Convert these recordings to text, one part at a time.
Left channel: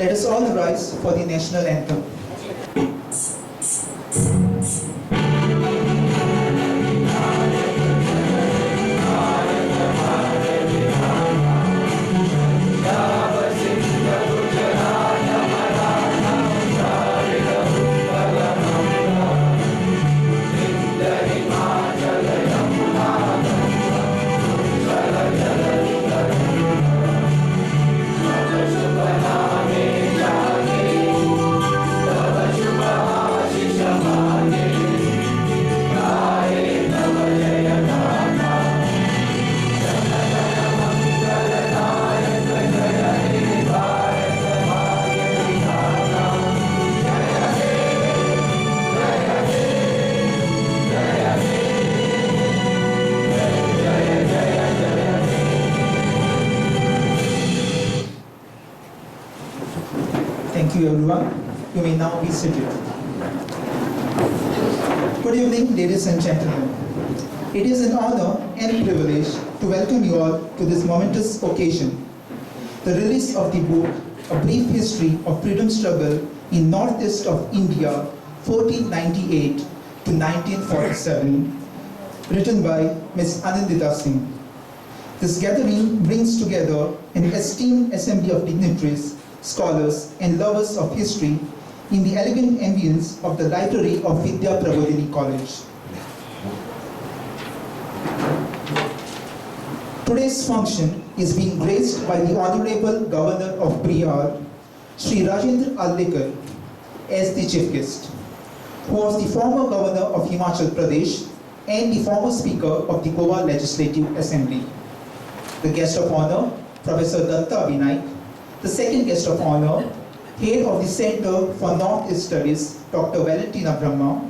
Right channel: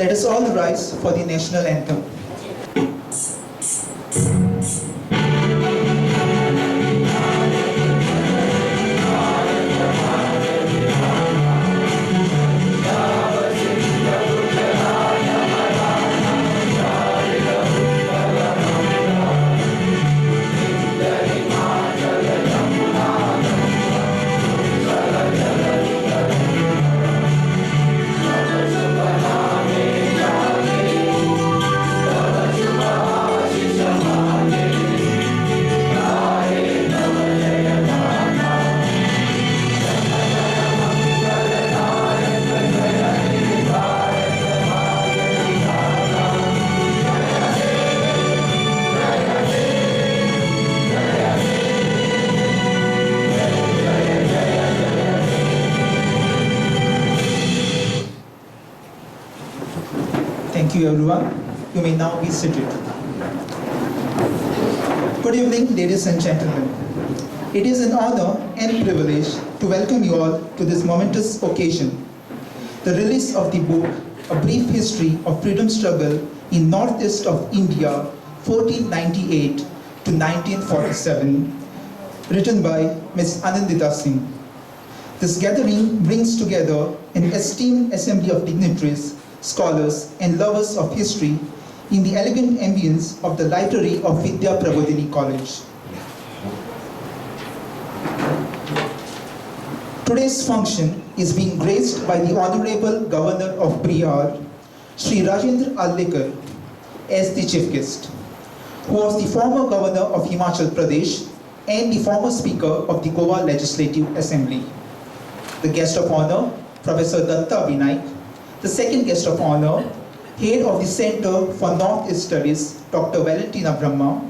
Let us all rise for the national anthem. Thank you, everyone. You may now be seated. Good evening, ladies and gentlemen. It is an honor and privilege to welcome you all to this momentous occasion, the release of the book, A Brief History of Freedom Struggle in Northeast of India, 1498 to 1947, written by Ms. Anandita Singh. This gathering brings together an esteemed assembly of dignitaries, scholars, and lovers of history in the elegant ambience of the library of Vidya Prabodhini College. Today's function is being graced by the Honorable Governor of Bihar, Sri Rajendra Allekar, as the chief guest, who was the former governor of Himachal Pradesh and the former speaker of the Goa Legislative Assembly. The guest of honor, Professor Datta Vinayak. The second guest of honor, head of the Center for Northeast Studies, Dr. Valentina Brahma,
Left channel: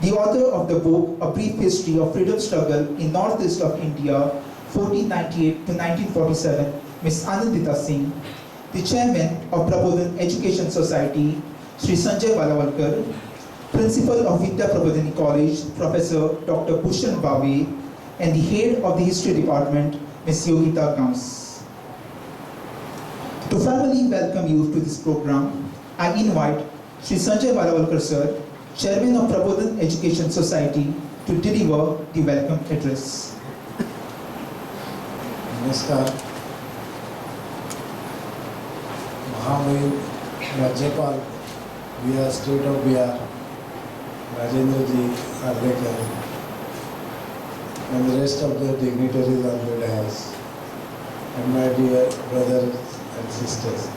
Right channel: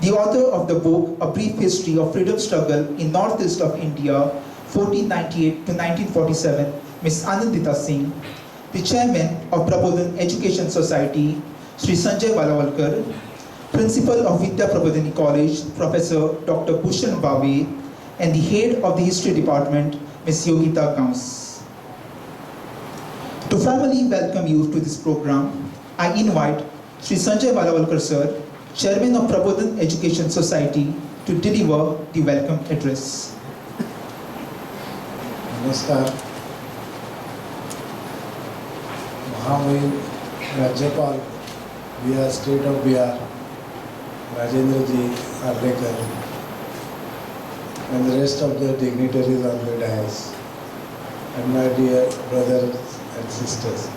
the author of the book, A Brief History of Freedom Struggle in Northeast of India, 1498 to 1947, Ms. Anandita Singh, the chairman of Prabodhan Education Society, Sri Sanjay Valawalkar, principal of Vidya Prabodhini College, Professor Dr. Bhushan Bave, and the head of the history department, Ms. Yogita Gams. To formally welcome you to this program, I invite Sri Sanjay Valawalkar sir, Chairman of Prabodhan Education Society, to deliver the welcome address. नमस्कार. महामहिम राज्यपाल Bihar state of Bihar Rajendra ji Allekar and the rest of the dignitaries on the dais, and my dear brothers and sisters.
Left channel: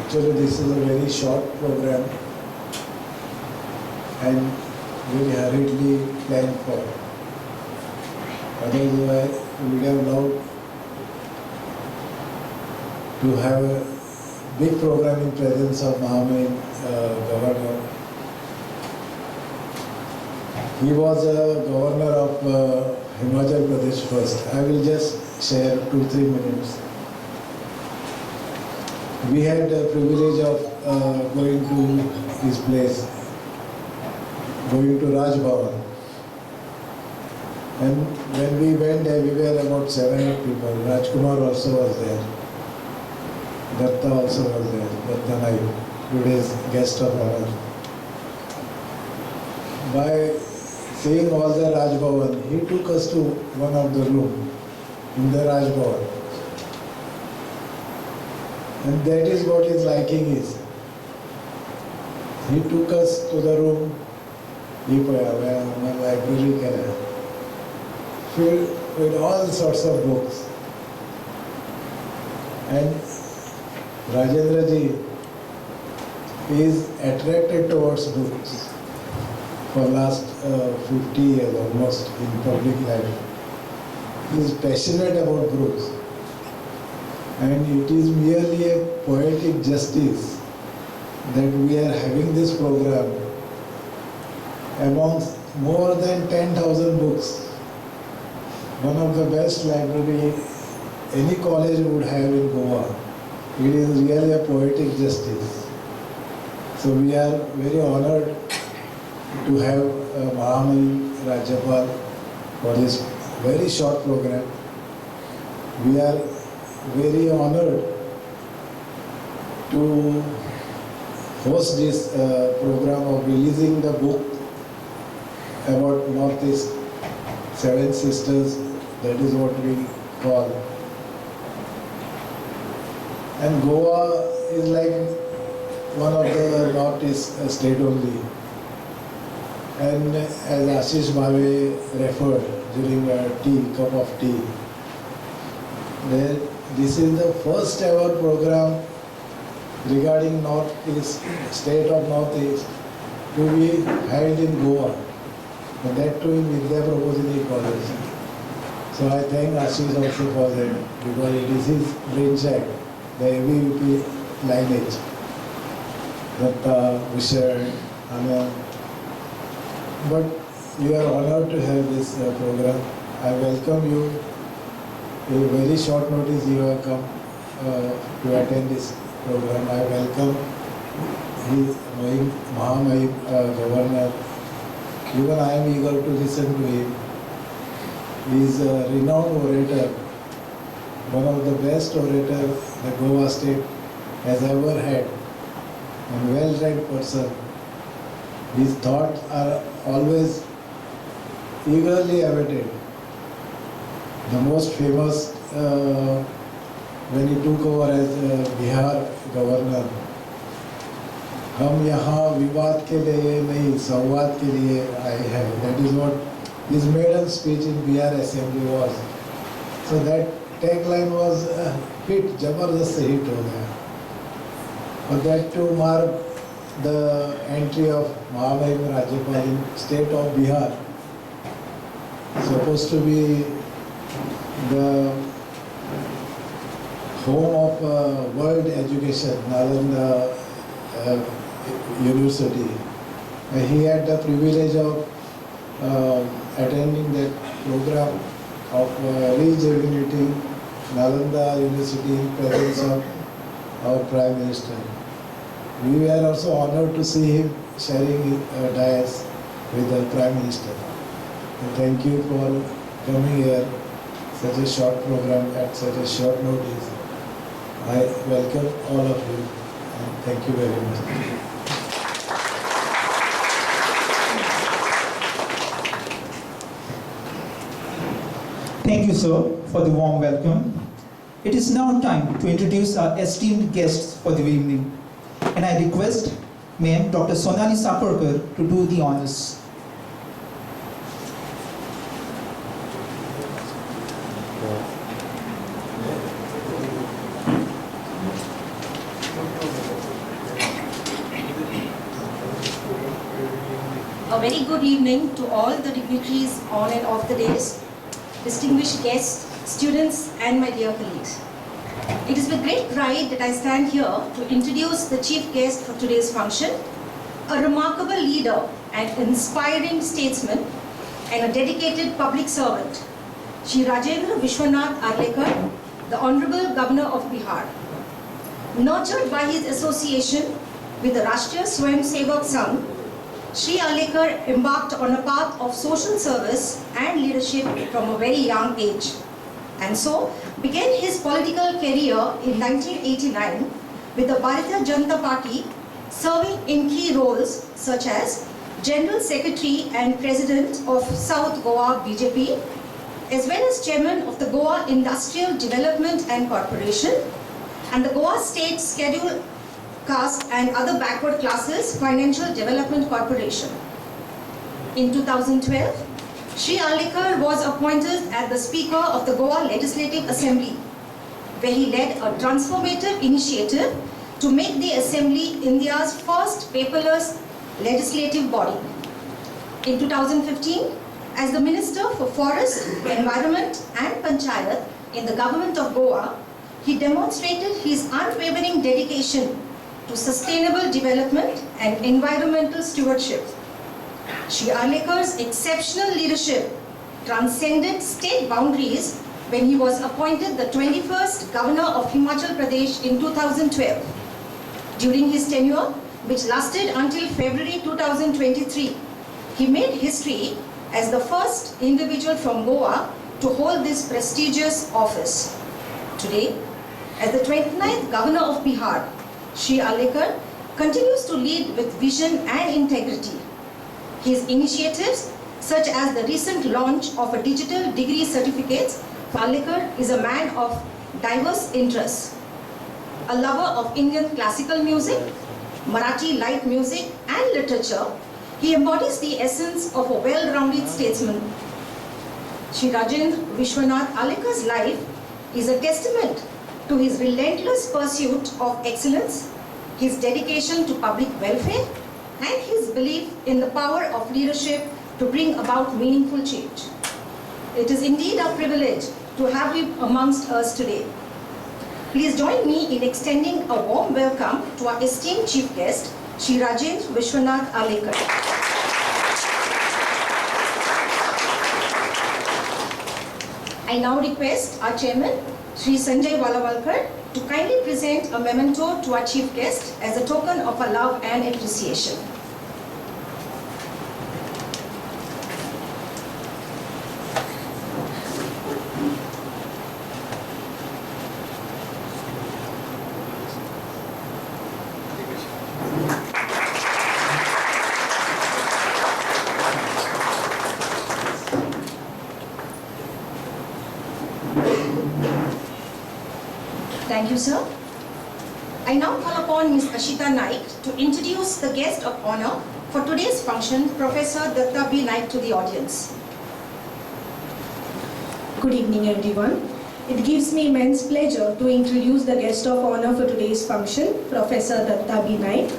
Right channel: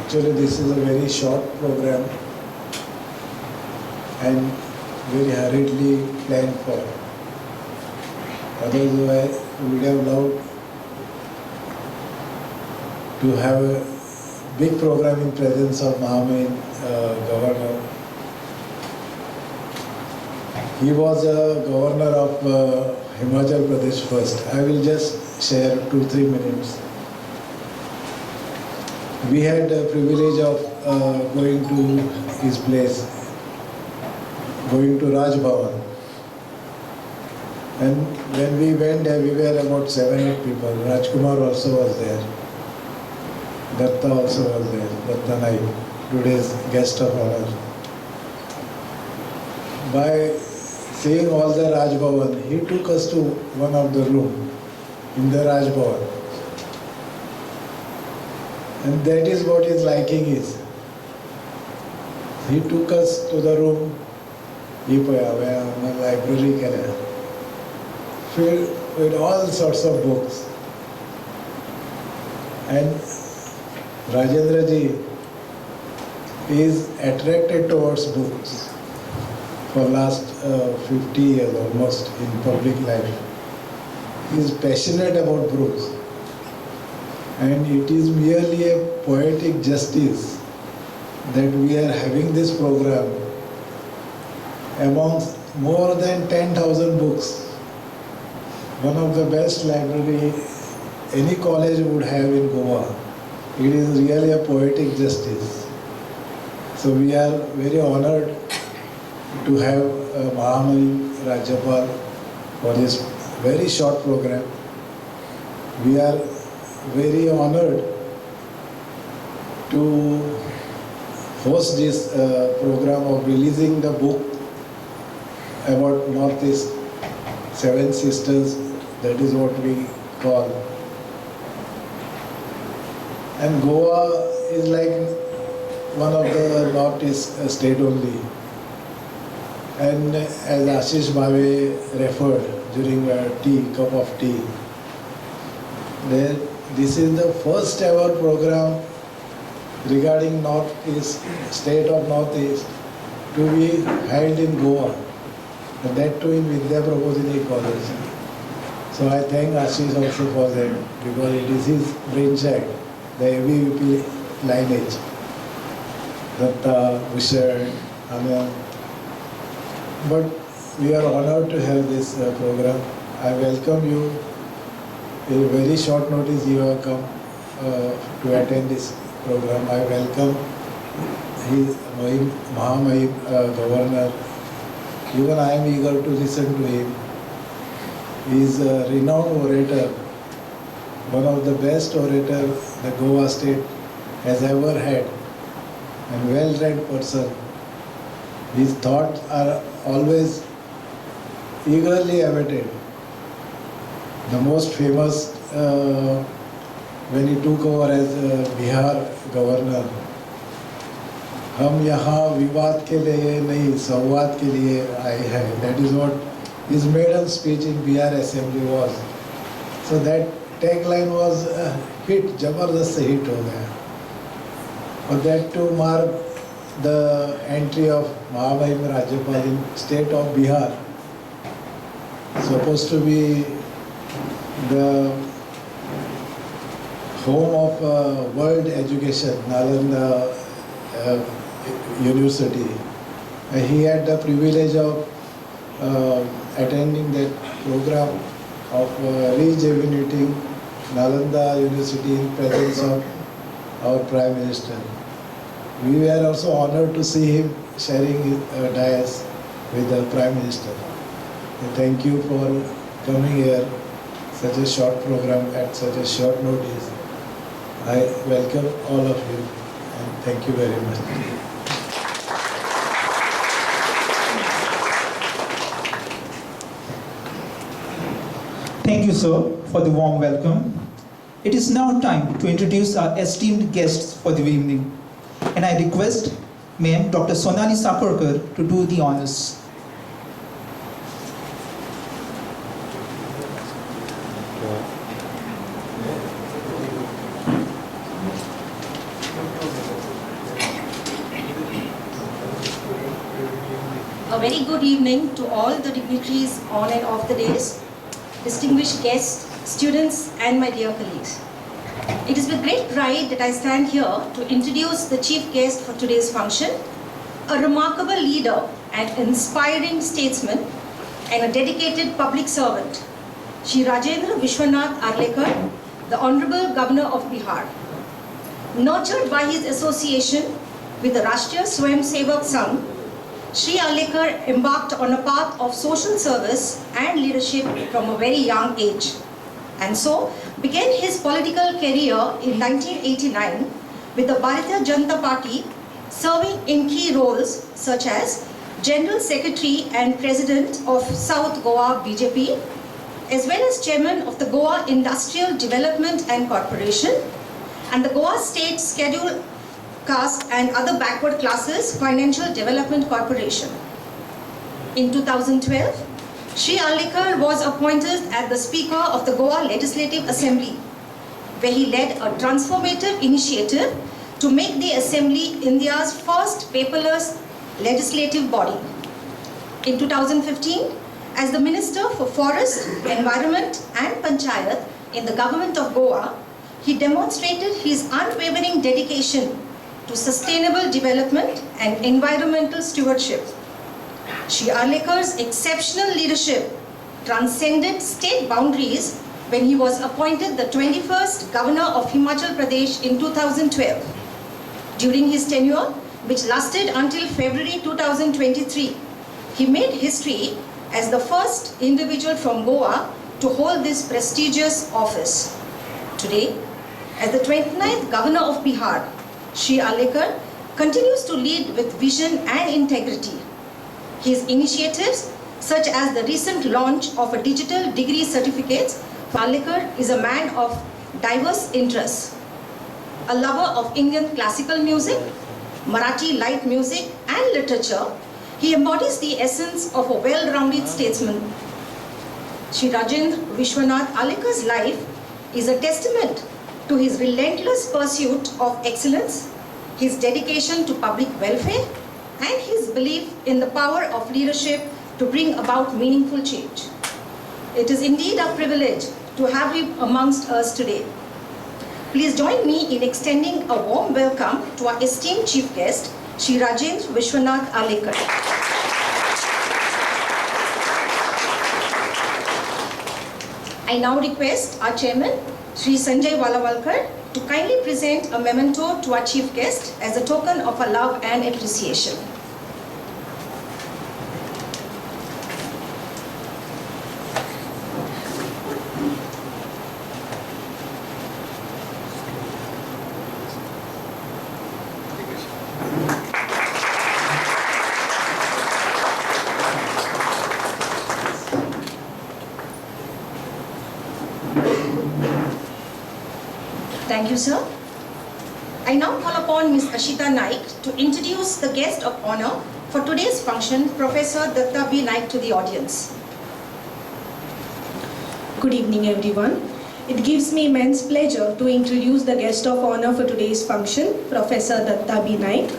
Actually, this is a very short program and very hurriedly planned for. Otherwise, I would have loved to have a big program in presence of Mahamahim Governor. He was a governor of Himachal Pradesh first. I will just share 2-3 minutes. We had the privilege of going to his place, going to Raj Bhavan. And when we went there, we were about 7-8 people. Rajkumar also was there. Datta also was there. Datta Naik, today's guest of honor. By seeing all the Raj Bhavan, he took us to one of the rooms in the Raj Bhavan. And that is what his liking is. He took us to the room, where my library can filled with all sorts of books. And Rajendra ji is attracted towards books for last 50 years almost in public life. He is passionate about books. And it is merely a poetic justice that we are having this program amongst more than 10,000 books. One of the best library any college would have in Goa. It is really a poetic justice. So we are very honored to have Mahamahim Rajyapal for this very short program. We are very honored to host this program of releasing the book about Northeast, Seven Sisters, that is what we call. And Goa is like one of the Northeast state only. And as Ashish Bhave referred during a cup of tea, that this is the first ever program regarding Northeast, state of Northeast, to be held in Goa, and that too in Vidya Prabodhini College. So I thank Ashish also for that, because it is his brainchild, the ABVP lineage. Datta, Vishal, Anand. But we are honored to have this program. I welcome you. In very short notice you have come to attend this program. I welcome his Mahamahim Governor. Even I am eager to listen to him. He is a renowned orator, one of the best orators the Goa state has ever had, and well-read person. His thoughts are always eagerly awaited. The most famous when he took over as Bihar governor, हम यहाँ विवाद के लिए नहीं संवाद के लिए आए हैं. That is what his maiden speech in Bihar Assembly was. So that tagline was hit, जबरदस्त hit हो गया. But that to mark the entry of Mahamahim Rajyapal in state of Bihar, supposed to be the home of world education, Nalanda University. He had the privilege of attending that program of rejuvenating Nalanda University in presence of our Prime Minister. We were also honored to see him sharing his dais with the Prime Minister. And thank you for coming here, such a short program at such a short notice. I welcome all of you and thank you very much. Thank you, sir, for the warm welcome. It is now time to introduce our esteemed guests for the evening. And I request Ma'am Dr. Sonali Saparkar to do the honors. A very good evening to all the dignitaries on and off the dais, distinguished guests, students, and my dear colleagues. It is with great pride that I stand here to introduce the chief guest for today's function, a remarkable leader and inspiring statesman and a dedicated public servant, Shri Rajendra Vishwanath Arlekar, the Honorable Governor of Bihar. Nurtured by his association with the Rashtriya Swayamsevak Sangh, Shri Arlekar embarked on a path of social service and leadership from a very young age, and so began his political career in 1989 with the Bharatiya Janata Party, serving in key roles such as General Secretary and President of South Goa BJP, as well as Chairman of the Goa Industrial Development and Corporation and the Goa State Scheduled Caste and Other Backward Classes Financial Development Corporation. In 2012, Shri Arlekar was appointed as the Speaker of the Goa Legislative Assembly, where he led a transformative initiative to make the Assembly India's first paperless legislative body. In 2015, as the Minister for Forest, Environment and Panchayat in the Government of Goa, he demonstrated his unwavering dedication to sustainable development and environmental stewardship. Shri Arlekar's exceptional leadership transcended state boundaries when he was appointed the 21st Governor of Himachal Pradesh in 2012. During his tenure, which lasted until February 2023, he made history as the first individual from Goa to hold this prestigious office. Today, as the 29th Governor of Bihar, Shri Alekar continues to lead with vision and integrity. His initiatives, such as the recent launch of a digital degree certificates, Alekar is a man of diverse interests. A lover of Indian classical music, Marathi light music and literature, he embodies the essence of a well-rounded statesman. Shri Rajendra Vishwanath Alekar's life is a testament to his relentless pursuit of excellence, his dedication to public welfare, and his belief in the power of leadership to bring about meaningful change. It is indeed a privilege to have him amongst us today. Please join me in extending a warm welcome to our esteemed chief guest, Shri Rajendra Vishwanath Alekar. I now request our chairman, Shri Sanjay Valawalkar, to kindly present a memento to our chief guest as a token of our love and appreciation. Thank you, sir. I now call upon Ms. Ashita Naik to introduce the guest of honor for today's function, Professor Datta B. Naik, to the audience. Good evening, everyone. It gives me immense pleasure to introduce the guest of honor for today's function, Professor Datta B. Naik.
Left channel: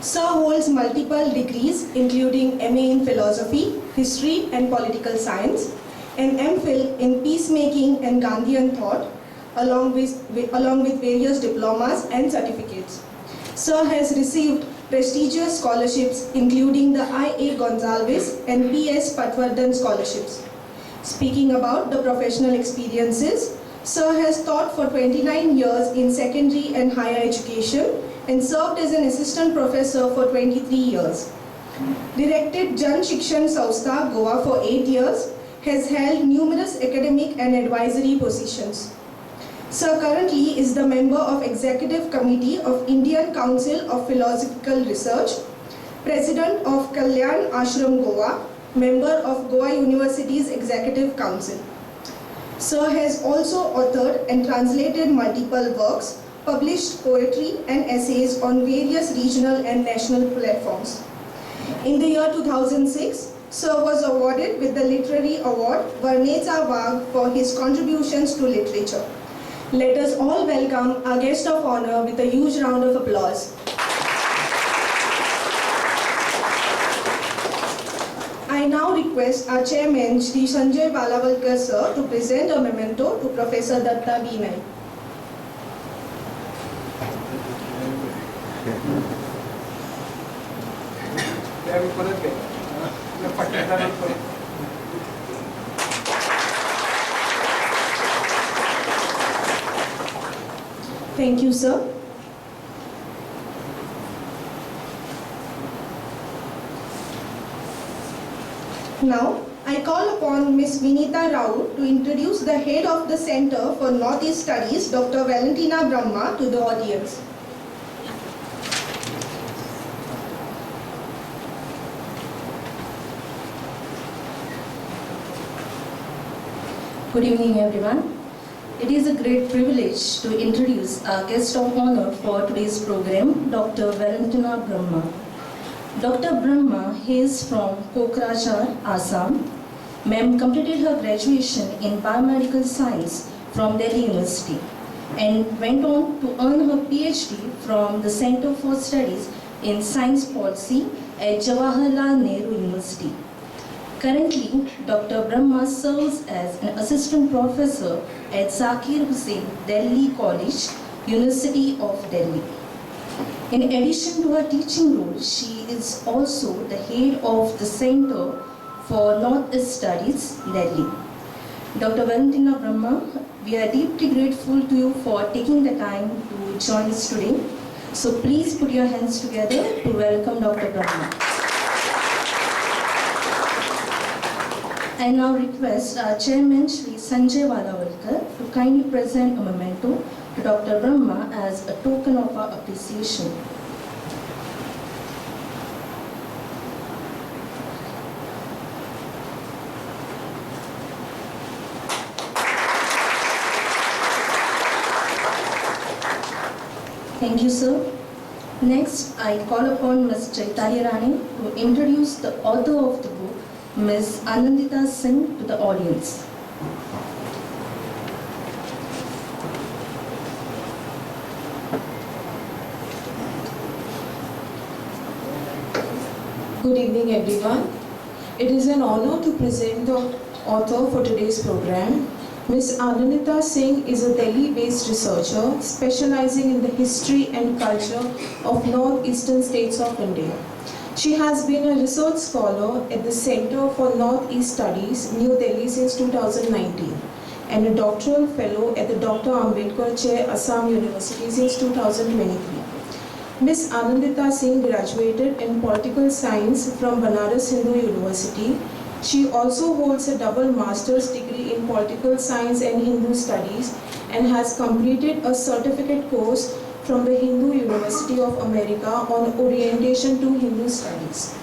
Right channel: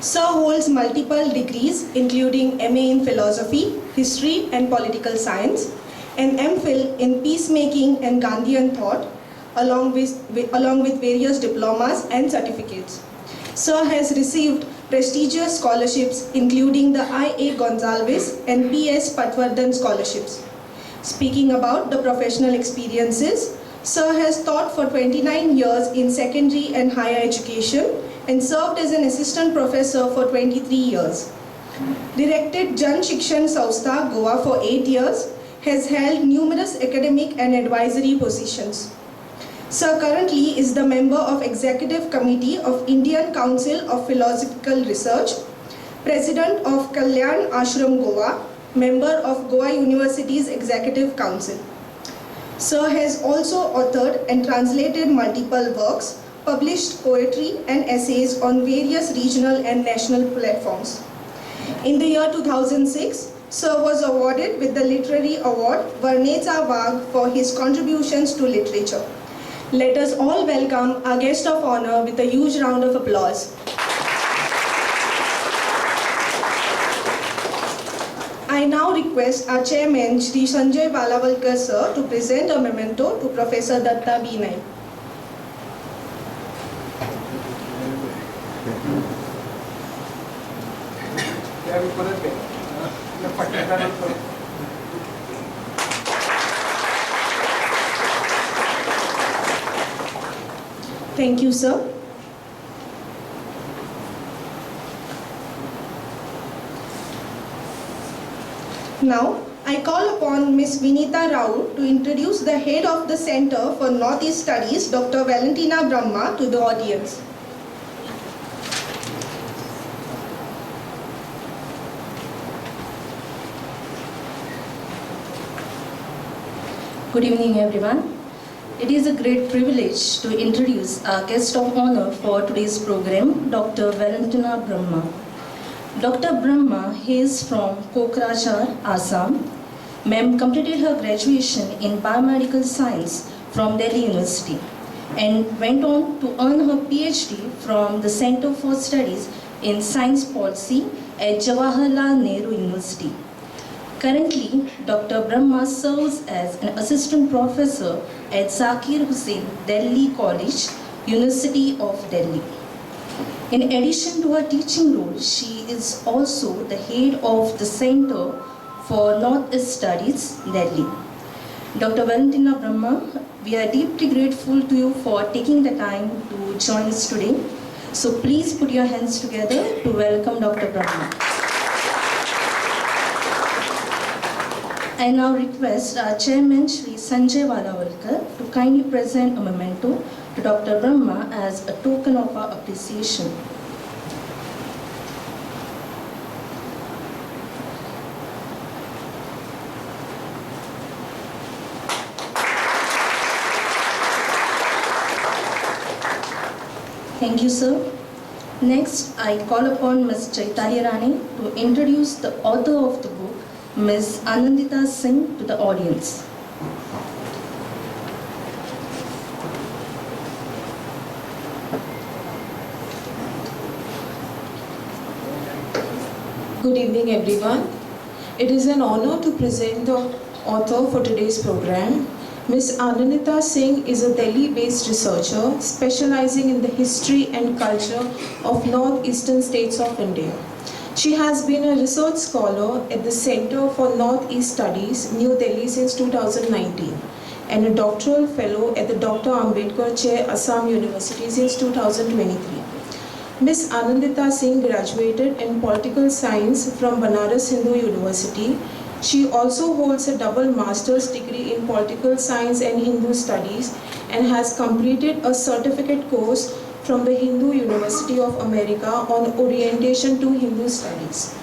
Sir holds multiple degrees, including MA in Philosophy, History and Political Science, and MPhil in Peacemaking and Gandhian Thought, along with various diplomas and certificates. Sir has received prestigious scholarships including the I.A. Gonsalves and P.S. Patwardhan scholarships. Speaking about the professional experiences, Sir has taught for 29 years in secondary and higher education and served as an assistant professor for 23 years. Directed Jan Shikshan Sanstha, Goa for 8 years, has held numerous academic and advisory positions. Sir currently is the member of Executive Committee of Indian Council of Philosophical Research, President of Kalyan Ashram Goa, member of Goa University's Executive Council. Sir has also authored and translated multiple works, published poetry and essays on various regional and national platforms. In the year 2006, Sir was awarded with the Literary Award Varneza Wagh for his contributions to literature. Let us all welcome our guest of honor with a huge round of applause. I now request our chairman, Shri Sanjay Valawalkar sir, to present a memento to Professor Datta B. Naik. Thank you, sir. Now, I call upon Ms. Vinita Rao to introduce the head of the Center for Northeast Studies, Dr. Valentina Brahma, to the audience. Good evening, everyone. It is a great privilege to introduce our guest of honor for today's program, Dr. Valentina Brahma. Dr. Brahma is from Kokrajhar, Assam. Ma'am completed her graduation in biomedical science from Delhi University and went on to earn her PhD from the Center for Studies in Science Policy at Jawaharlal Nehru University. Currently, Dr. Brahma serves as an assistant professor at Zakir Hussain Delhi College, University of Delhi. In addition to her teaching role, she is also the head of the Center for Northeast Studies, Delhi. Dr. Valentina Brahma, we are deeply grateful to you for taking the time to join us today. So please put your hands together to welcome Dr. Brahma. I now request our chairman, Shri Sanjay Valawalkar, to kindly present a memento to Dr. Brahma as a token of our appreciation. Thank you, sir. Next, I call upon Ms. Chaitanya Rani to introduce the author of the book, Ms. Anandita Singh, to the audience. Good evening, everyone. It is an honor to present the author for today's program. Ms. Anandita Singh is a Delhi-based researcher specializing in the history and culture of northeastern states of India. She has been a research scholar at the Center for Northeast Studies, New Delhi since 2019 and a doctoral fellow at the Dr. Ambedkar Chair, Assam University since 2023. Ms. Anandita Singh graduated in political science from Banaras Hindu University. She also holds a double master's degree in political science and Hindu studies and has completed a certificate course from the Hindu University of America on orientation to Hindu studies.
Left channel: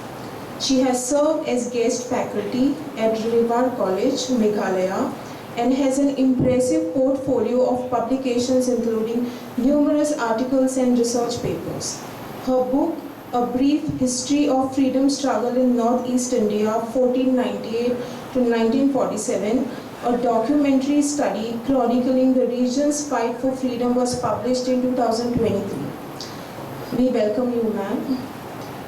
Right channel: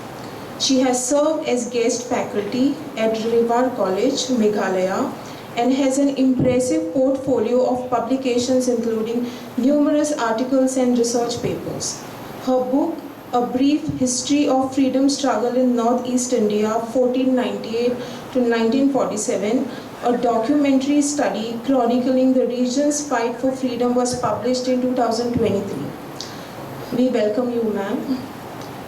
She has served as guest faculty at Rewar College, Meghalaya, and has an impressive portfolio of publications including numerous articles and research papers. Her book, A Brief History of Freedom Struggle in Northeast India 1498 to 1947, a documentary study chronicling the region's fight for freedom, was published in 2023. We welcome you, ma'am.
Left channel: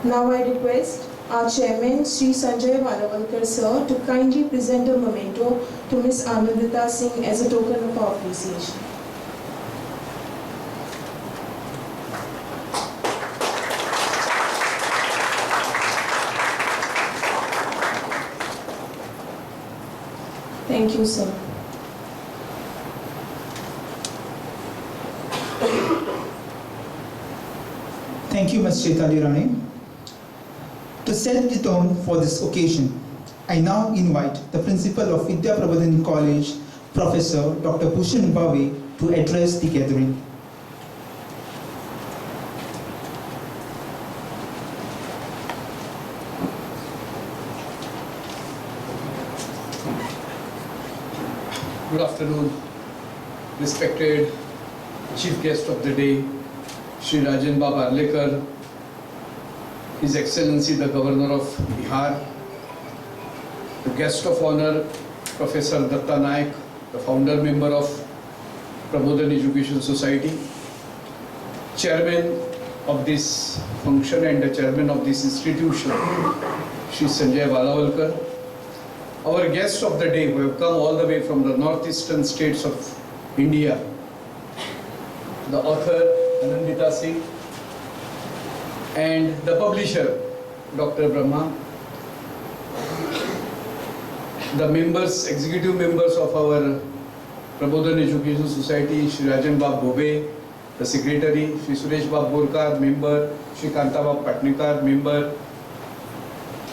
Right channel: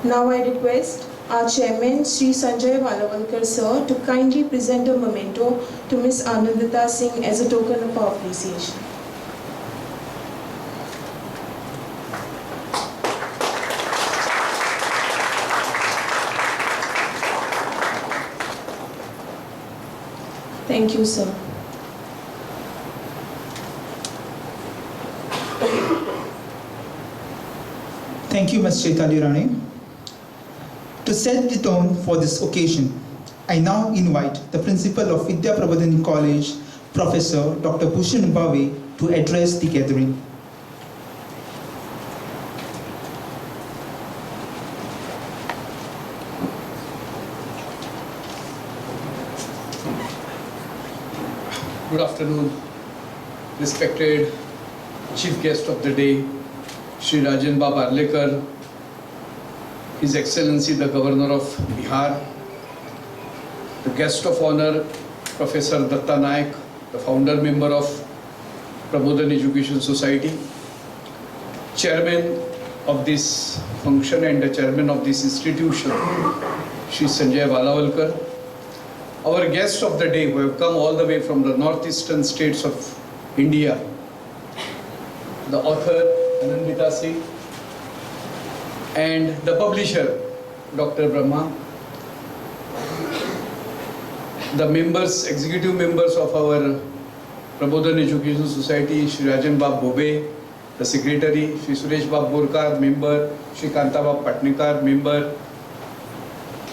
Now I request our chairman, Sri Sanjay Valavalkar sir, to kindly present a memento to Ms. Anandita Singh as a token of our appreciation. Thank you, sir. Thank you, Ms. Chaitanya Rani. To set the tone for this occasion, I now invite the principal of Vidya Prabodhini College, Professor Dr. Bhushan Bhave, to address the gathering. Good afternoon, respected Chief Guest of the day, Shri Rajan Bab Arlekar, His Excellency the Governor of Bihar, the Guest of Honor, Professor Datta Naik, the founder member of Prabodhan Education Society, Chairman of this function and the Chairman of this institution, Shri Sanjay Valavalkar, our guests of the day who have come all the way from the northeastern states of India, the author Anandita Singh and the publisher Dr. Brahma, the members, executive members of our Prabodhan Education Society, Shri Rajan Bab Bhove, the secretary, Shri Suresh Bab Borkar, member, Shri Kanta Bab Patnikar, member,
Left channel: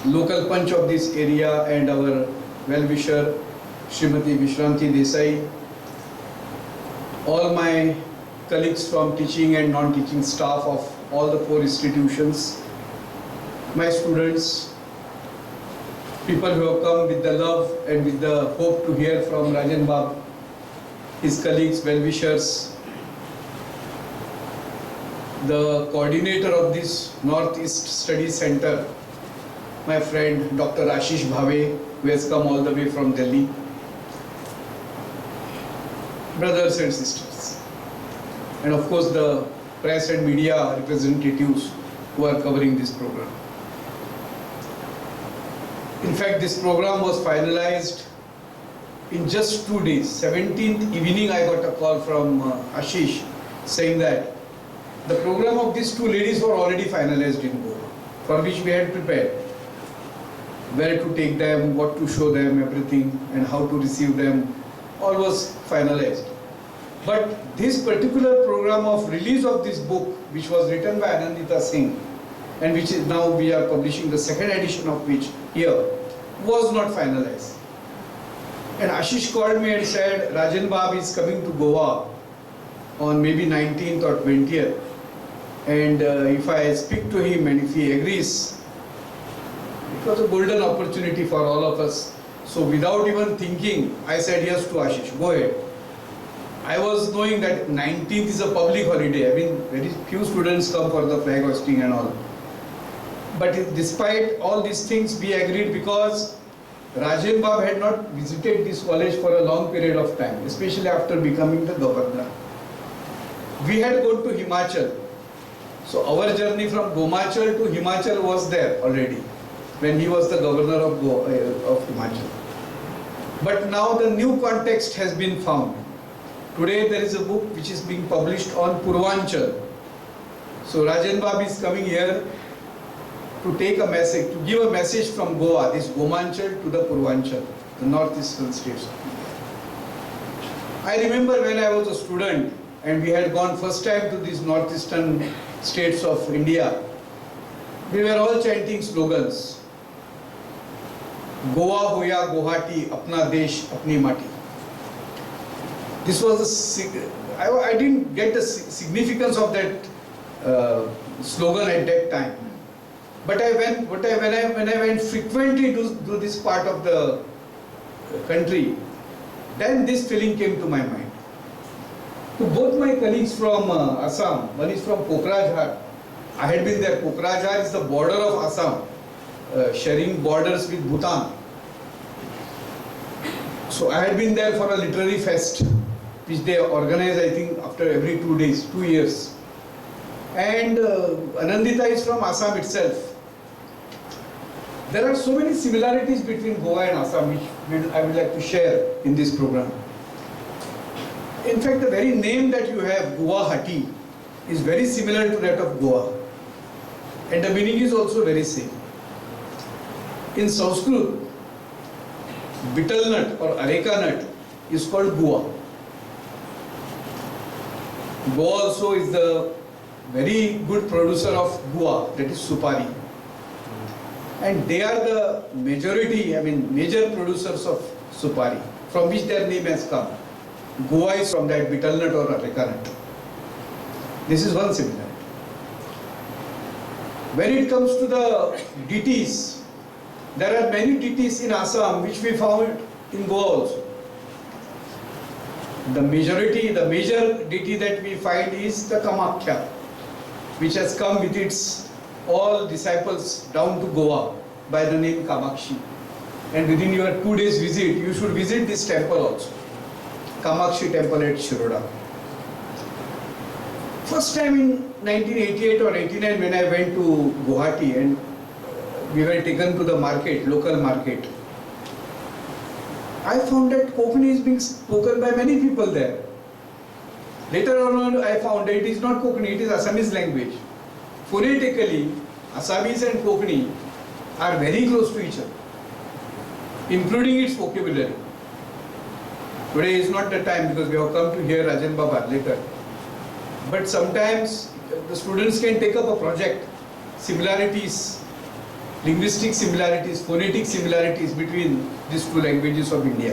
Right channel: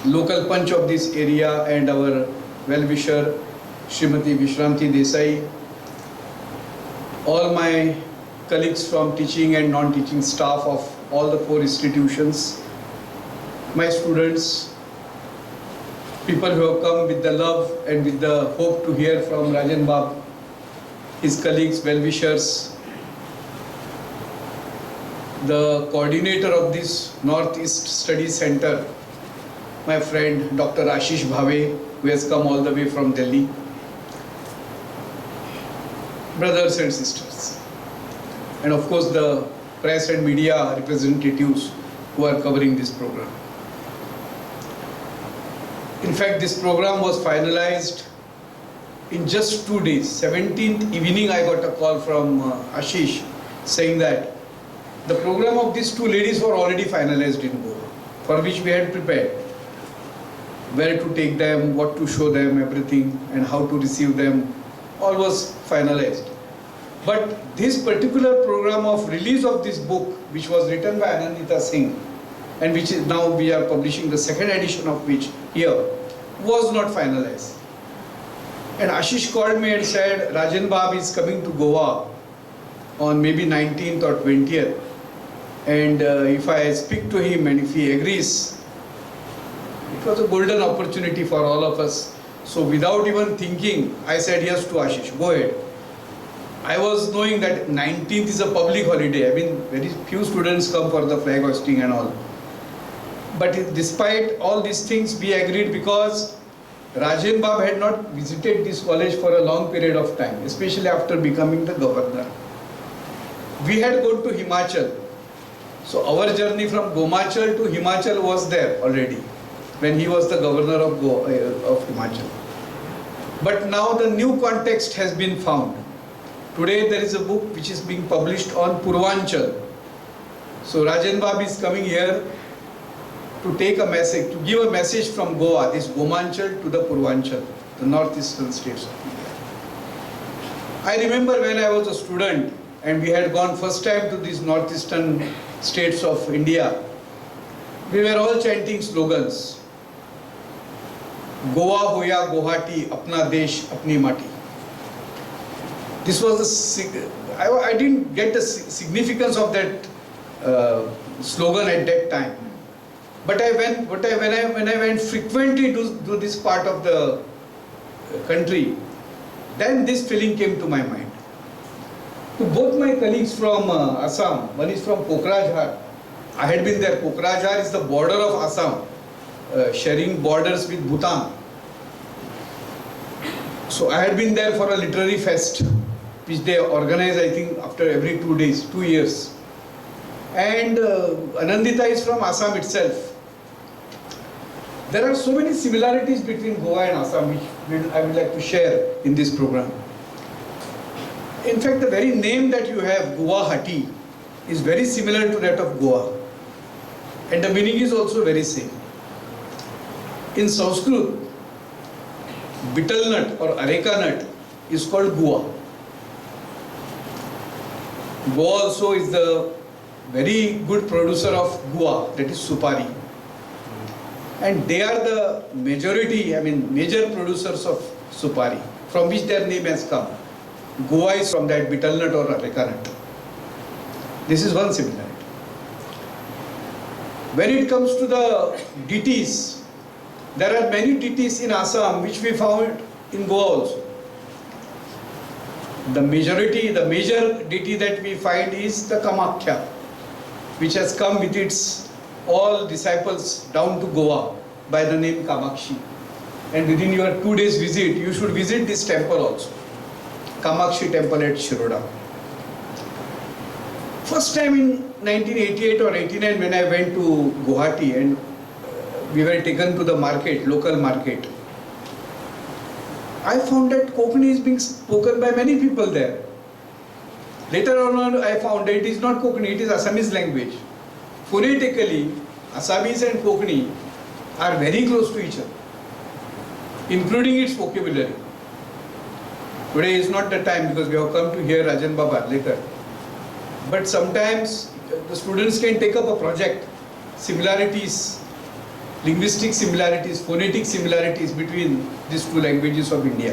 local punch of this area, and our well-wisher Srimati Vishranti Desai, all my colleagues from teaching and non-teaching staff of all the 4 institutions, my students, people who have come with the love and with the hope to hear from Rajan Bab, his colleagues, well-wishers, the coordinator of this Northeast Study Center, my friend Dr. Ashish Bhave, who has come all the way from Delhi, brothers and sisters, and of course the press and media representatives who are covering this program. In fact, this program was finalized in just 2 days. 17th evening I got a call from Ashish saying that the program of these 2 ladies were already finalized in Goa, for which we had prepared. Where to take them, what to show them, everything, and how to receive them, all was finalized. But this particular program of release of this book, which was written by Anandita Singh, and which is now we are publishing the 2nd edition of which here, was not finalized. And Ashish called me and said, Rajan Bab is coming to Goa on maybe 19th or 20th. And if I speak to him and if he agrees, it was a golden opportunity for all of us. So without even thinking, I said yes to Ashish, go ahead. I was knowing that 19th is a public holiday. I mean, very few students come for the flag hoisting and all. But despite all these things, we agreed because Rajen Bab had not visited this college for a long period of time, especially after becoming the governor. We had gone to Himachal. So our journey from Gomachal to Himachal was there already when he was the governor of Himachal. But now the new context has been found. Today there is a book which is being published on Purvanchal. So Rajen Bab is coming here to take a message, to give a message from Goa, this Gomanchal to the Purvanchal, the northeastern states of India. I remember when I was a student and we had gone first time to these northeastern states of India, we were all chanting slogans. Goa hoya Guwahati, apna desh, apni mati. This was the, I didn't get the significance of that slogan at that time. But when I went frequently to this part of the country, then this feeling came to my mind. To both my colleagues from Assam, one is from Pokrajhar. I had been there. Pokrajhar is the border of Assam, sharing borders with Bhutan. So I had been there for a literary fest, which they organize, I think, after every 2 days, 2 years. And Anandita is from Assam itself. There are so many similarities between Goa and Assam, which I would like to share in this program. In fact, the very name that you have, Guwahati, is very similar to that of Goa. And the meaning is also very same. In Sanskrit, betel nut or areca nut is called Goa. Goa also is the very good producer of guava, that is supari. And they are the majority, major producers of supari, from which their name has come. Goa is from that betel nut or areca nut. This is one similarity. When it comes to the deities, there are many deities in Assam which we found in Goa also. The major deity that we find is the Kamakhya, which has come with its all disciples down to Goa by the name Kamakshi. And within your 2 days visit, you should visit this temple also, Kamakshi temple at Shiroda. First time in 1988 or 89 when I went to Guwahati and we were taken to the market, local market, I found that Konkani is being spoken by many people there. Later on I found that it is not Konkani, it is Assamese language. Phonetically, Assamese and Konkani are very close to each other, including its vocabulary. Today is not the time because we have come to hear Rajan Bab later. But sometimes the students can take up a project, similarities, linguistic similarities, phonetic similarities between these two languages of India.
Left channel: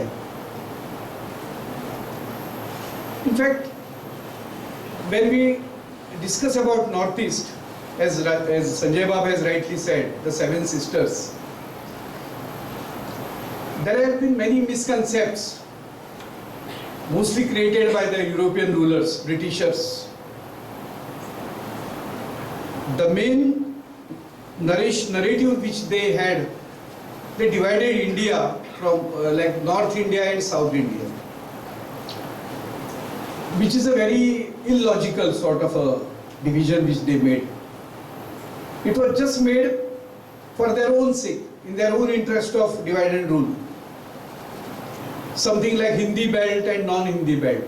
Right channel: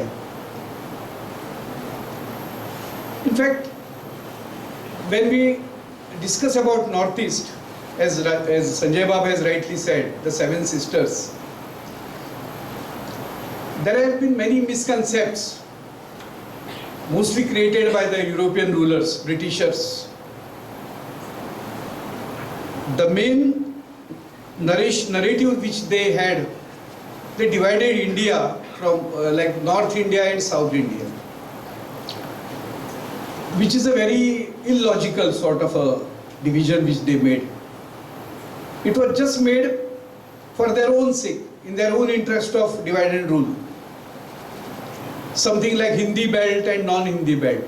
In fact, when we discuss about Northeast, as Sanjay Bab has rightly said, the Seven Sisters, there have been many misconceptions, mostly created by the European rulers, Britishers. The main narrative which they had, they divided India from like North India and South India, which is a very illogical sort of a division which they made. It was just made for their own sake, in their own interest of divide and rule. Something like Hindi belt and non-Hindi belt.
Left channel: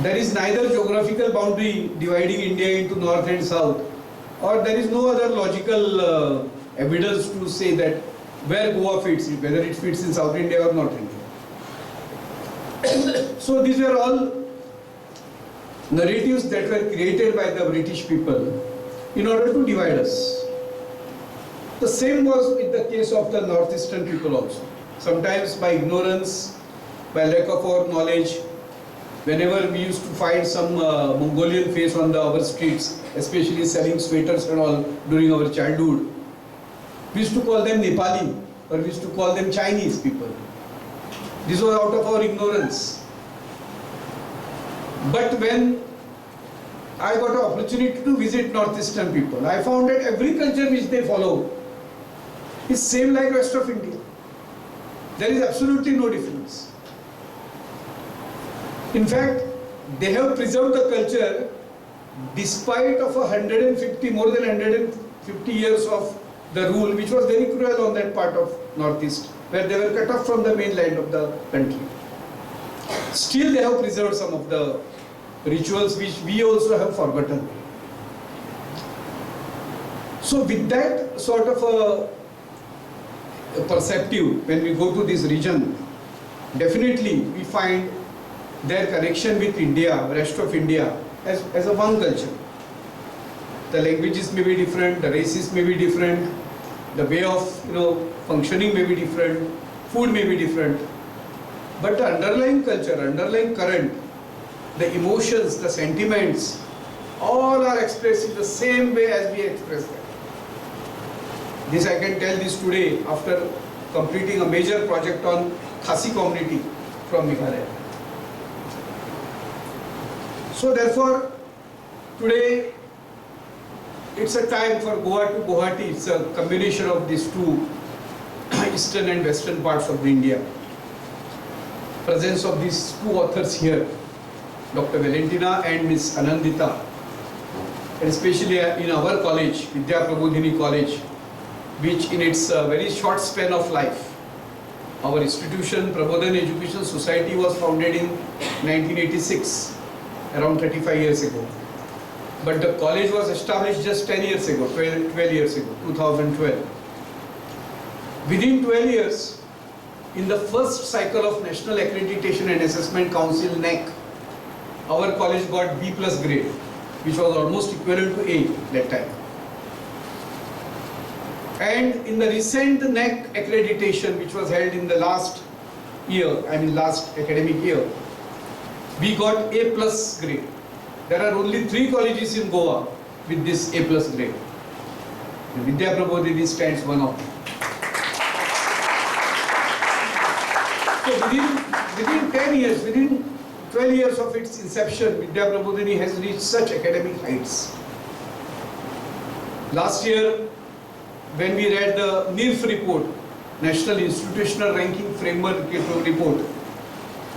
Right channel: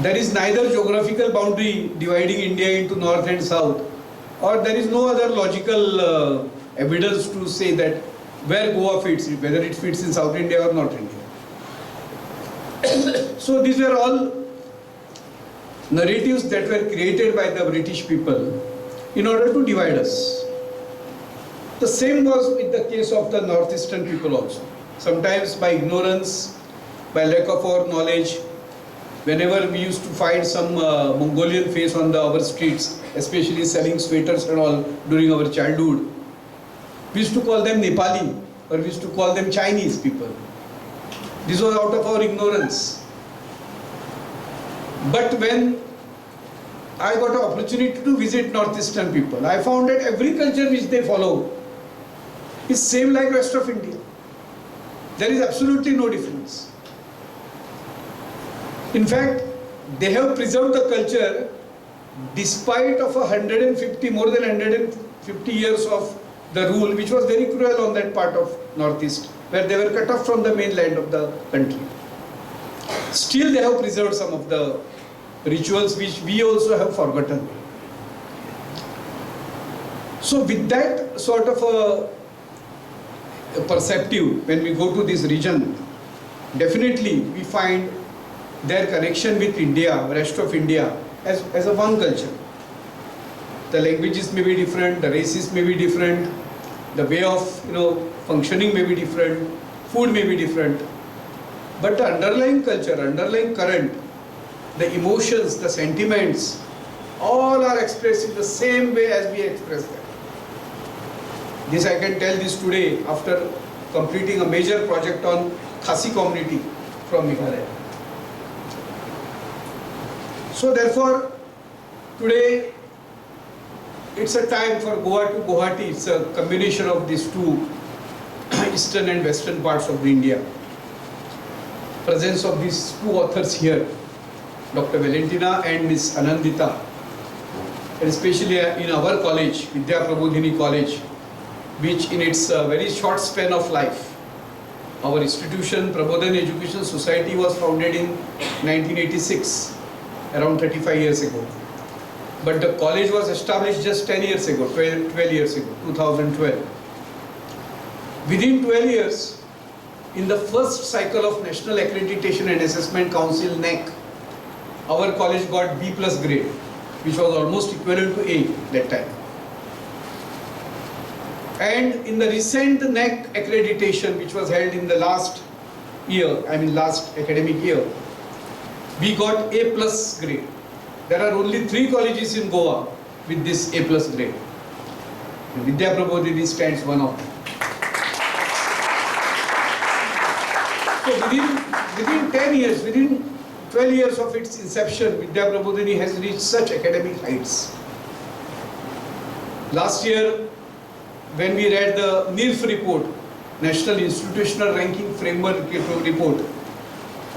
There is neither geographical boundary dividing India into north and south, or there is no other logical evidence to say that where Goa fits, whether it fits in South India or North India. So these were all narratives that were created by the British people in order to divide us. The same was with the case of the northeastern people also. Sometimes by ignorance, by lack of our knowledge, Whenever we used to find some Mongolian face on our streets, especially selling sweaters and all during our childhood, we used to call them Nepali, or we used to call them Chinese people. This was out of our ignorance. But when I got an opportunity to visit northeastern people, I found that every culture which they follow is same like rest of India. There is absolutely no difference. In fact, they have preserved the culture despite of more than 150 years of the rule, which was very cruel on that part of Northeast, where they were cut off from the mainland of the country. Still they have preserved some of the rituals which we also have forgotten. So with that sort of a perceptive, when we go to this region, definitely we find their connection with India, rest of India, as a one culture. The languages may be different, the races may be different, the way of functioning may be different, food may be different, but the underlying culture, underlying current, the emotions, the sentiments, all are expressed in the same way as we express them. This I can tell this today after completing a major project on Khasi community from Meghalaya. So therefore, today it's a time for Goa to Guwahati. It's a combination of these two eastern and western parts of the India. Presence of these two authors here, Dr. Valentina and Ms. Anandita, and especially in our college, Vidya Prabodhini College, which in its very short span of life, our institution, Prabodhan Education Society, was founded in 1986, around 35 years ago. But the college was established just 10 years ago, 12 years ago, 2012. Within 12 years, in the first cycle of National Accreditation and Assessment Council, NAC, our college got B+ grade, which was almost equivalent to A that time. And in the recent NAC accreditation, which was held in the last academic year, we got A+ grade. There are only 3 colleges in Goa with this A+ grade. Vidya Prabodhini stands one of them. So within 10 years, within 12 years of its inception, Vidya Prabodhini has reached such academic heights. Last year, when we read the NIRF report, National Institutional Ranking Framework report,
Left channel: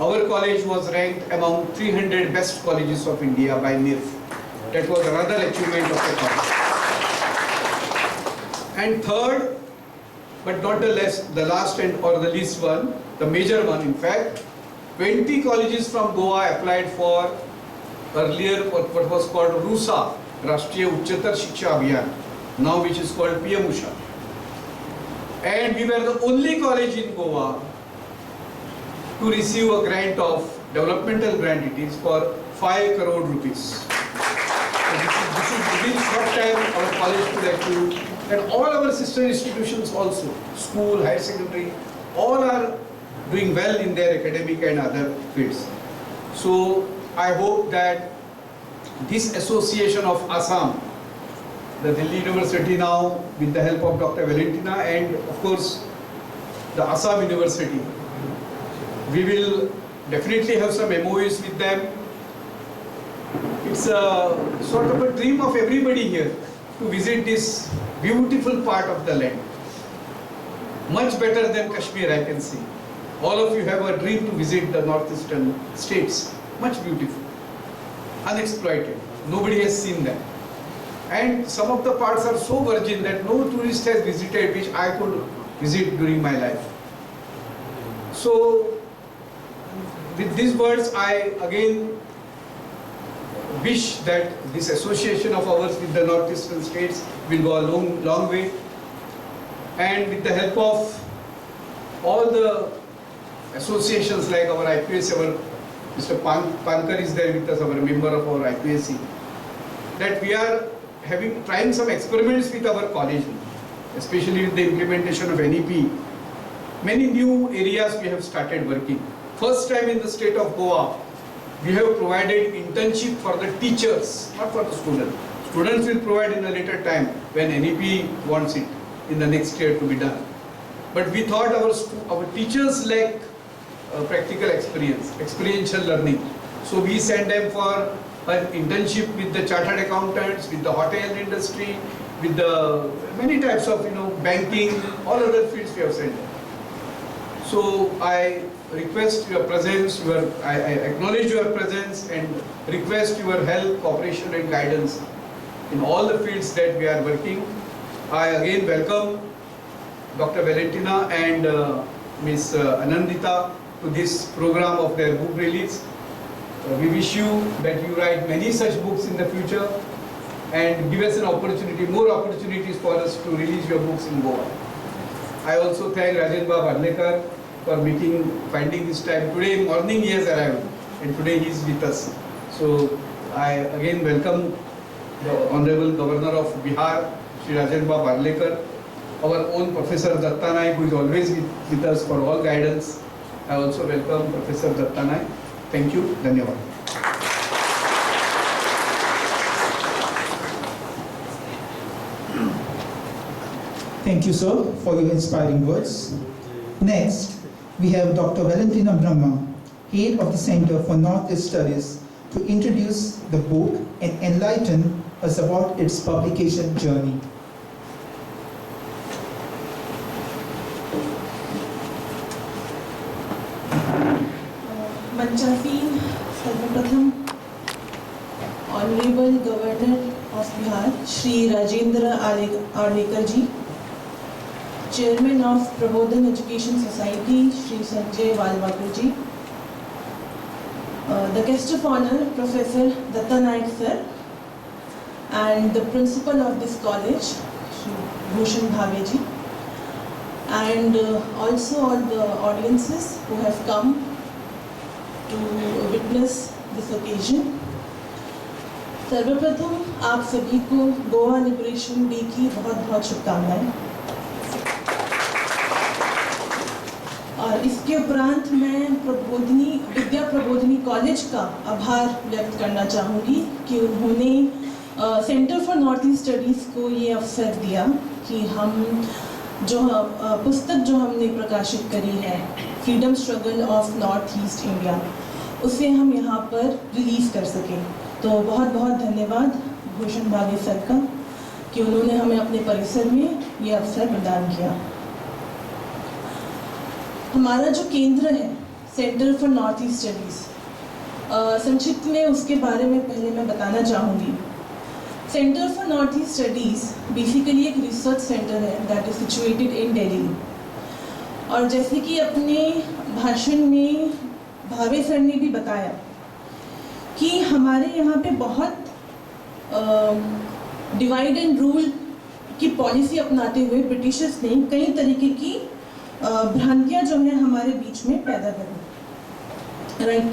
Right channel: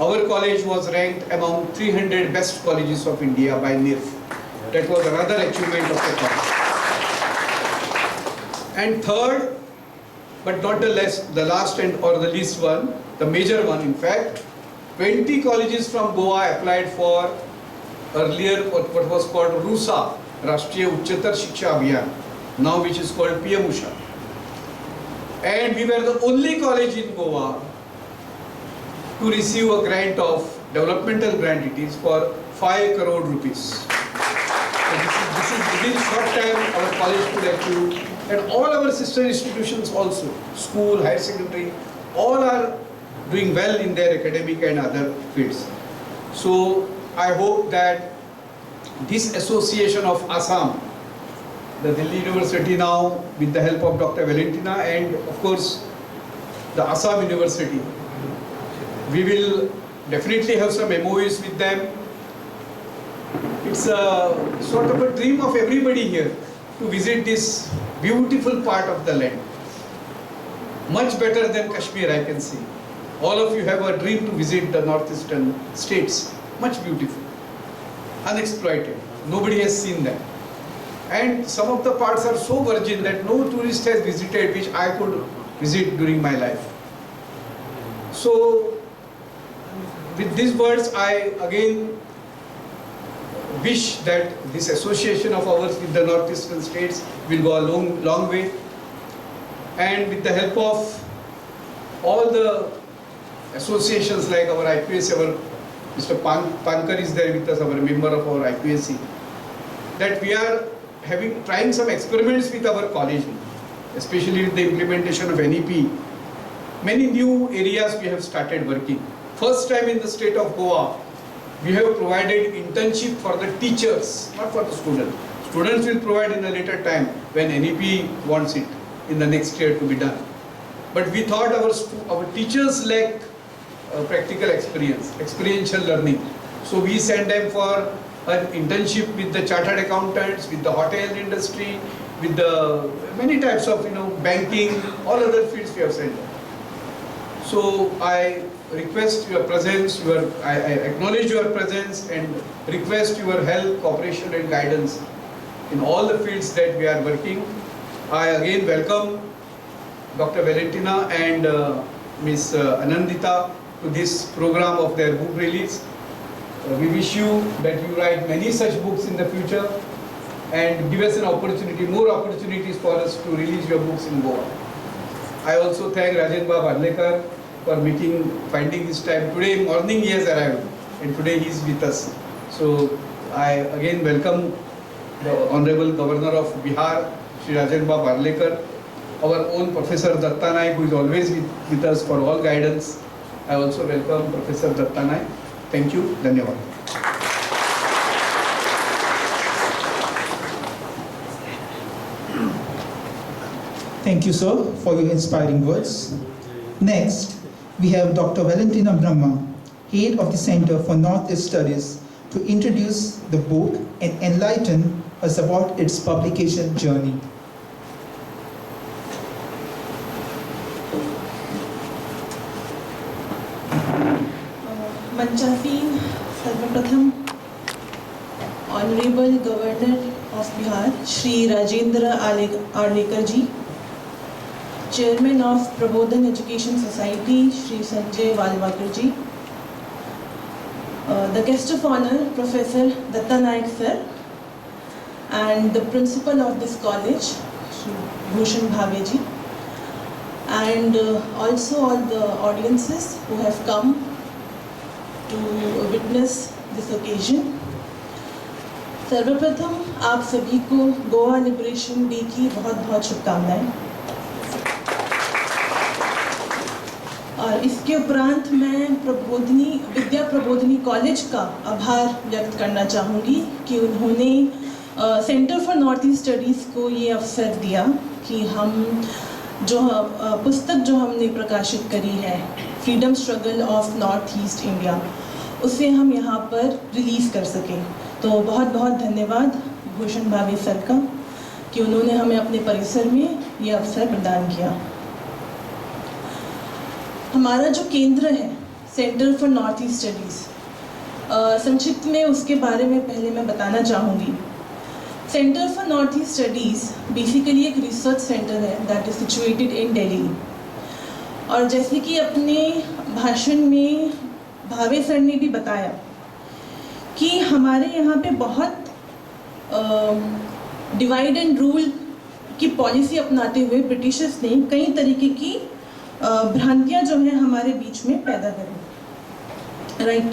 our college was ranked among 300 best colleges of India by NIRF. That was another achievement of the college. And third, but not the last or the least one, the major one in fact, 20 colleges from Goa applied for earlier what was called RUSA, Rashtriya Uchchatar Shiksha Abhiyan, now which is called PM Usha. And we were the only college in Goa to receive a grant of developmental grant. It is for 5 crore rupees. So this is within short time our college could achieve, and all our sister institutions also, school, higher secondary, all are doing well in their academic and other fields. So I hope that this association of Assam, the Delhi University now with the help of Dr. Valentina and of course the Assam University, we will definitely have some MOUs with them. It's a sort of a dream of everybody here to visit this beautiful part of the land. Much better than Kashmir, I can see. All of you have a dream to visit the northeastern states. Much beautiful, unexploited. Nobody has seen them. And some of the parts are so virgin that no tourist has visited, which I could visit during my life. So, with these words, I again wish that this association of ours with the northeastern states will go a long way. And with the help of all the associations like our IPS, our Mr. Pankar is there with us, our member of our IPSC, that we are trying some experiments with our college, especially with the implementation of NEP. Many new areas we have started working. First time in the state of Goa, we have provided internship for the teachers, not for the students. Students will provide in a later time when NEP wants it in the next year to be done. But we thought our teachers lack practical experience, experiential learning. So we send them for an internship with the chartered accountants, with the hotel industry, with the many types of banking, all other fields we have sent them. So I request your presence, I acknowledge your presence and request your help, cooperation and guidance in all the fields that we are working. I again welcome Dr. Valentina and Ms. Anandita to this program of their book release. We wish you that you write many such books in the future and give us an opportunity, more opportunities for us to release your books in Goa. I also thank Rajendra Arlekar for finding this time. Today morning he has arrived and today he is with us. So I again welcome the Honorable Governor of Bihar, Shri Rajendra Arlekar, our own Professor Datta Naik, who is always with us for all guidance. I also welcome Professor Datta Naik. Thank you. Dhanyavad. Thank you, sir, for your inspiring words. Next, we have Dr. Valentina Brahma, Head of the Center for Northeast Studies, to introduce the book and enlighten us about its publication journey. मंचासीन सर्वप्रथम honourable governor of Bihar Shri Rajendra Arlekar ji, chairman of Prabodhan education society Shri Sanjay Walwakar ji, the guest of honor Professor Datta Naik sir, and the principal of this college Shri Bhushan Bhave ji, and also all the audiences who have come to witness this occasion. सर्वप्रथम आप सभी को Goa liberation day की बहुत बहुत शुभकामनाएं। और इसके उपरांत मैं विद्या प्रबोधिनी कॉलेज का आभार व्यक्त करना चाहूँगी कि उन्होंने centre for north east studies को ये अवसर दिया कि हम पुस्तक जो हमने प्रकाशित करी है freedom struggle of north east India, उसे हम यहाँ पर रिलीज़ कर सकें। तो बहुत बहुत धन्यवाद भूषण भावे सर का कि उन्होंने हमें अपने परिसर में ये अवसर प्रदान किया। हमारा जो केंद्र है centre for north east studies, संक्षिप्त में उसके बारे में पहले मैं बताना चाहूँगी। Centre for north east studies basically एक रिसर्च सेंटर है that is situated in Delhi. और जैसे कि अपने भाषण में भावे सर ने भी बताया कि हमारे यहाँ पे बहुत डिवाइड एंड रूल की पॉलिसी अपनाते हुए ब्रिटिशर्स ने कई तरीके की भ्रांतियाँ जो हैं हमारे बीच में पैदा करी, राइट।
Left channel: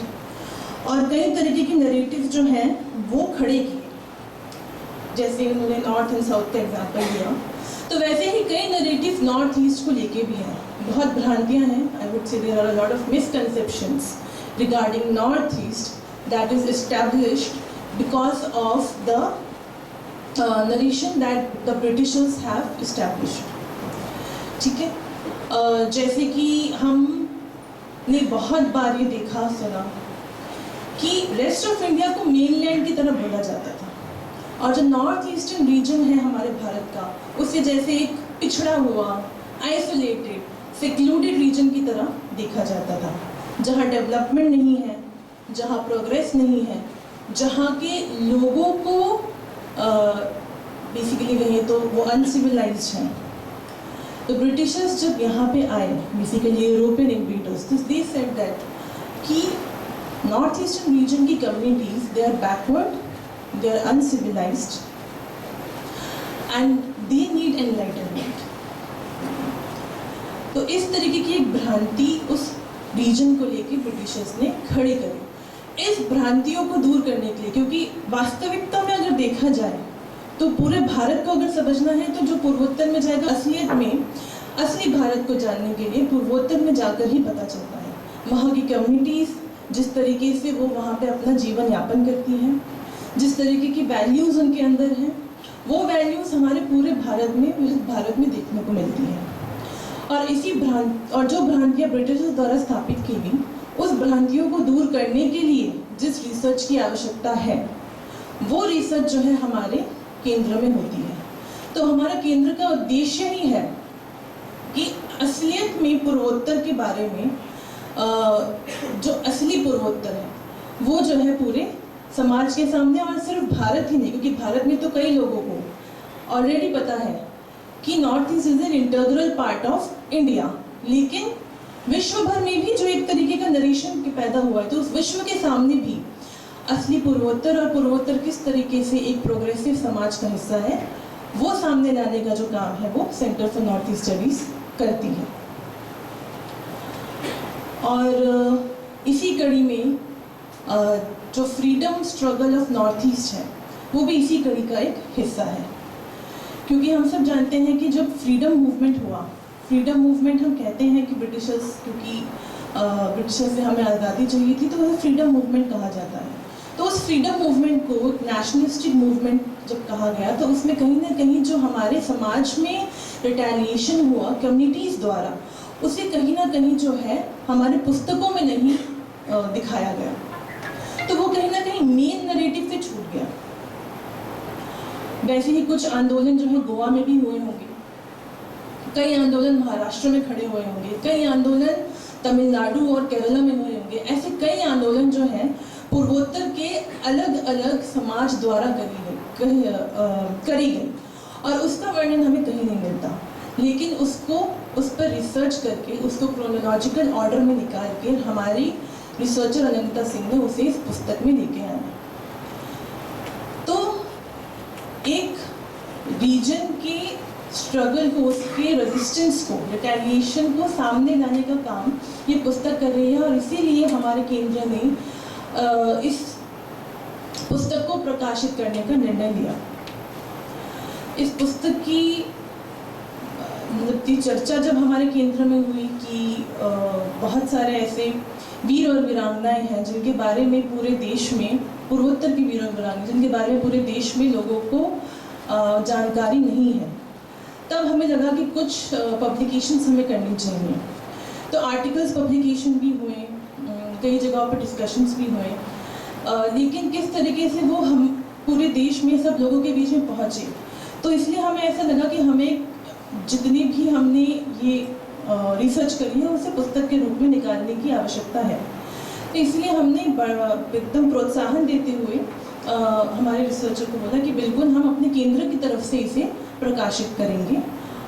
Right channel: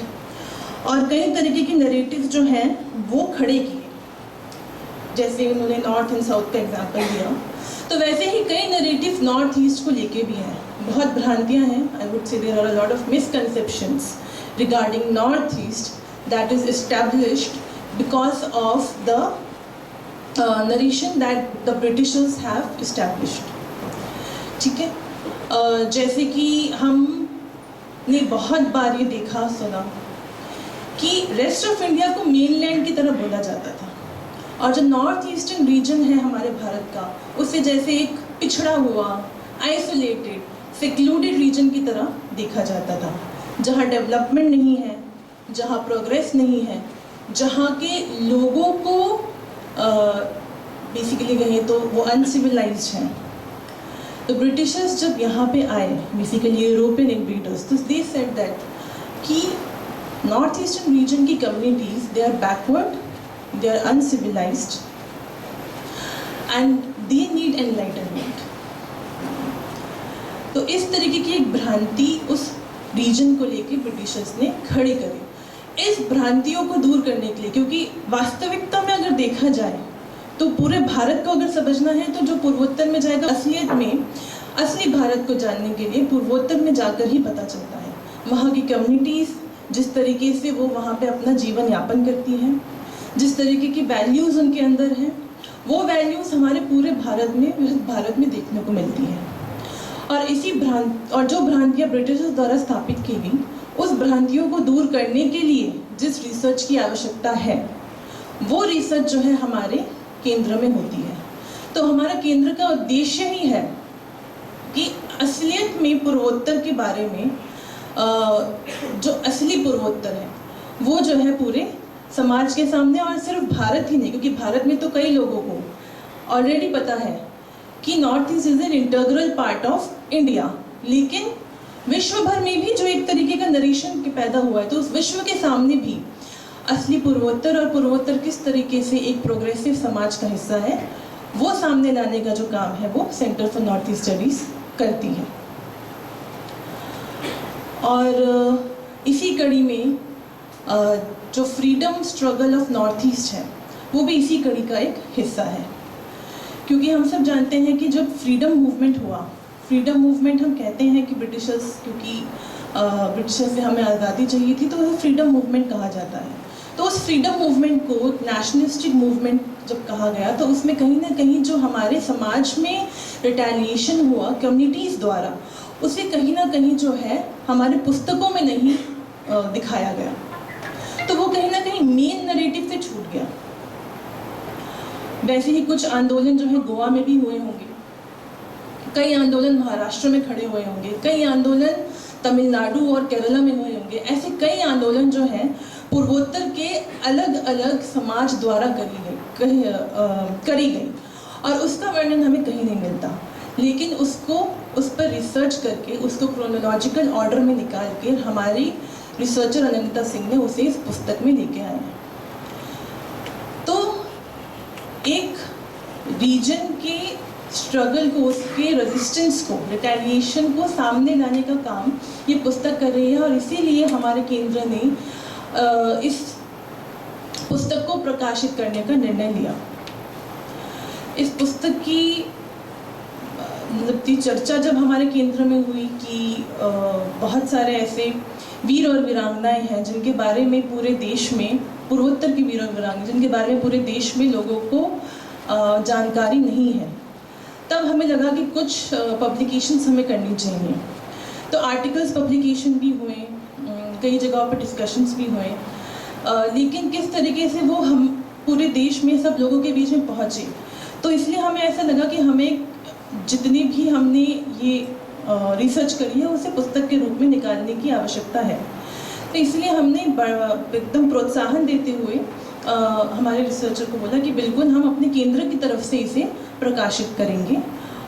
और कई तरीके की नैरेटिव जो हैं वो खड़े किए, जैसे उन्होंने नॉर्थ एंड साउथ का एग्जाम्पल दिया, तो वैसे ही कई नैरेटिव नॉर्थ ईस्ट को लेके भी हैं। बहुत भ्रांतियाँ हैं, I would say there are a lot of misconceptions regarding North East that is established because of the narration that the britishers have established. ठीक है, जैसे कि हमने बहुत बार ये देखा सुना कि रेस्ट ऑफ इंडिया को मेनलैंड की तरह बोला जाता था और जो नॉर्थ ईस्टर्न रीजन है हमारे भारत का, उसे जैसे एक पिछड़ा हुआ, आइसोलेटेड, सेक्लूडेड रीजन की तरह देखा जाता था, जहाँ डेवलपमेंट नहीं है, जहाँ प्रोग्रेस नहीं है, जहाँ के लोगों को बेसिकली कहें तो वो अनसिविलाइज्ड हैं। तो ब्रिटिशर्स जब यहाँ पे आए, बेसिकली यूरोपियन इन्वेडर्स, तो दे सेड दैट कि नॉर्थ ईस्टर्न रीजन की communities they are backward, they are uncivilized and they need enlightenment। तो इस तरीके की एक भ्रांति उस रीजन को लेके ब्रिटिशर्स ने खड़ी करी। इस भ्रांतियों को दूर करने के लिए, क्योंकि वास्तविकता में अगर देखा जाए तो पूरे भारत को अगर समझना है तो जो पूर्वोत्तर में जाएगा, असलियत में असली भारत को जानने के लिए पूर्वोत्तर में जाकर ही पता चलता है। वहाँ की कम्युनिटीज़, जिस तरीके से वो वहाँ पे अपना जीवन यापन करती हैं, जिस तरीके की वैल्यूज़ उनके अंदर हैं, वो वैल्यूज़ हमारे पूरे भारत में देखने को मिलती हैं। और जो भ्रांतियाँ ब्रिटिशर्स द्वारा स्थापित की गई, उस भ्रांतियों को दूर करने के लिए जिस रिसर्च की आवश्यकता है, वो रिसर्च जो है हमारे केंद्र में होती है। तो हमारा केंद्र का उद्देश्य ही है कि असलियत में पूर्वोत्तर के बारे में जो असली पूर्वोत्तर है वो जो है पूरे समाज के सामने, और सिर्फ भारत ही नहीं, क्योंकि भारत में तो कई लोगों को ऑलरेडी पता है कि north east is an integral part of India, लेकिन विश्व भर में भी जो एक तरीके का नरेशन पैदा हुआ है, तो उस विश्व के सामने भी असली पूर्वोत्तर और पूर्वोत्तर किस तरीके से एक प्रोग्रेसिव समाज का हिस्सा है, वो सामने लाने का जो काम है वो centre for north east studies करती है। और इसी कड़ी में जो freedom struggle of north east है वो भी इसी कड़ी का एक हिस्सा है, क्योंकि हम सब जानते हैं कि जब फ्रीडम मूवमेंट हुआ, फ्रीडम मूवमेंट हम कहते हैं कि ब्रिटिशर्स से हमें आज़ादी चाहिए थी, तो वह फ्रीडम मूवमेंट कहा जाता है। तो उस फ्रीडम मूवमेंट को नेशनलिस्टिक मूवमेंट जब कहा गया, तो उसमें कहीं ना कहीं जो हमारे समाज में रिटेलिएशन हुआ कम्युनिटीज़ द्वारा, उसे कहीं ना कहीं जो है हमारे पुस्तकों में नहीं दिखाया गया, तो वो कहीं ना कहीं मेन नरेटिव से छूट गया। वैसे ही कुछ आंदोलन जो है गोवा में भी हुए होंगे, कई आंदोलन महाराष्ट्र में खड़े हुए होंगे, कई आंदोलन तमिलनाडु और केरला में हुए होंगे। ऐसे कई आंदोलन जो हैं पूर्वोत्तर के अलग अलग समाज द्वारा करी गई, और उसका वर्णन हमें कहीं नहीं मिलता, लेकिन उस पर रिसर्च करके उसको क्रोनोलॉजिकल ऑर्डर में निकाल के हमारी रिसर्चर अनंता सिंह ने उसे इस पुस्तक में लेके आए हैं। तो एक रीजन के स्ट्रगल को, उसके रेजिस्टेंस को, रिटेलिएशन को सामने लाने का काम ये पुस्तक कर रही है, और इसीलिए हमारे केंद्र ने इस पुस्तक को प्रकाशित करने का निर्णय लिया। इस पुस्तक की चर्चा जब हमारे केंद्र में हुई कि बहुत सारे ऐसे वीर और वीरांगनाएं हैं जिनके बारे में पूरे देश में, पूर्वोत्तर की वीर और वीरांगनाएं जिनके बारे में पूरे देश में लोगों को जानकारी नहीं है, तब हमें लगा कि कुछ पब्लिकेशंस हमें करनी चाहिए। तो आर्टिकल्स पब्लिकेशन भी हुए, कई जगहों पर डिस्कशंस भी हुए, लेकिन किस तरीके से वो हम पूरे देश में सब लोगों के बीच में पहुँचे, तो इसलिए हमें ऐसा लगा कि हमें जितनी भी हमने ये रिसर्च करी है उसे पुस्तक के रूप में निकालने की आवश्यकता है। तो इसलिए हमने एकदम प्रोत्साहन देते हुए हमारे रिसर्चर को बोला कि बिल्कुल हम अपने केंद्र की तरफ से इसे प्रकाशित करेंगे,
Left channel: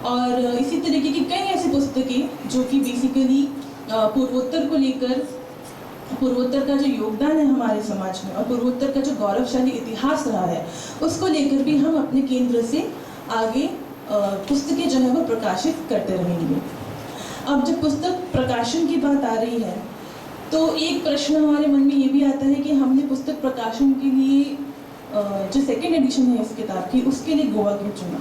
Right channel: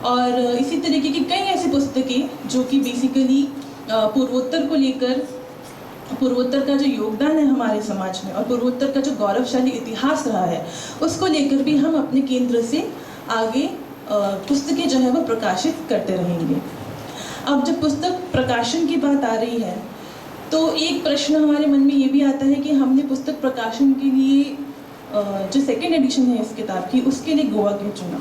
और इसी तरीके की कई ऐसी पुस्तकें जो कि बेसिकली पूर्वोत्तर को लेकर, पूर्वोत्तर का जो योगदान है हमारे समाज में और पूर्वोत्तर का जो गौरवशाली इतिहास रहा है, उसको लेकर भी हम अपने केंद्र से आगे पुस्तकें जो है वो प्रकाशित करते रहेंगे। अब जब पुस्तक प्रकाशन की बात आ रही है, तो एक प्रश्न हमारे मन में ये भी आता है कि हमने पुस्तक प्रकाशन के लिए जो सेकेंड एडिशन है इस किताब की, उसके लिए गोवा क्यों चुना।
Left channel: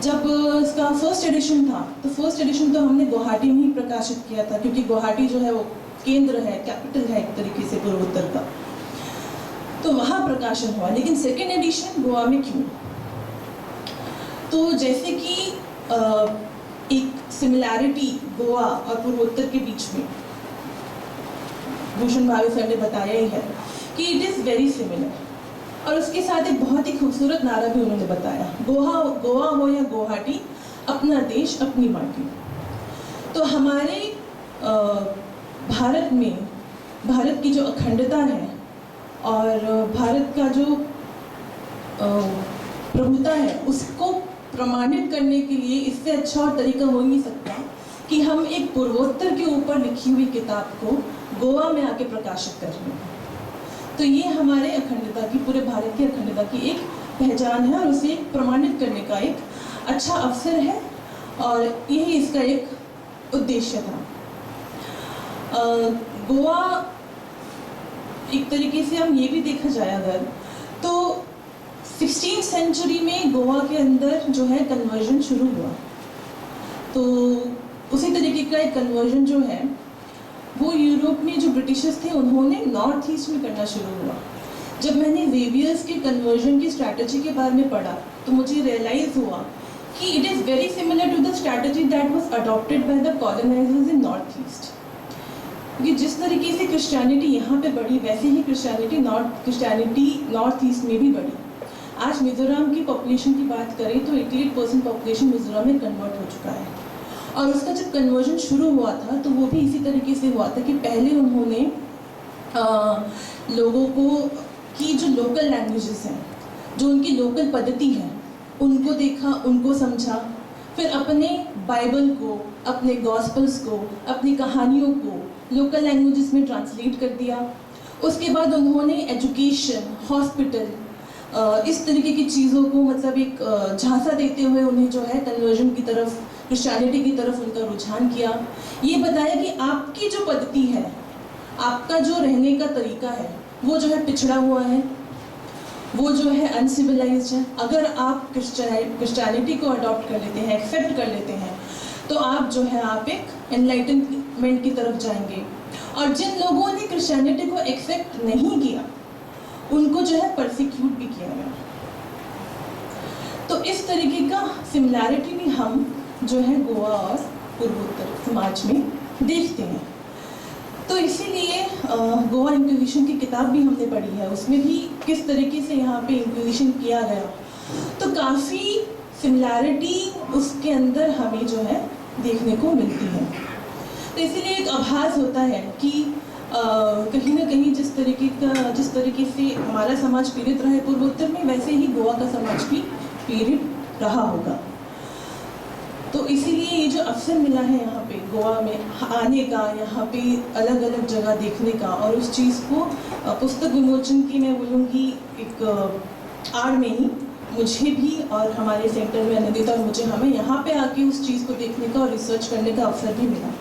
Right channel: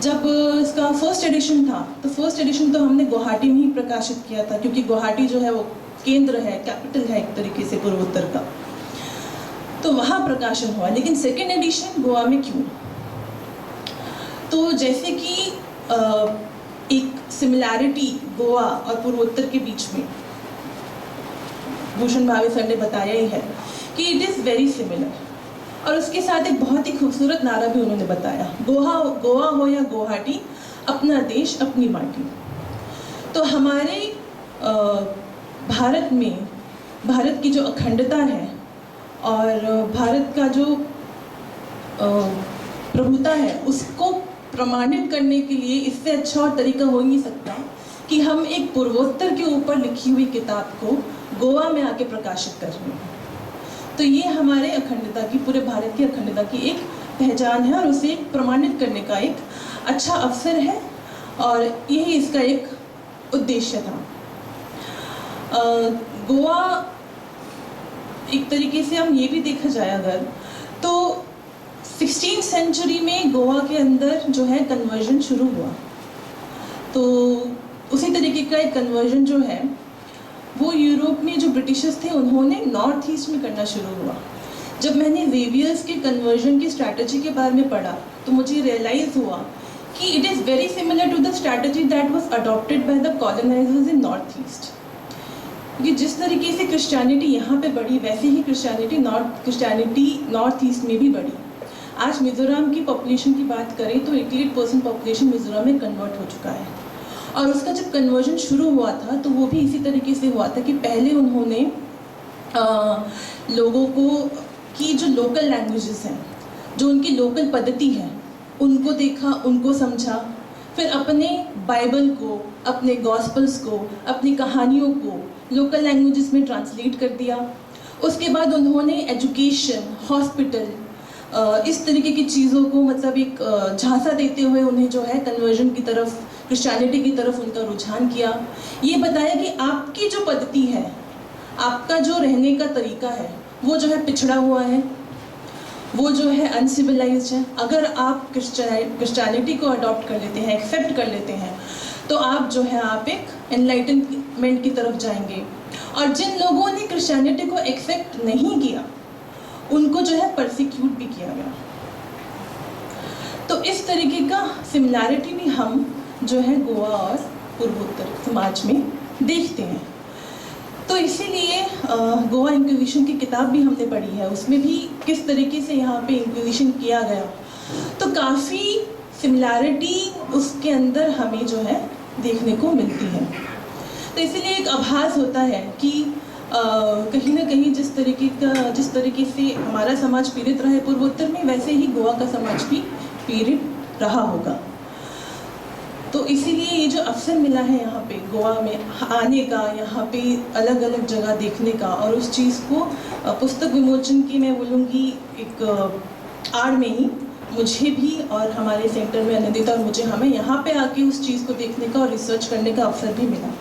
जब इसका फर्स्ट एडिशन था, तो फर्स्ट एडिशन तो हमने गुवाहाटी में ही प्रकाशित किया था, क्योंकि गुवाहाटी जो है वो केंद्र है, कैपिटल है एक तरीके से पूर्वोत्तर का, तो वहाँ प्रकाशन हुआ। लेकिन सेकेंड एडिशन गोवा में क्यों? तो जैसे कि एक सिमिलैरिटी गोवा और पूर्वोत्तर के बीच में भूषण भावे सर ने बताया ही है कि इट इज़ वेरी सिमिलर, और उसके साथ एक बहुत ही खूबसूरत नारा भी उन्होंने बताया, गोवा हो या गुवाहाटी, अपना देश अपनी माटी। तो हमारे भारत में भारत की जो अखंडता है और भारत का जो प्रभुता है, उसको प्रमाणित करने के लिए इससे अच्छा और तरीका हो ही नहीं सकता कि हम एक पूर्वोत्तर के ऊपर लिखी हुई किताब को गोवा में आके प्रकाशित कर रहे हैं। तो ये हमारे अखंडता की, पूरे भारत की अखंडता की एक पहचान है, और उसे प्रमाणित करने का एक अच्छा अवसर है, और यही इसका एक उद्देश्य था। गोवा एक तरीके से हम ये भी देखा जाए अगर, तो 16th सेंचुरी में गोवा के अंदर जो है कन्वर्जन शुरू हुआ। तो उसी तरीके का एक कन्वर्जन जो है वो यूरोप में जो ब्रिटिशर्स थे उन्होंने नॉर्थ ईस्ट में करना शुरू हुआ। जब मैंने वेवियर्स के कन्वर्जन की स्ट्रैटेजी के बारे में पढ़ा तो मुझे रियलाइज़ हुआ कि it is very similar to the strategy that was adopted by the colonisers in North East. कि जिस तरीके से क्रिश्चियनिटी यहाँ पे बढ़ी वैसे ही क्रिश्चियनिटी नॉर्थ ईस्ट में भी बढ़ी। आज मिज़ोरम की पॉपुलेशन की बात करें तो 88% पॉपुलेशन मिज़ोरम में कन्वर्ट हो चुका है। और उसका जब कन्वर्जन शुरू हुआ था तो वो भी इसी तरीके से हुआ था कि पहले उन्होंने लोगों को की जो लोकल लैंग्वेजेस हैं, जो उनकी लोकल पद्धति है, उनको देखा, उनको समझा, फिर अपने बाइबल को, अपने गॉस्पल्स को, अपनी कहानियों को लोकल लैंग्वेजेस में ट्रांसलेट कर दिया। उसके बाद उन्होंने एजुकेशन, हॉस्पिटल, इस तरीके की चीज़ों को मतलब एक झांसा देते हुए उन्हें जो है कन्वर्जन की तरफ, क्रिश्चियनिटी की तरफ उनका रुझान किया। ये बताया कि आपकी जो पद्धति है, आपका जो रहने का तरीका है, वो जो है पिछड़ा हुआ है, वो जो है अनसिविलाइज्ड है। अगर आप क्रिश्चियनिटी को अडॉप्ट कर लेते हैं, एक्सेप्ट कर लेते हैं, तो आप जो है आप एक एनलाइटनमेंट की तरफ जाएंगे। और जिन लोगों ने क्रिश्चियनिटी को एक्सेप्ट नहीं किया उनको जो है परसिक्यूट भी किया गया। तो इस तरीके का सिमिलैरिटी भी हम जो है गोवा और पूर्वोत्तर समाज में देखते हैं। तो इसीलिए गोवा इंक्विजिशन की किताब भी हमने पढ़ी है, उसमें भी किस तरीके से यहाँ पे इंक्विजिशन किया गया, तो काफ़ी सिमिलैरिटी उसके अंदर हमें जो है देखने को मिलती है। तो इसीलिए एक आभास होता है कि कहीं ना कहीं जिस तरीके से हमारा समाज पीड़ित रहा है पूर्वोत्तर में, वैसे ही गोवा का समाज भी पीड़ित रहा होगा। तो इसीलिए ये जो अवसर मिला है यहाँ पे गोवा में आने का, यहाँ पे अलग अलग जगह देखने का, और उस चीज़ को पुस्तक विमोचन की मैं बोलूँगी एक आड़ में ही मुझे भी और हमारे सेंटर में अनंदिता और मुझे हमें यहाँ पे आके उस चीज़ को देखने का और रिसर्च करने का अवसर भी मिला।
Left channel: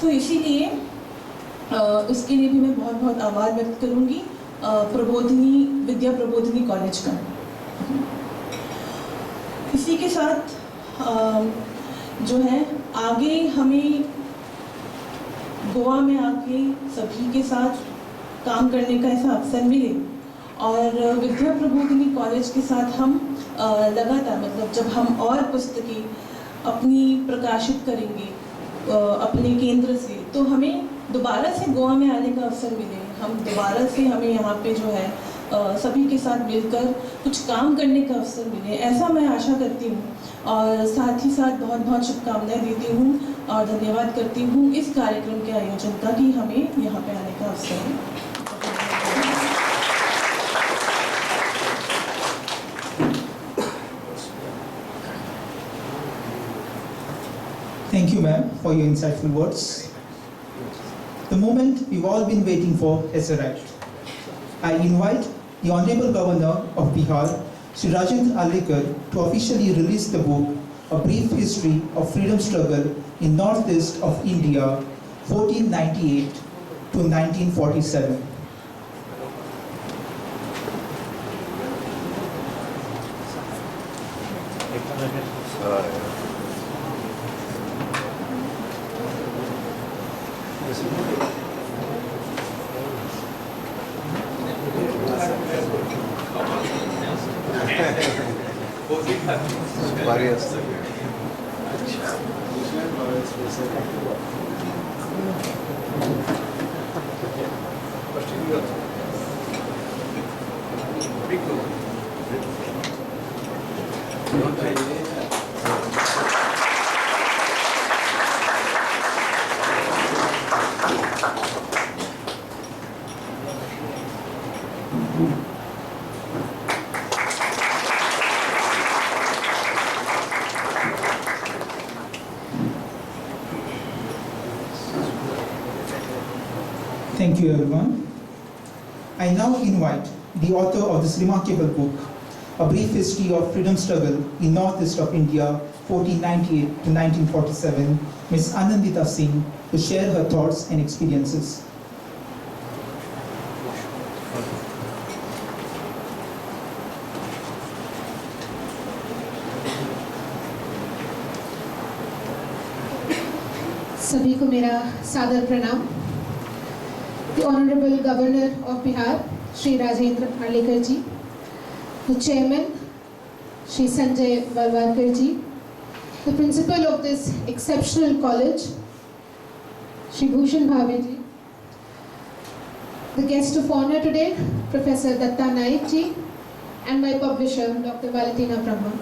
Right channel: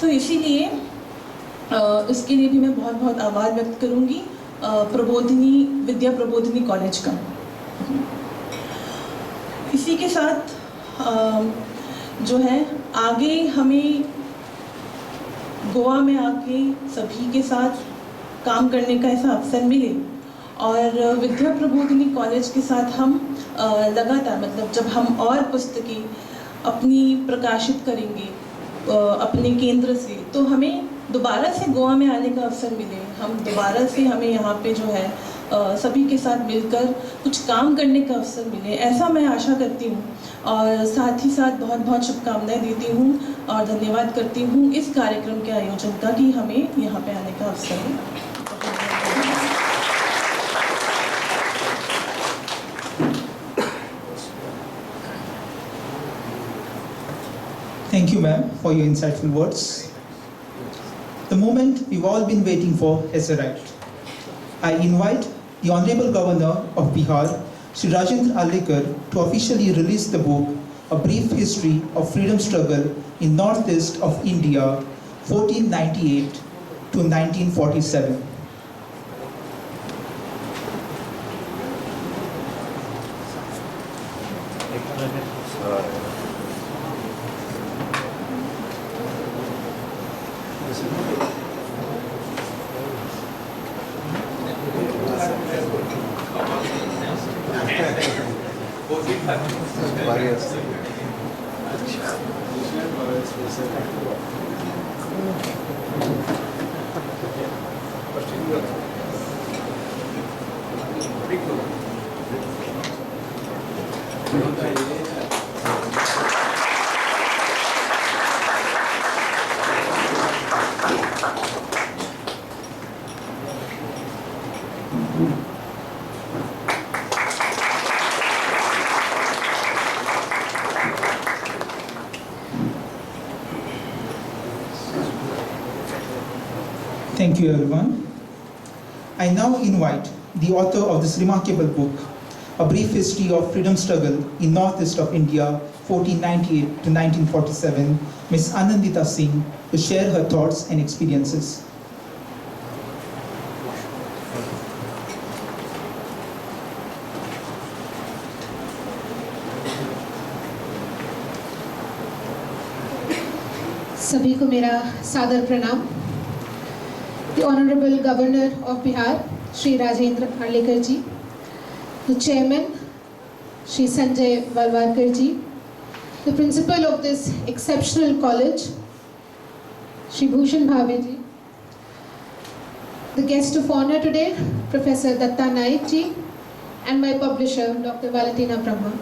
तो इसीलिए उसके लिए भी मैं बहुत बहुत आभार व्यक्त करूँगी विद्या प्रबोधिनी कॉलेज का। इसी के साथ जो है आगे हमें गोवा में आके सभी के साथ काम करने का ऐसा अवसर मिले, और विद्या प्रबोधिनी कॉलेज के साथ हम लगातार मतलब जब हम और पुस्तकें अपनी प्रकाशित करेंगे अपने केंद्र से, तो हमें दोबारा से गोवा में आने का अवसर मिले, हम दोबारा से हमें यहाँ पे जो है सभी के साथ मिलकर कुछ काम करने का अवसर मिले, ऐसा मैं आशा करती हूँ। और साथ ही साथ बहुत बहुत शुभकामनाएं देती हूँ और धन्यवाद करती हूँ इस कार्यक्रम के आयोजन का कि हमें यहाँ पे आने का अवसर है। Thank you, ma'am, for your insightful words. The moment we've all been waiting for has arrived. I invite the Honorable Governor of Bihar, Shri Rajendra Allekar, to officially release the book, A Brief History of Freedom Struggle in Northeast of India, 1498 to 1947. Thank you, everyone. I now invite the author of this remarkable book, A Brief History of Freedom Struggle in Northeast of India, 1498 to 1947, Ms. Anandita Singh, to share her thoughts and experiences. सभी को मेरा सादर प्रणाम। the Honorable Governor of Bihar, Shri Rajendra Arlekar ji, the Chairman, Shri Sanjay Valwarkar ji, the Principal of this exceptional college, Shri Bhushan Bhave ji, the guest of honor today, Professor Datta Naik ji, and my publisher, Dr. Valentina Brahma.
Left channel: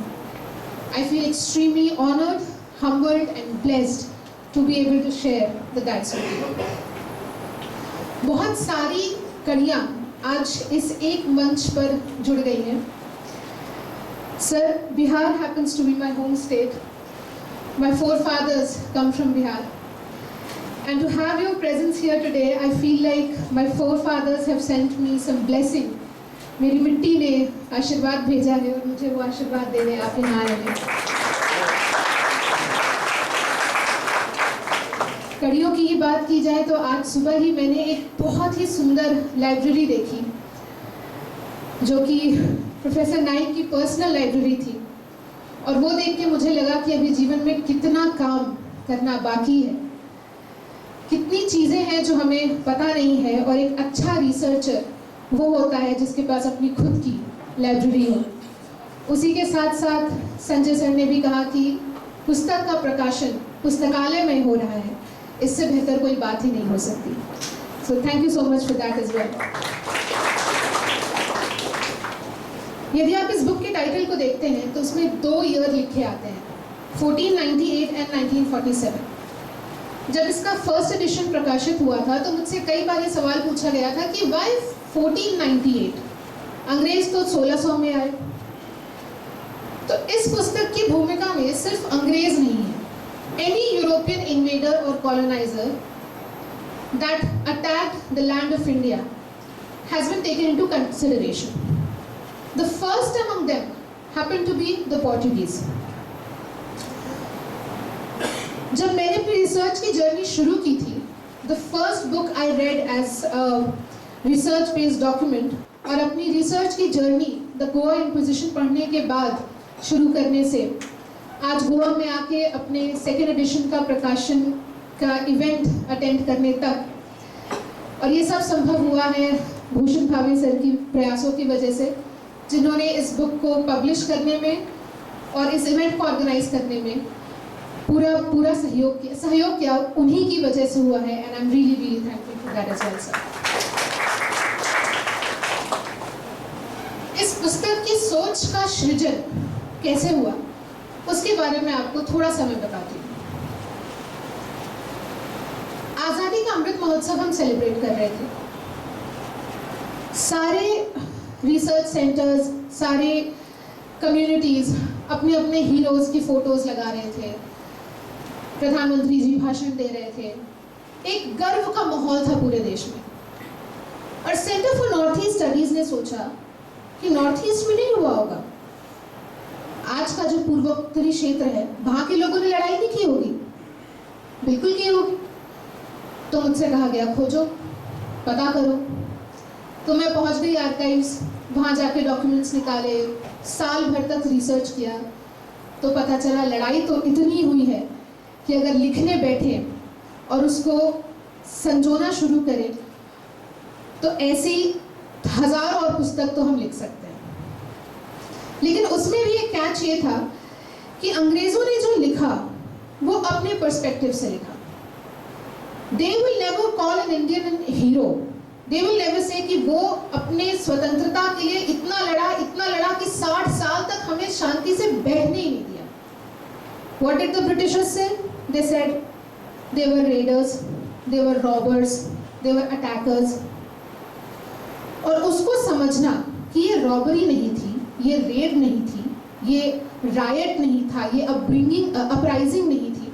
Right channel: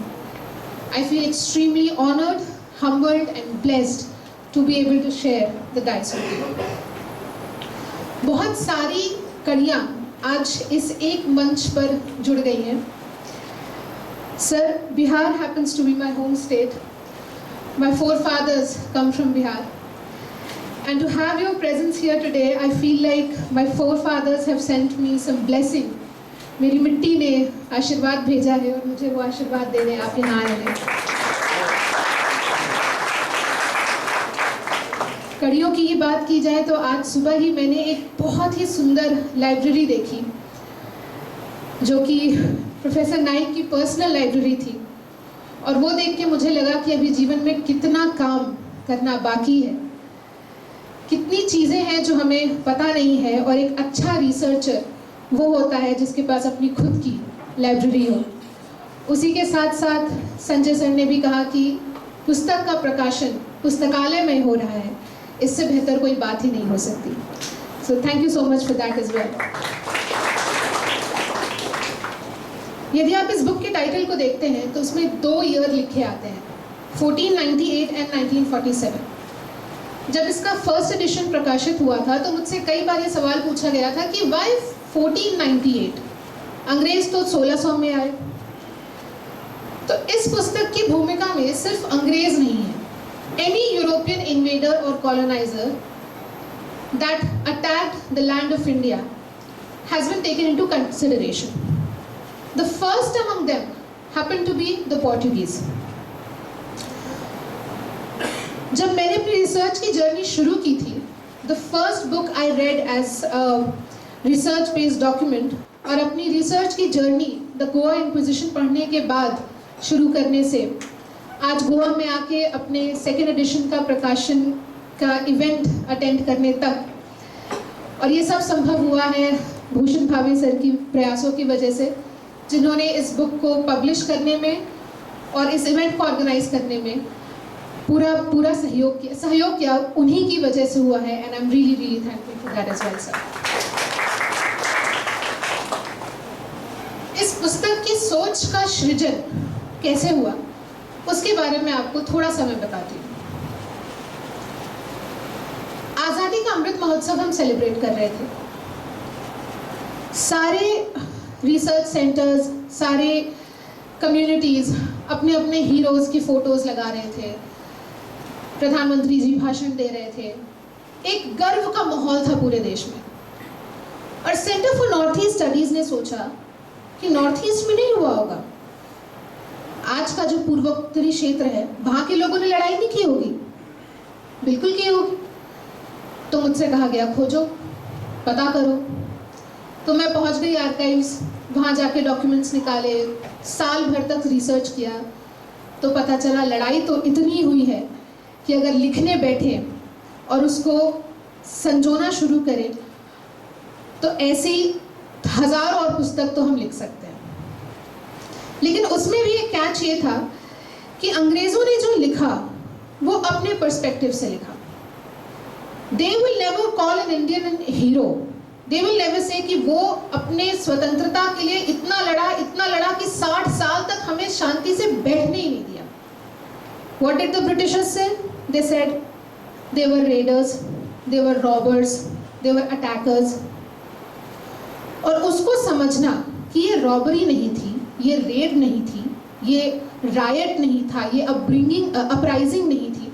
I feel extremely honored, humbled and blessed to be able to share the dais with you. बहुत सारी कड़ियाँ आज इस एक मंच पर जुड़ गई हैं. Sir, Bihar happens to be my home state. My forefathers come from Bihar. And to have your presence here today, I feel like my forefathers have sent me some blessing. मेरी मिट्टी ने आशीर्वाद भेजा है और मुझे वो आशीर्वाद देने आप यहाँ आए हैं. कड़ियों की ही बात की जाए तो आज सुबह ही मैंने एक बहुत ही सुंदर लाइब्रेरी देखी, जो कि प्रोफेसर नाइक की पर्सनल लाइब्रेरी थी. और वो देख के मुझे लगा कि अभी जीवन में कितना काम करना बाकी है, कितनी चीज़ें हैं जो हमें पता नहीं है. और एक अच्छा रिसर्चर वो होता है जिसके पास अपनी खुद की लाइब्रेरी हो. उसी के साथ साथ संजय सर ने भी कहा कि पुस्तक का प्रकाशन पुस्तकालय में हो रहा है, इससे बेहतर कोई बात ही नहीं हो सकती. So thank you so much for that as well. यदि आप इस बुक के टाइटल को देखते हैं तो उसमें 2 ईयर लिखे आते हैं, 1498 एंड 1947. जब इसका फर्स्ट एडिशन प्रकाशित हुआ था तो मुझसे कई बार ये सवाल पूछा गया था कि वाई 1498, अंग्रेज तो 1600 में आए. तो इस पुस्तक की भूमिका में सिर्फ अंग्रेज नहीं है. एनी यूरोपियन इन्वेडर और coloniser that attacked the land of India has been taken into consideration. The first among them happened to be the Portuguese. जब मैंने अपनी रिसर्च की जर्नी शुरू की थी, the first book I read as research based document, और अपनी research की जर्नी द गोवा इंक्विजिशन पढ़ने के बाद शुरू करने से आज गोवा में आके अपने सेकेंड एडिशन का प्रकाशन का इवेंट अटेंड करने तक. और ये सब संभव हुआ है भूषण भावे सर की प्रयासों की वजह से, जिन्होंने इस बुक को पब्लिश करने में और इस इवेंट को ऑर्गेनाइज करने में पूरा सहयोग किया. उन्हीं की वजह से हुआ है. And I am really thankful for that as well sir. इस पुस्तक की सोच का सृजन कैसे हुआ उसके बारे में आपको थोड़ा सा मैं बताती हूँ. आज़ादी का अमृत महोत्सव हम सेलिब्रेट कर रहे थे. सारे रिसर्च सेंटर्स, सारे कम्युनिटीज़ अपने अपने हीरोज़ की फ़ोटोज़ लगा रहे थे. प्रधानमंत्री जी भाषण दे रहे थे. एक गर्व का माहौल था पूरे देश में. और centre for north east studies ने सोचा कि नॉर्थ ईस्ट में नहीं हुआ होगा. आज का जो पूर्वोत्तरी क्षेत्र है, वहाँ के लोगों ने लड़ाई नहीं की होगी. बिल्कुल की होगी. तो मुझसे कहा गया खोजो, पता करो. तो मैं पहुँच गई आर्काइव्स, वहाँ जाके डॉक्यूमेंट्स निकाले, साल भर तक रिसर्च किया. तो पता चला लड़ाई तो इतनी हुई है कि अगर लिखने बैठे और उसको संजोना शुरू करें तो ऐसी हज़ारों और पुस्तक तो हम लिख सकते हैं. लेकिन उसमें भी एक कैच ये था कि अंग्रेज़ों ने जो लिखा वो अपने पर्सपेक्टिव से लिखा. They will never call an Indian hero. They will never say कि वो अपने स्वतंत्रता के लिए इतना लड़ा कि 60 साल तक हमें शांति से बैठने ही नहीं दिया. What did the Britishers say? They said they were raiders, they were robbers, they were attackers. और उसको समझना कि ये रॉबरी नहीं थी, ये रेड नहीं थी, ये रायट नहीं था, ये अपराइजिंग नहीं थी.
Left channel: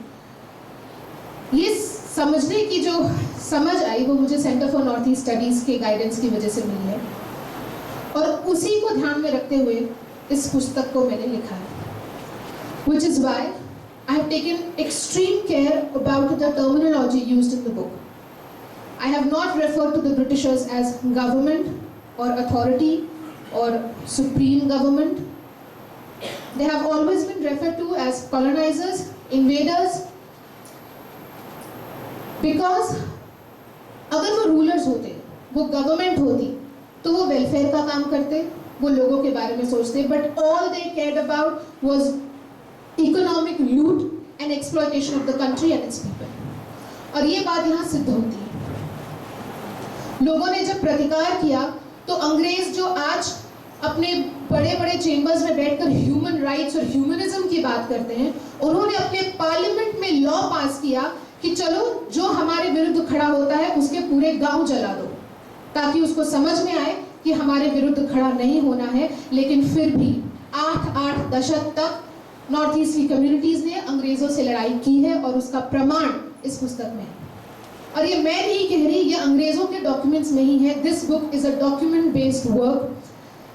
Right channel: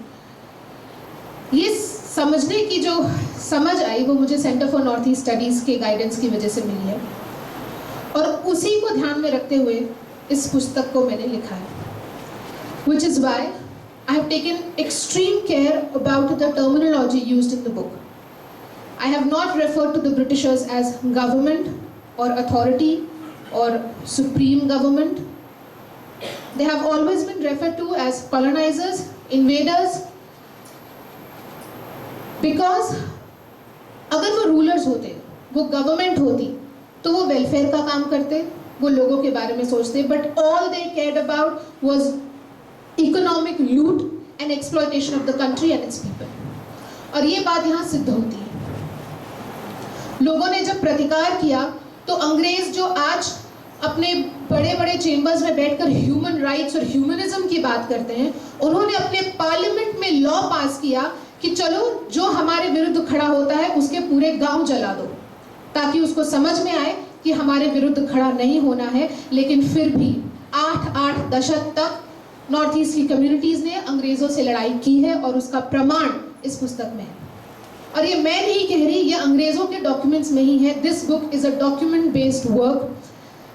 ये समझने की जो समझ आई वो मुझे centre for north east studies के गाइडेंस की वजह से मिली है. और उसी को ध्यान में रखते हुए इस पुस्तक को मैंने लिखा है. Which is why I have taken extreme care about the terminology used in the book. I have not referred to the Britishers as government or authority or supreme government. They have always been referred to as colonizers, invaders, because अगर वो rulers होते, वो government होती, तो वो welfare का काम करते, वो लोगों के बारे में सोचते, but all they cared about was economic loot and exploitation of the country and its people. और ये बात यहाँ सिद्ध होती है। लोगों ने जब प्रतिकार किया तो अंग्रेज जो आज अपने बड़े बड़े चेंबर्स में बैठकर ह्यूमन राइट्स और ह्यूमनिज्म की बात करते हैं, उन्होंने अपने पार्लियामेंट में लॉ पास किया कि चलो जो हमारे विरुद्ध खड़ा होता है उसके पूरे गांव जला दो, ताकि उसको समझ में आए कि हमारे विरुद्ध खड़ा नहीं होना है। लेकिन फिर भी 8 दशक तक नॉर्थ ईस्ट की कम्युनिटीज ने अंग्रेजों से लड़ाई की है और उसका प्रमाण इस पुस्तक में है। और ये मैं नहीं कह रही, ये अंग्रेजों के डॉक्यूमेंट्स में ही है। This book is a document based work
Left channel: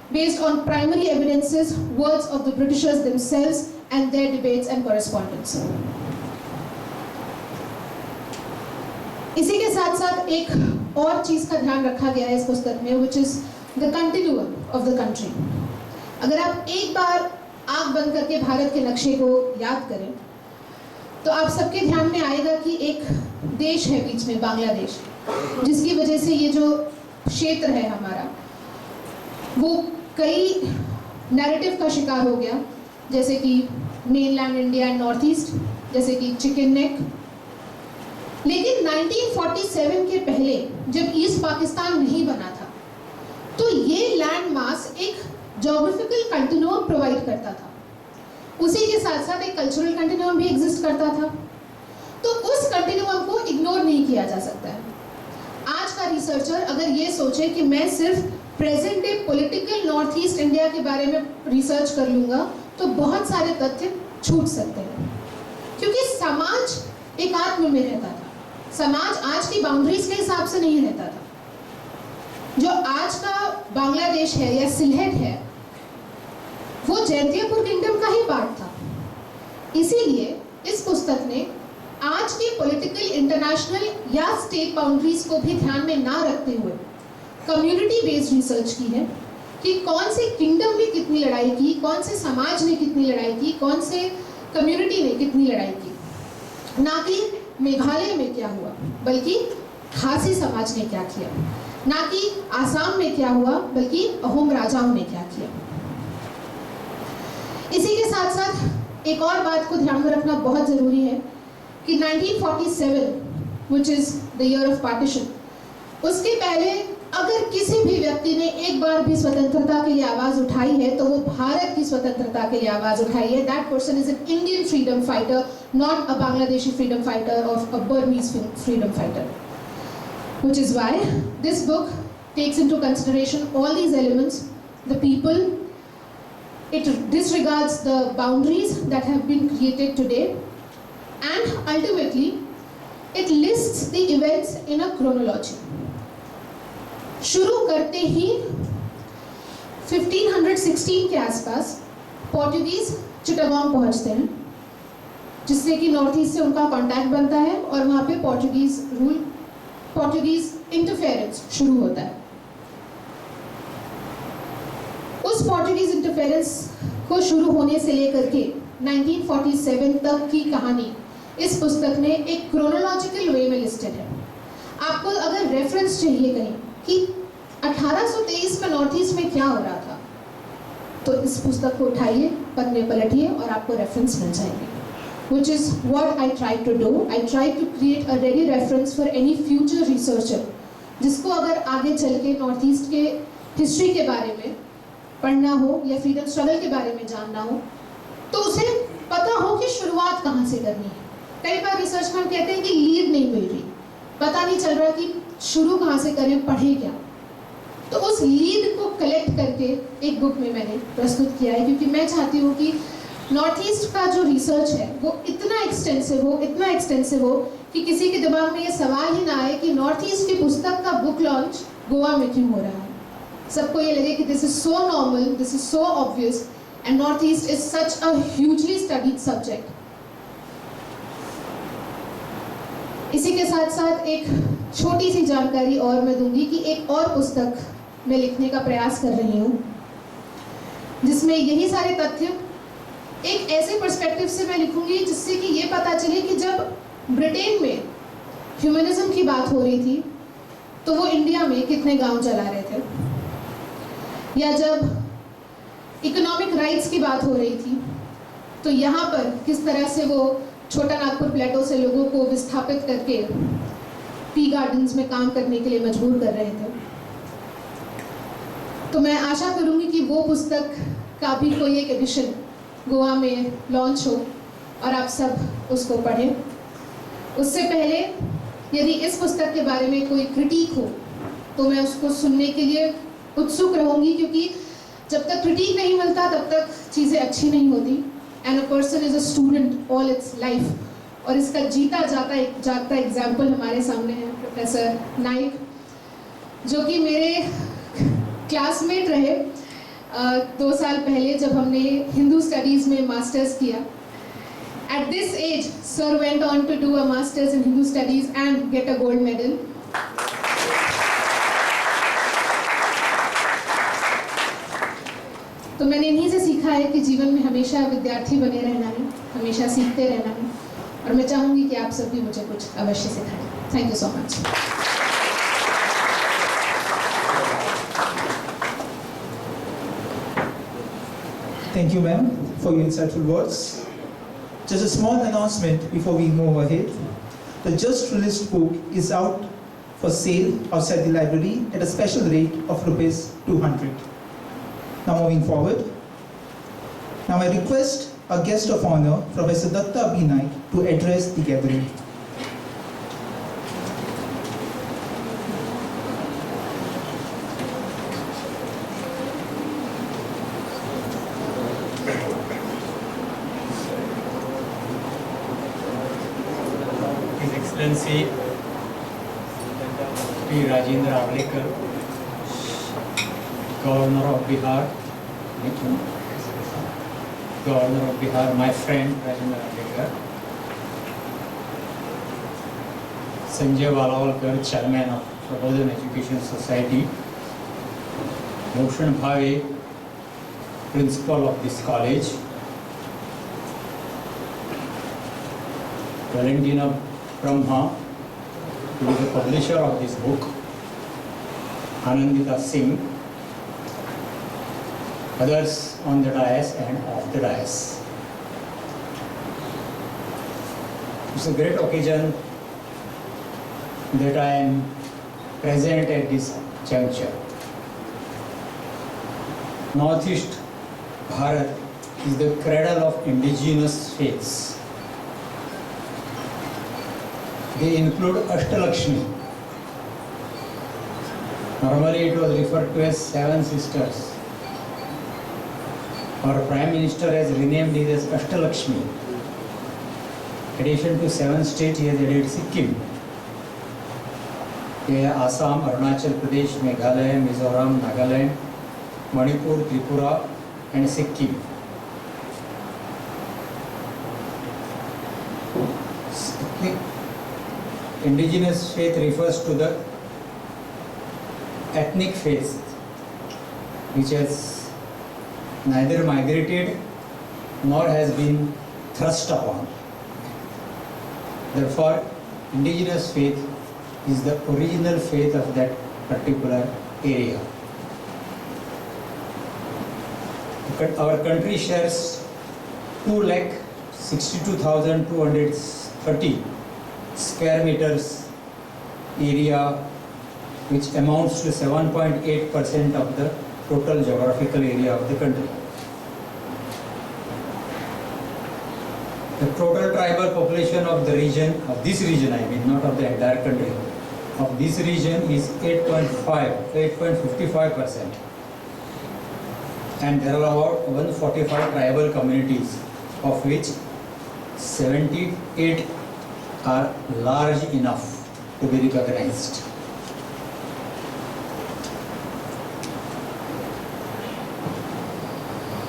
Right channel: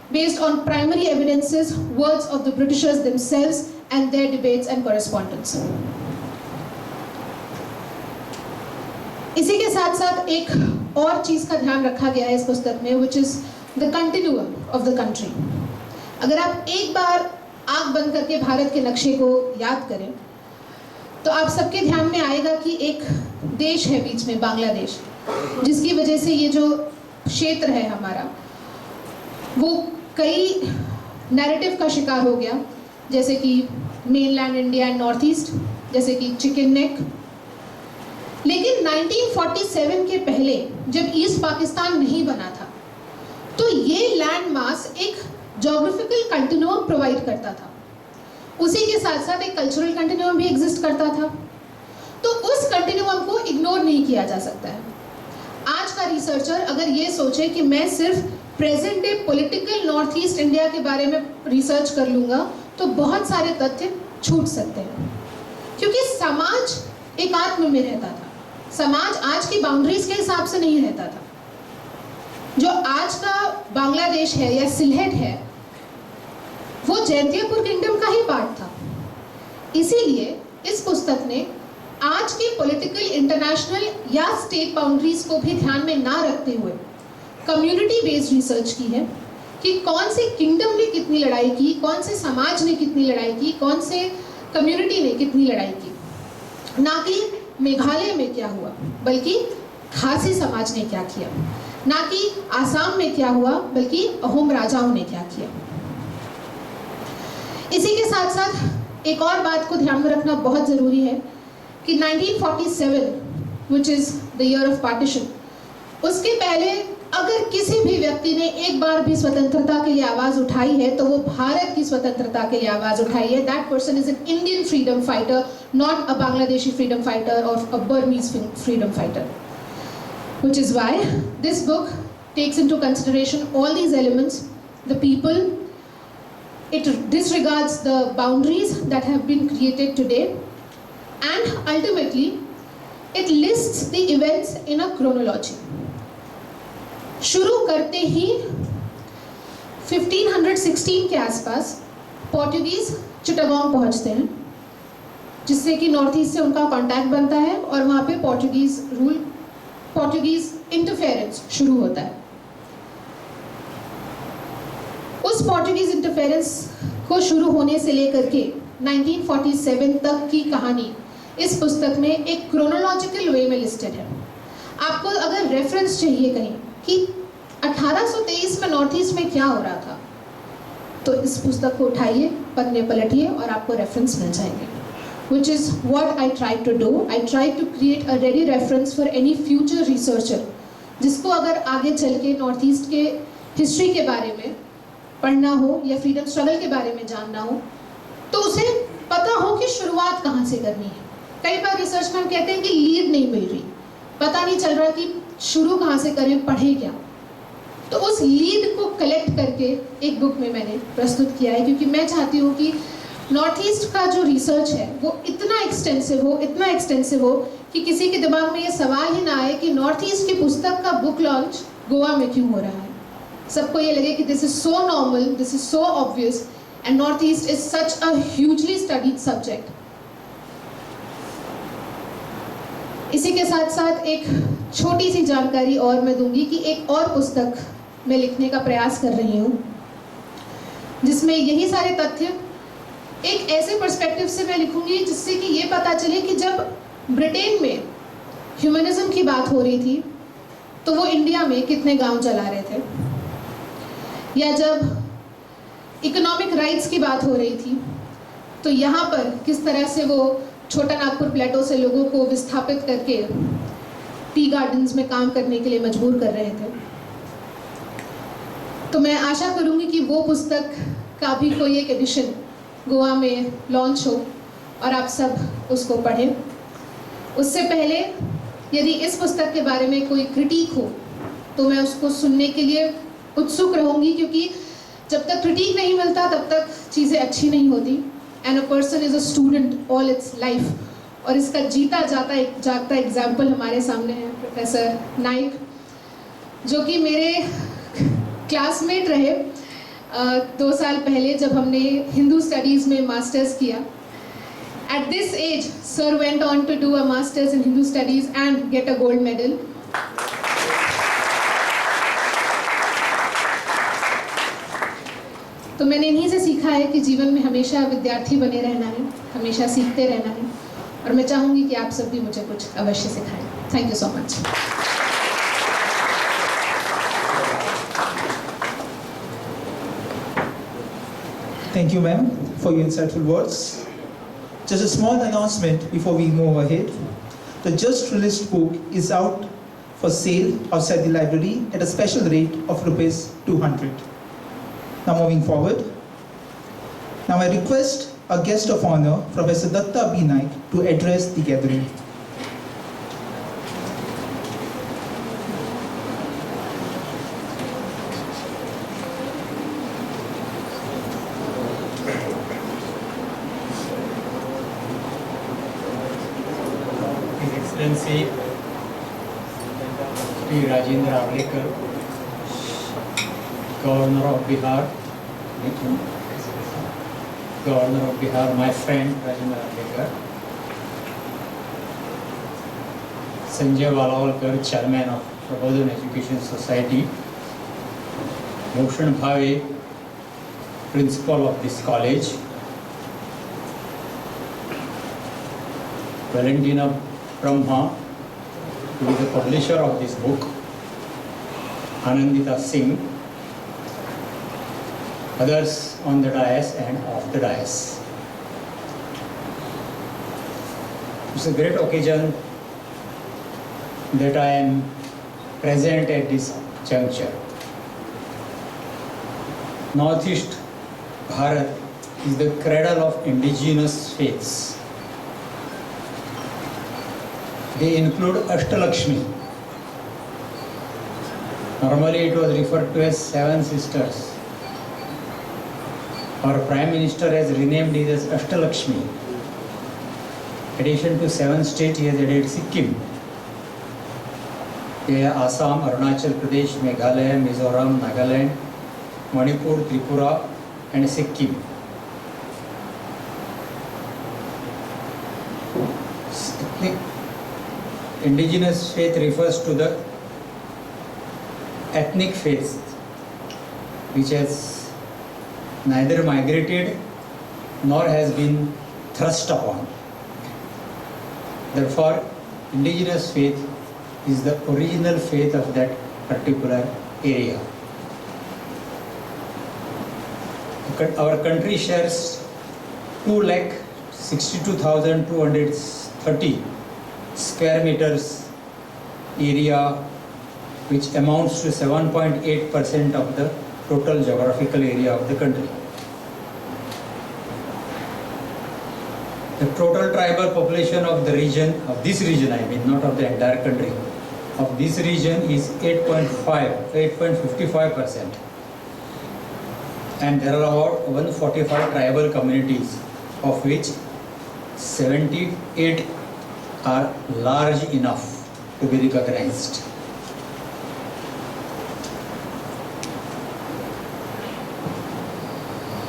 based on primary evidences, words of the Britishers themselves and their debates and correspondence. इसी के साथ साथ एक और चीज का ध्यान रखा गया है इस पुस्तक में, which is the continuum of the country. अगर आप एक बार आंख बंद करके भारत के नक्शे को याद करें तो आप सबके ध्यान में आएगा कि एक देश है बीच में, बांग्लादेश, जिसकी वजह से ये जो क्षेत्र है हमारा वो कई नैरेटिव का शिकार हो गया, जैसे कि mainland India and north east, जैसे कि चिकन नेक। लेकिन 1947 के पहले जब ईस्ट पाकिस्तान नहीं बना था तो ये लैंड मास एक ज्योग्राफिकल कंटिन्यूम प्रोवाइड करता था, उसी के साथ साथ एक कल्चरल कंटिन्यूम भी एग्जिस्ट करता था। तो उस कंटिन्यूम को इग्नोर नहीं किया जा सकता है। आज का रिसर्चर अगर ये सोचे कि मैं सिर्फ present day political north east India के बारे में रिसर्च कर लूंगा तो बहुत सारे तथ्य छूट सकते हैं, क्योंकि समाज एक आत्म में रहता था। समाज आज की बाउंड्रीज के हिसाब से नहीं रहता था। जो आज का बांग्लादेश है या सिलहट है वो जैंतियापुर किंगडम का ही पार्ट था। इसीलिए इस पुस्तक ने आज के पॉलिटिकल इंटरनेशनल या स्टेट बाउंड्रीज को भी ध्यान में ना रखते हुए कम्युनिटी बेस्ड रिसर्च की है कि कौन से किंगडम ने कितनी लड़ाई की, कौन से समाज ने कितनी लड़ाई की, कौन से कम्युनिटी ने कितनी लड़ाई की। ना कि मेघालय में क्या हुआ, बल्कि खासी समाज ने क्या किया, ना कि आसाम में क्या हुआ, बल्कि अहोम राजाओं ने क्या किया। इसी के साथ साथ एक और बात को ध्यान में रखना बहुत जरूरी है कि 1947 which is the year of partition, उसके पहले अगर किसी भी व्यक्ति ने एक बार भी स्वतंत्रता के लिए आवाज उठाई है तो वो भारत की स्वतंत्रता के लिए आवाज उठाई है। That person is an Indian freedom fighter, not a Bangladeshi freedom fighter और a Burmese freedom fighter, which is why this book takes into consideration all these elements, the people, it disregards the boundaries that have been created today, and ultimately it lists the events in a chronology. शुरू करते ही 1516 के आसपास Portuguese Chittagong पहुंचते हैं, जिससे कि north east से उनका कांटेक्ट बनता है और वहाँ पे पोर्टुगीज इंटरफेरेंस शुरू होता है। उस पोर्टुगीज इंटरफेरेंस को शुरू होने से लेकर के 1947 तक की कहानी इस पुस्तक में एक क्रोनोलॉजिकल वे में लिस्टेड है। आपको अगर रेफरेंस चाहिए कहीं कि 1823 में नॉर्थ ईस्ट में क्या हो रहा था तो इस पुस्तक को उठाइए, पन्ने पलटिए और आपको रेफरेंस मिल जाएंगे। Which is what I try to do. I try to create a ready reference for any future researcher जिसको अगर आगे चल के नॉर्थ ईस्ट के हिस्ट्री के बारे में पढ़ना हो या फ्रीडम स्ट्रगल के बारे में जानना हो तो उसे पता हो कि शुरुआत कहाँ से करनी है। कई बार रिसर्च में हम कहते हैं कि लीड नहीं मिल रही, पता नहीं चल रहा कि शुरू कहाँ से करें, पढ़े क्या। तो उस लीड को कलेक्ट करके एक बुक में मैंने प्रस्तुत किया है, क्योंकि मैं चाहती हूँ कि नॉर्थ ईस्ट का जो रिसर्च है वो इतना एक्सटेंसिव हो कि किसी के दिमाग में ये सवाल ही ना आए कि नॉर्थ ईस्ट की पुस्तक का बुक लॉन्च गोवा में क्यों हो रहा है। सबको ये लगे कि this is so normal, this is so obvious and north east is such a hugely studied subject. इसी के साथ साथ एक छोटी सी जानकारी और मैं दूंगी कि एक और पुस्तक मैं लिखने का प्रयास कर रही हूँ जिसमें यही सारे तथ्य एक ऐसे पर्सपेक्टिव से मैं लिखूंगी जिससे कि ये पता चले कि जब ब्रिटेन में ह्यूमनिज्म की बात हो रही थी तो वो इंडिया में कितने गांव चला रहे थे, या जब इकोनॉमिक राइट्स की बात हो रही थी तो यहाँ पर किस तरह से वो छोटा नागपुर प्लेटो से लोगों को विस्थापित करके टी गार्डन्स में काम करने के लिए मजबूर कर रहे थे। तो मैं आशा करूँगी कि वो पुस्तक का भी कोई एक एडिशन गोवा में लॉन्च हो और आप सब उसको पढ़ें। उससे पहले यदि इस पुस्तक के बारे में कोई क्रिटिक हो तो मैं उसको सुनने के लिए उत्सुक रहूँगी, क्योंकि जब तक क्रिटिक नहीं मिलता तब तक चीज़ें अच्छी नहीं होती। And a person is a student all it's life, और इसका जीता जागता एग्जाम्पल हमारे सामने है प्रोफेसर नाइक, जो कि मेरे क्लासमेट रहे 2 साल पहले जब हमने हिंदू स्टडीज़ में मास्टर्स किया। At this age, sir went on to do a master's in Hindu studies and get a gold medal. तो मैंने इन्हीं से सीखा है कि जीवन में हमेशा विद्यार्थी बने रहना है, हमेशा सीखते रहना है, और मैं चाहूँगी कि आप सब भी मुझे कुछ अवश्य सिखाएं। Thank you so much. Thank you, ma'am, for your insightful words. Just a small announcement before we move ahead. The just released book is out for sale outside the library at a special rate of ₹200. Now moving forward. Now I request our guest of honor, Professor Datta B. Naik, to address the gathering. His Excellency Sri Rajendra Arlekar, Governor of Bihar, my friend Rajendra Arlekar, Sanjay Walawalkar, Chairman of Prabodhan Education Society, Bhushan Bhave, Principal of this college, Valentina Brahma, who is the publisher of this book, Anandita Singh, others on the dais and off the dais. It's a great occasion that I am present at this juncture. Northeast Bharat is the cradle of indigenous faiths. They include Ashtalakshmi. Normally it was referred to as 7 sisters. Our Prime Minister has renamed it as Ashtalakshmi. In addition to 7 states, he has added Sikkim. They are Assam, Arunachal Pradesh, Meghalaya, Mizoram, Nagaland, Manipur, Tripura and Sikkim. Indigenous faith refers to the ethnic faith which has neither migrated nor has been thrust upon. Therefore, indigenous faith is the original faith of that particular area. Our country shares 2,62,230 square meters area, which amounts to 7.8% of the total geographical area of the country. The total tribal population of the region, of this region I mean, not of the entire country, of this region is 8.55%. And there are about 145 tribal communities, of which 78 are large enough to be recognized.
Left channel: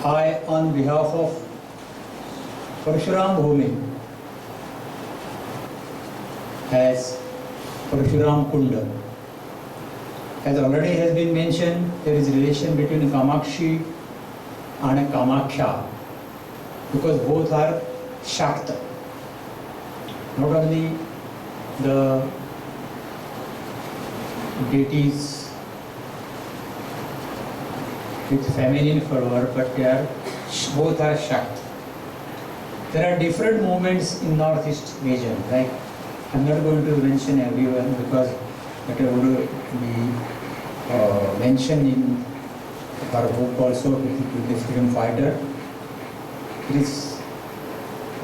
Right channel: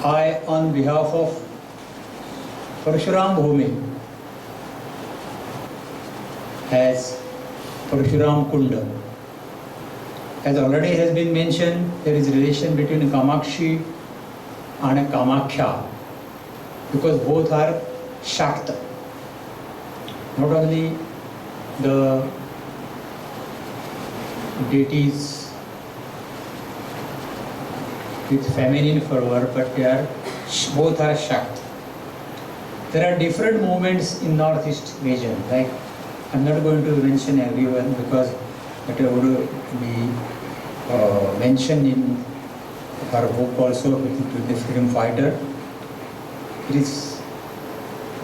I, on behalf of Parshuram Bhumi, as Parshuram Kunda, as already has been mentioned, there is relation between Kamakshi and Kamakhya, because both are Shakta. Not only the deities with feminine fervor, but both are Shakti. There are different movements in Northeast region. Like, I'm not going to mention everyone because it would be mentioned in her book also, with the freedom fighter. It is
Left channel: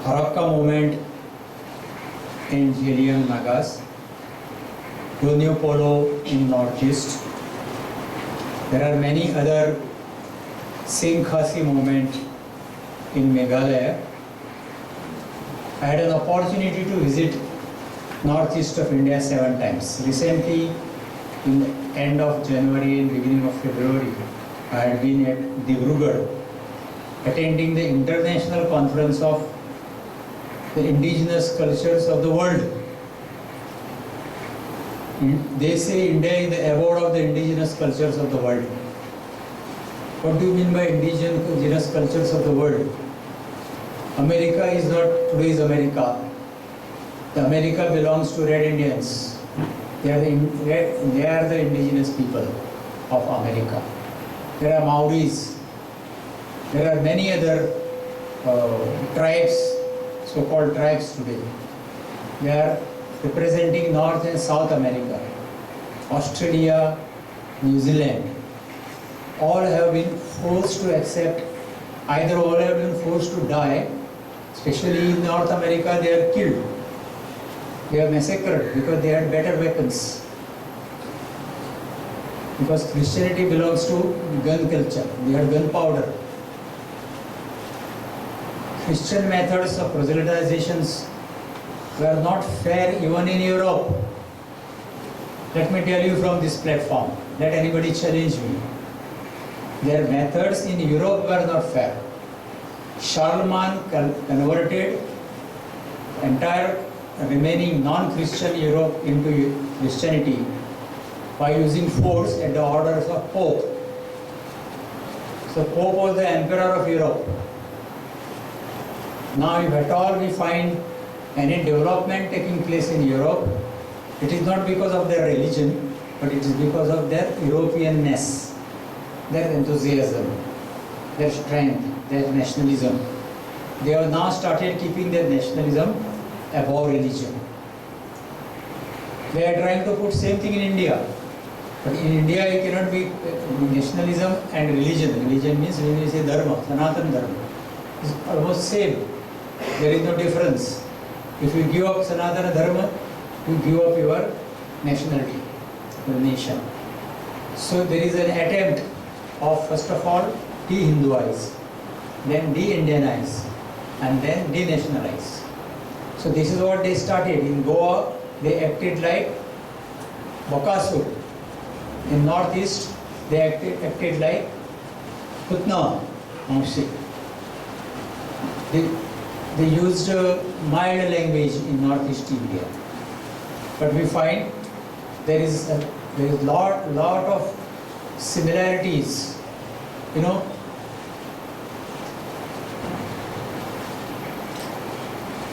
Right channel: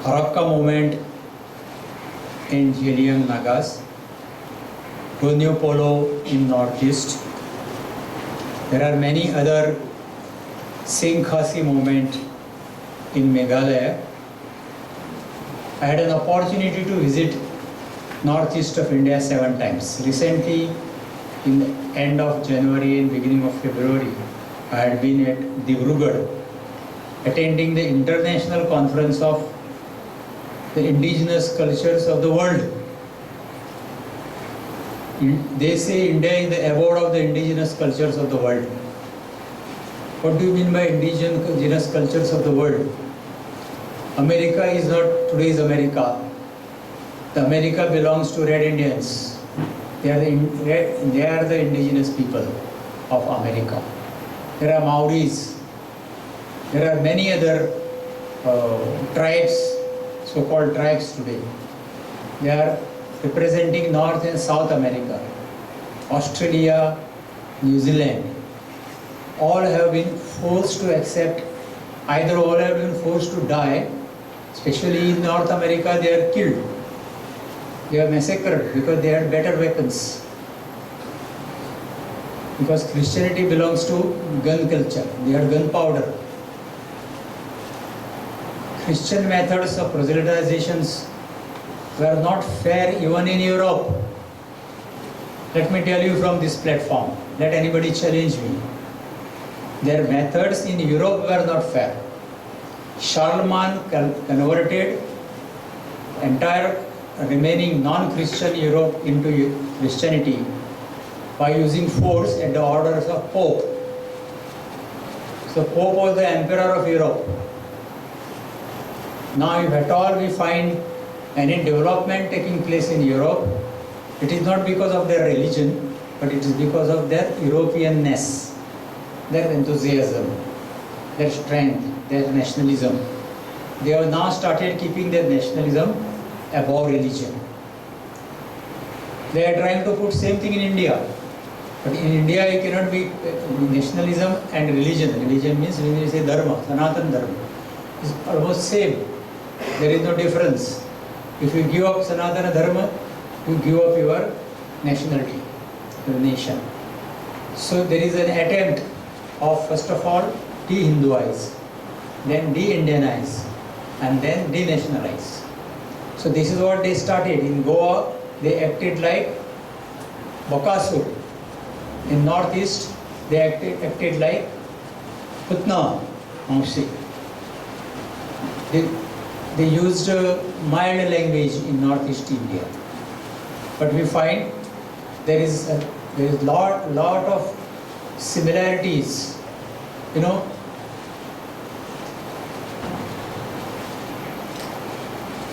Harappa movement in Jillian Nagas, Gunyu Polo in Northeast. There are many other Singh Khasi movement in Meghalaya. I had an opportunity to visit northeast of India 7 times. Recently, in the end of January and beginning of February, I had been at Dibrugarh attending the International Conference of the Indigenous Cultures of the World. They say India is the abode of the indigenous cultures of the world. What do you mean by indigenous cultures of the world? America is not today's America. The America belongs to Red Indians. They are the indigenous people of America. There are Maoris. There are many other tribes, so-called tribes today. They are representing North and South America, Australia, New Zealand. All have been forced to accept, either all have been forced to die, especially in North America they are killed. They are massacred because they had better weapons. Because Christianity belongs to gun culture, they had gunpowder. Christian methods of proselytizations were not fair even in Europe. Let me tell you from this platform, let anybody challenge me. Their methods in Europe were not fair. Charlemagne converted entire remaining non-Christian Europe into Christianity by using force at the orders of Pope. So Pope was the emperor of Europe. Now if at all we find any development taking place in Europe, it is not because of their religion, but it is because of their Europeanness, their enthusiasm, their strength, their nationalism. They have now started keeping their nationalism above religion. They are trying to put same thing in India. But in India you cannot be nationalism and religion. Religion means when we say dharma, Sanatana dharma. It's almost same. There is no difference. If you give up Sanatana dharma, you give up your nationality, your nation. So there is an attempt of first of all de-Hinduize, then de-Indianize, and then de-nationalize. So this is what they started. In Goa, they acted like Bakasur. In Northeast, they acted like Putna, Mausi. They used mild language in Northeast India. But we find there is lot of similarities. You know,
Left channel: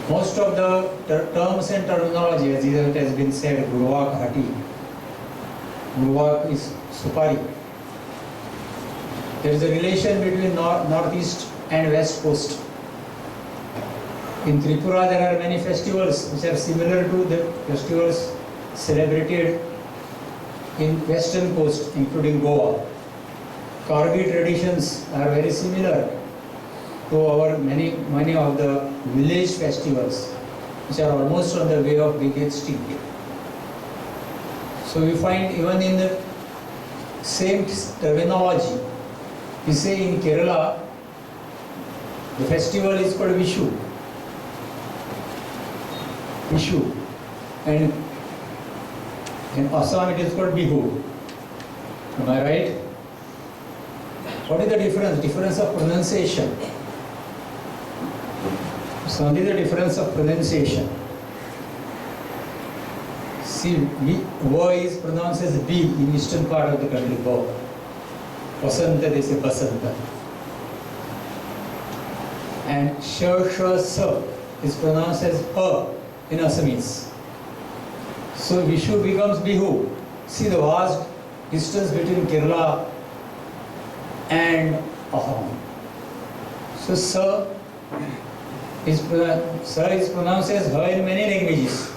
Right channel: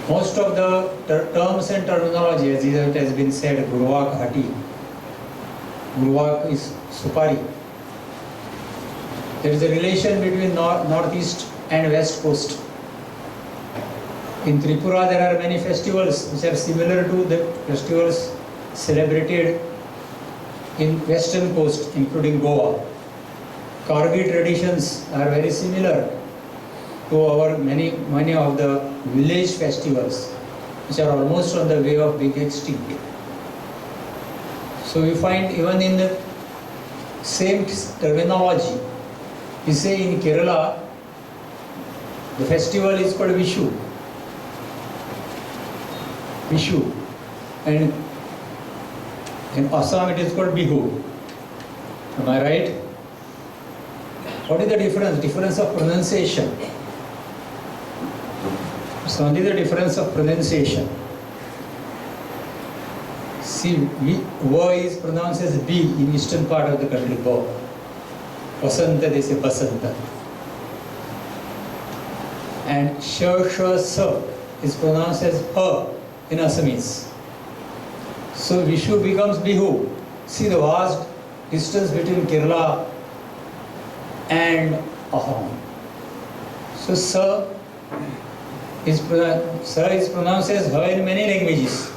most of the terms and terminology, as it has been said, Gurwak Hati. Gurwak is Supari. There is a relation between Northeast and West Coast. In Tripura, there are many festivals which are similar to the festivals celebrated in Western Coast, including Goa. Karbi traditions are very similar to our many of the village festivals, which are almost on the way of being extinct. So we find even in the same terminology, we say in Kerala, the festival is called Vishu. Vishu. And in Assam it is called Bihu. Am I right? What is the difference? Difference of pronunciation. It's only the difference of pronunciation. See, Va is pronounced as B in eastern part of the country, Va. Vasanta, they say Basanta. And Sha, Sa is pronounced as Ha in Assamese. So Vishu becomes Bihu. See the vast distance between Kerala and Assam. So Sir is pronounced as her in many languages.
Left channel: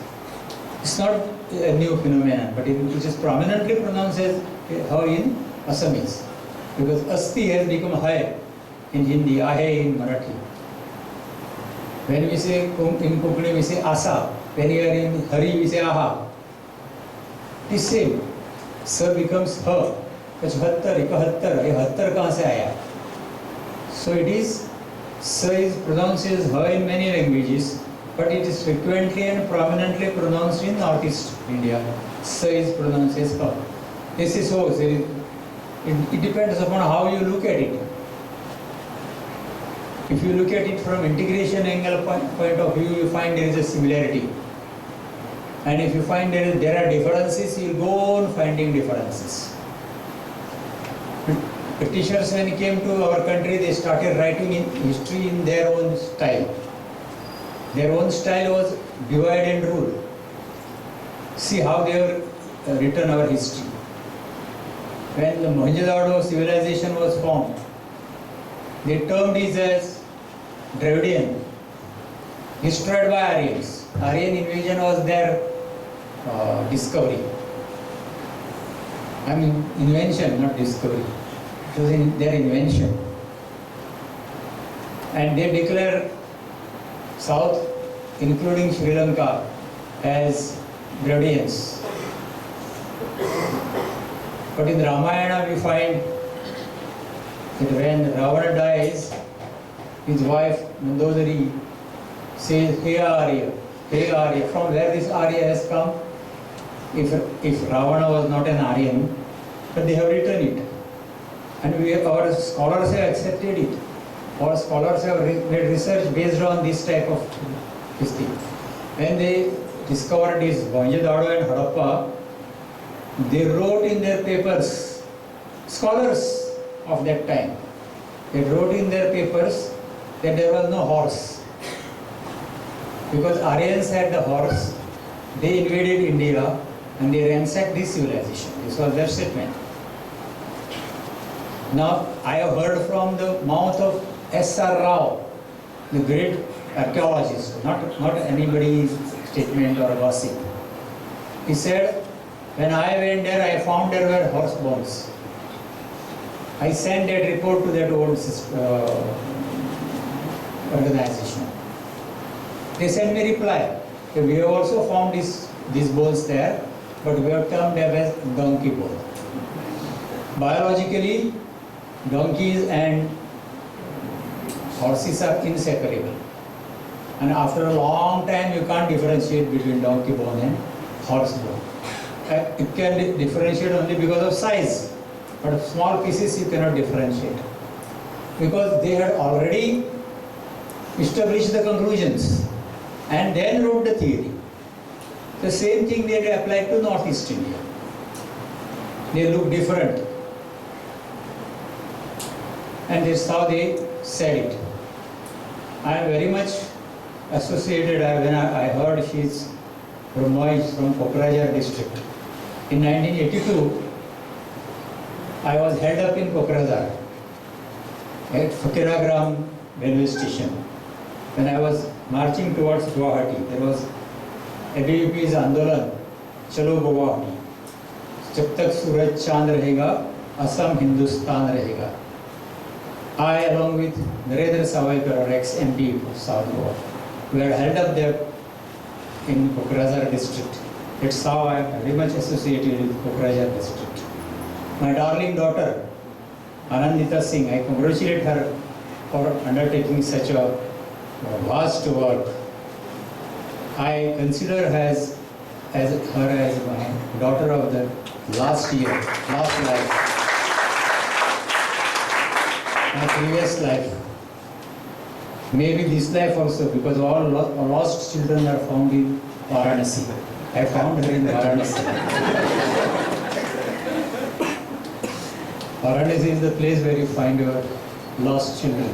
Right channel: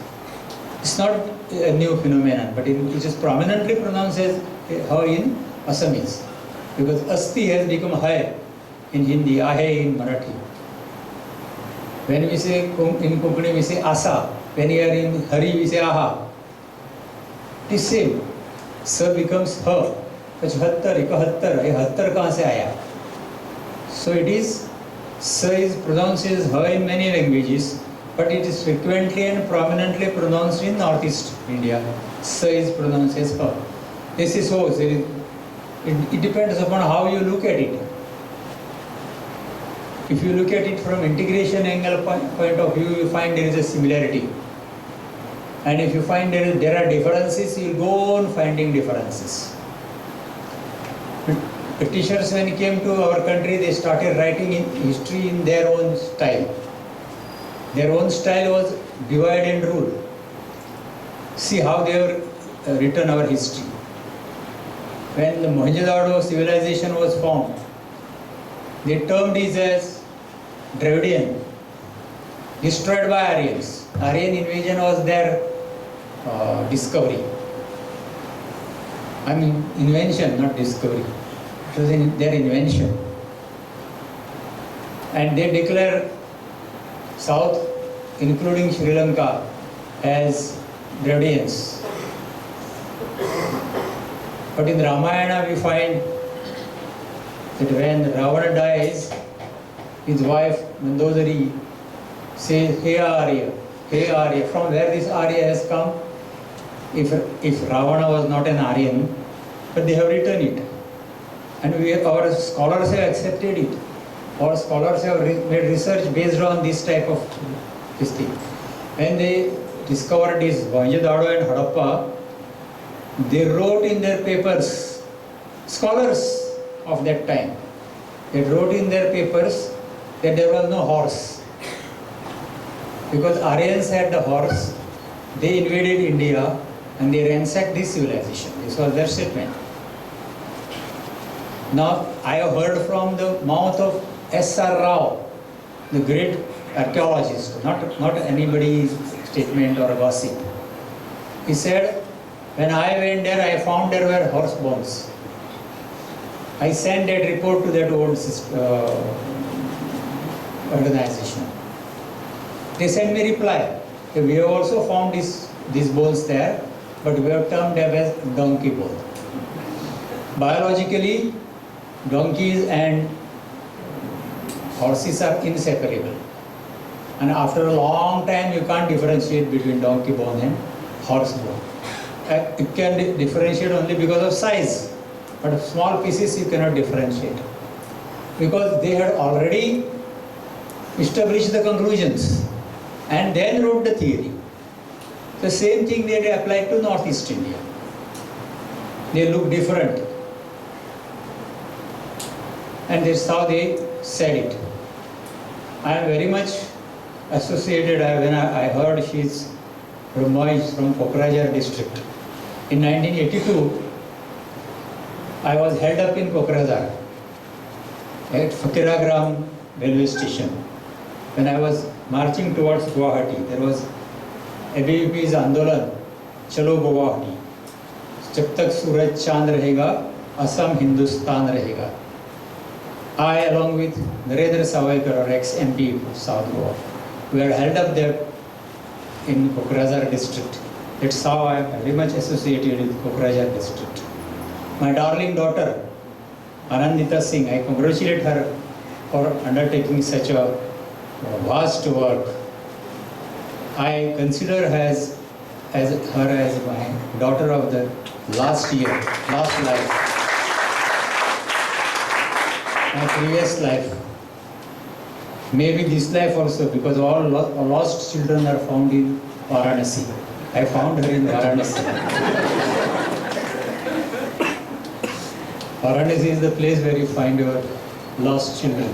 It's not a new phenomenon, but it is prominently pronounced as her in Assamese. Because Asti has become hai in Hindi, ahe in Marathi. When we say in Konkani, we say asa. When we are in Hari, we say aha. It is same. Sir becomes her. 75, 71, ये 70 कहाँ से आया? So it is, Sir is pronounced as her in many languages, but it is frequently and prominently pronounced in Northeast India. Sir is pronounced as her. This is so. It depends upon how you look at it. If you look at it from integration angle point of view, you find there is a similarity. And if you find there are differences, you will go on finding differences. Britishers, when they came to our country, they started writing in history in their own style. Their own style was divide and rule. See how they have written our history. When the Mohenjo-daro civilization was formed, they termed it as Dravidian, destroyed by Aryans. Aryan invasion was their discovery. I mean invention, not discovery. It was their invention. And they declare South, including Sri Lanka, as Dravidians. But in Ramayana we find that when Ravana dies, his wife Mandodari says, "Hey Arya, hey Arya." From where this Arya has come? If Ravana was not an Aryan, but they have written it. And our scholars have accepted it. Our scholars have made research based on this type of this thing. When they discovered this Mohenjo-daro and Harappa, they wrote in their papers, scholars of that time, they wrote in their papers that there was no horse. Because Aryans had the horse, they invaded India and they ransacked this civilization. This was their statement. Now, I have heard from the mouth of S.R. Rao, the great archaeologist, not anybody's statement or a gossip. He said, when I went there, I found there were horse bones. I sent that report to that old organization. They sent me reply. We have also found these bones there, but we have termed them as donkey bone. Biologically, donkeys and horses are inseparable. And after a long time, you can't differentiate between donkey bone and horse bone. It can differentiate only because of size, but small pieces you cannot differentiate. Because they had already established the conclusions and then wrote the theory. The same thing they applied to Northeast India. They look different. And that's how they said it. I am very much associated, when I heard she's from Kokrajhar district. In 1982, I was held up in Kokrajhar at Fakiragram railway station. When I was marching towards Guwahati, there was ABVP's Andolan, Chalo Guwahati. Jab tak suraj chand rahega, Assam Hindustan rahega. I, along with Narendra Savaikar, ex-MP of South Goa, we are held up there in Kokrajhar district. That's how I am very much associated with Kokrajhar district. My darling daughter, Anandita Singh, I congratulate her for undertaking such a vast work. I consider her as my daughter of the last life, my previous life. Maybe this life also, because all lost children are found in Varanasi. I found her in Varanasi. Varanasi is the place where you find your lost children.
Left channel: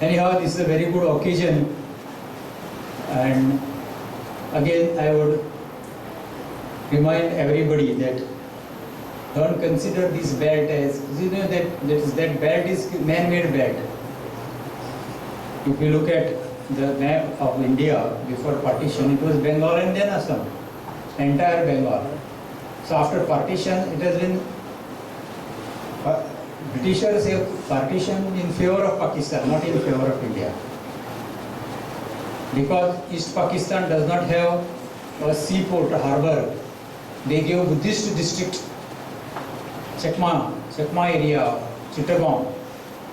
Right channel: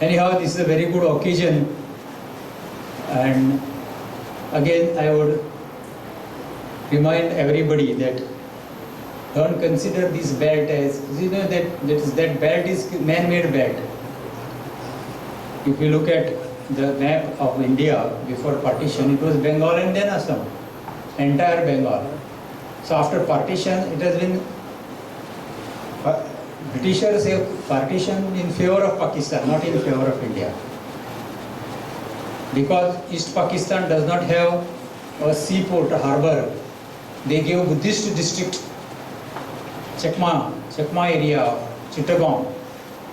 Anyhow, this is a very good occasion, and again I would remind everybody that don't consider this belt as, you know, that belt is man-made belt. If you look at the map of India before partition, it was Bengal and then Assam, entire Bengal. So after partition, it has been, Britishers have partitioned in favor of Pakistan, not in favor of India. Because East Pakistan does not have a seaport, a harbour, they gave Buddhist district, Chakma area, Chittagong,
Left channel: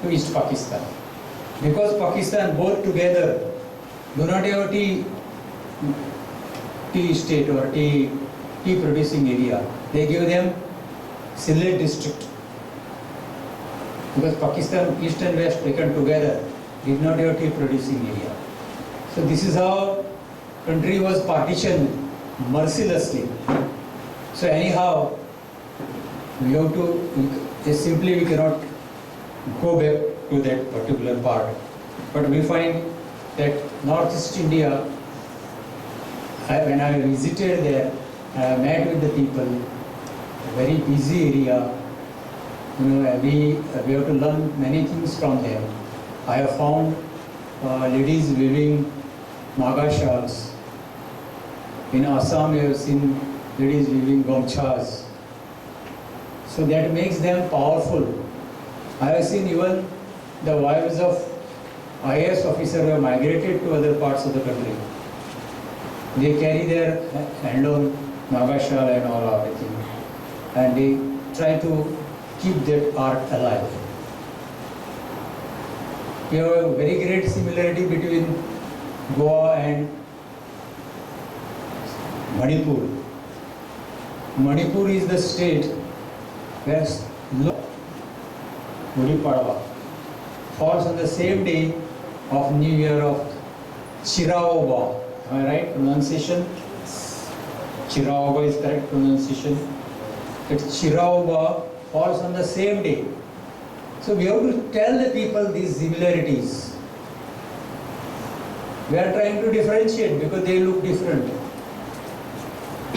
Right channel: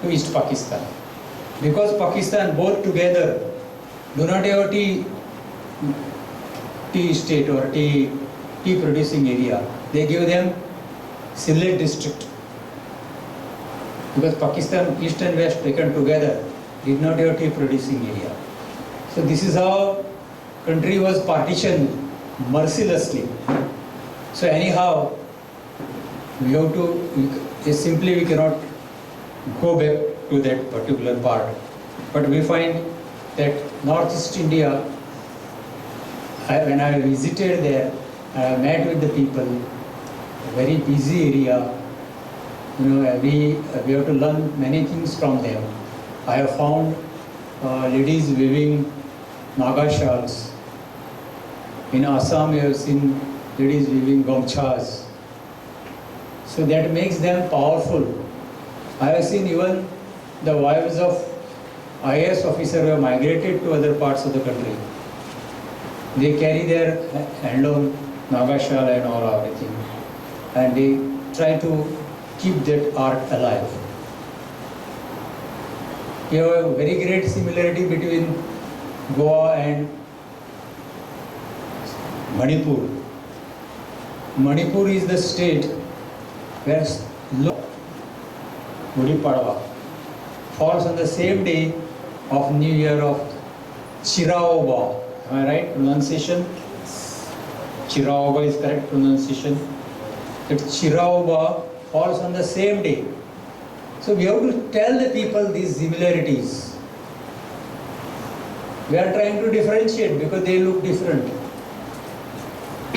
to East Pakistan. Because Pakistan both together do not have a tea estate or tea producing area, they give them Sylhet district. Because Pakistan East and West taken together did not have tea producing area. So this is how country was partitioned mercilessly. So anyhow, we have to, simply we cannot go back to that particular part. But we find that Northeast India, when I visited there, I met with the people, a very busy area. You know, we have to learn many things from them. I have found ladies weaving Naga shawls. In Assam, we have seen ladies weaving gomchas. So that makes them powerful. I have seen even the wives of IAS officers who have migrated to other parts of the country. They carry their handloom Naga shawl and all everything, and they try to keep that art alive. We have a very great similarity between Goa and Manipur. Manipur is the state where Gudi Padwa falls on the same day of New Year of Chiraoba. Am I right? Pronunciation? Chiraoba is correct pronunciation. That Chiraoba falls on the same day. So we have to tell the people these similarities. We are trying to differentiate because they look different.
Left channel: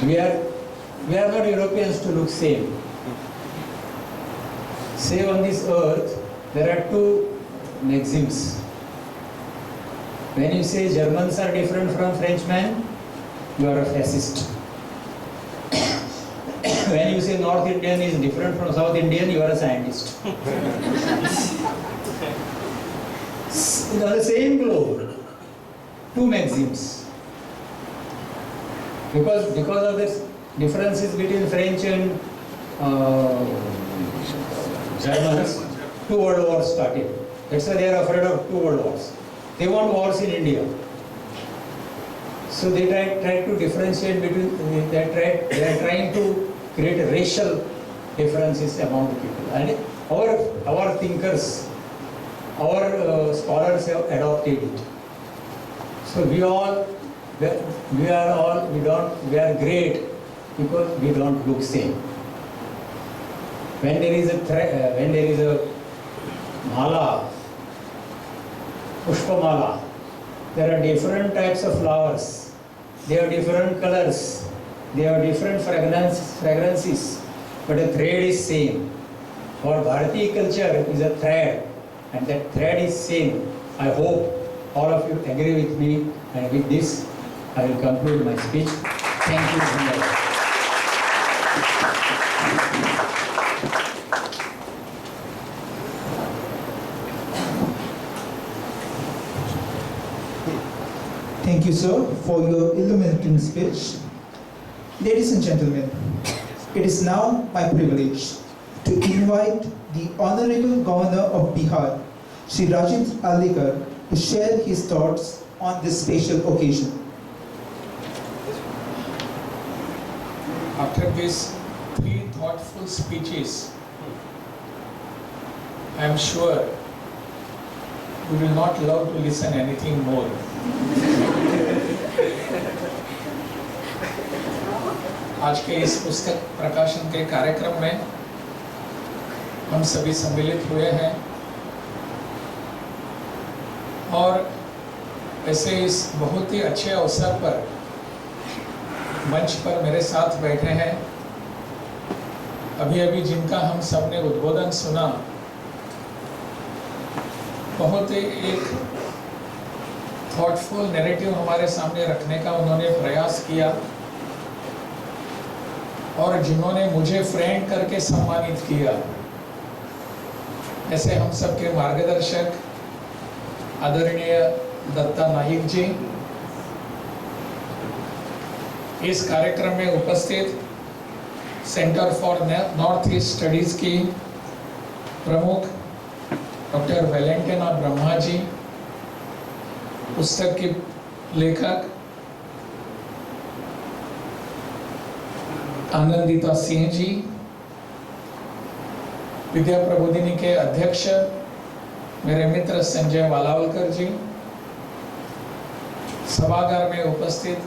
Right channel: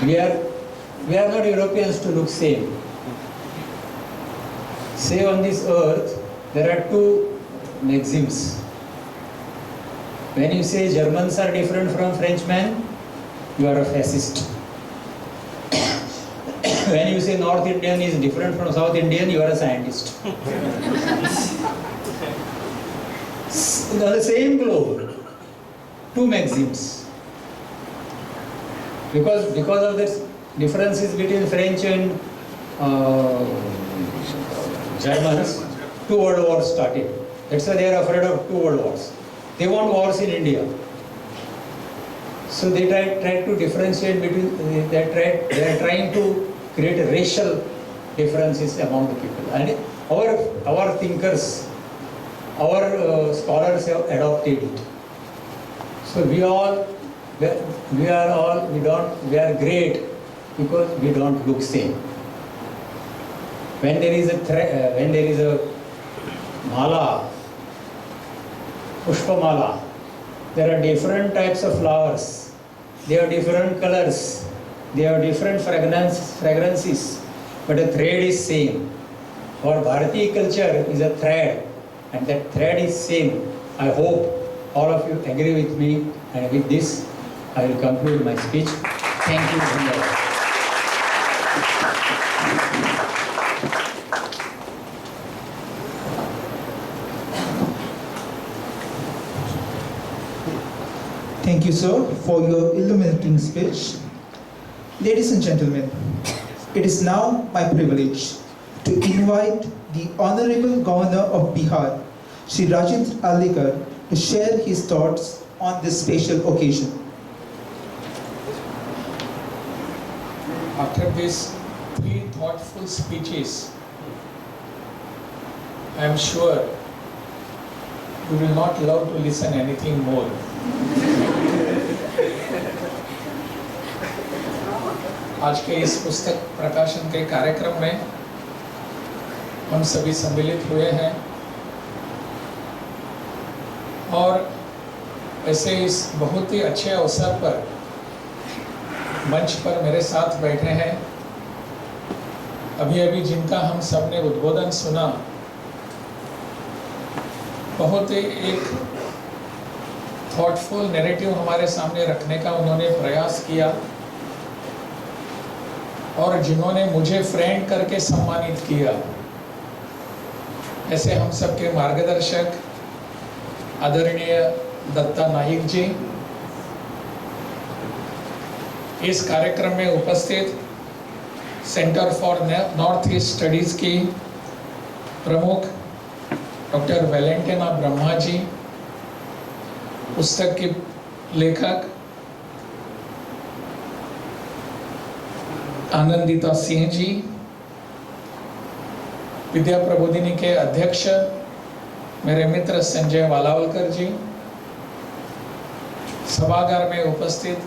We are not Europeans to look same. Say on this earth, there are two maxims. When you say Germans are different from Frenchmen, you are a fascist. When you say North Indian is different from South Indian, you are a scientist. On the same globe, two maxims. Because of this differences between French and Germans, 2 world wars started. That's why they are afraid of 2 world wars. They want wars in India. So they try to differentiate between, they are trying to create racial differences among the people. And our thinkers, our scholars have adopted it. So we are great because we don't look same. When there is a mala, pushpa mala, there are different types of flowers. They have different colors. They have different fragrances, but the thread is same. Our Bharatiya culture is a thread, and that thread is same. I hope all of you agree with me, and with this, I will conclude my speech. Thank you very much. Thank you, sir, for your illuminating speech. Ladies and gentlemen, it is now my privilege to invite the Honorable Governor of Bihar, Shri Rajendra Allekar, to share his thoughts on this special occasion. After these 3 thoughtful speeches, I am sure you will not love to listen anything more. आज के इस पुस्तक प्रकाशन के कार्यक्रम में हम सभी सम्मिलित हुए हैं और ऐसे इस बहुत ही अच्छे अवसर पर मंच पर मेरे साथ बैठे हैं, अभी अभी जिनका हम सब ने उद्बोधन सुना, बहुत ही एक थॉटफुल नैरेटिव हमारे सामने रखने का उन्होंने प्रयास किया, और जिन्होंने मुझे फ्रेंड करके सम्मानित किया, ऐसे हम सबके मार्गदर्शक आदरणीय दत्ता नाइक जी, इस कार्यक्रम में उपस्थित centre for north east studies की प्रमुख डॉक्टर वेलेंटिना ब्रह्मा जी, पुस्तक की लेखक आनंदिता सिंह जी, विद्या प्रबोधिनी के अध्यक्ष मेरे मित्र संजय वालावलकर जी, सभागार में उपस्थित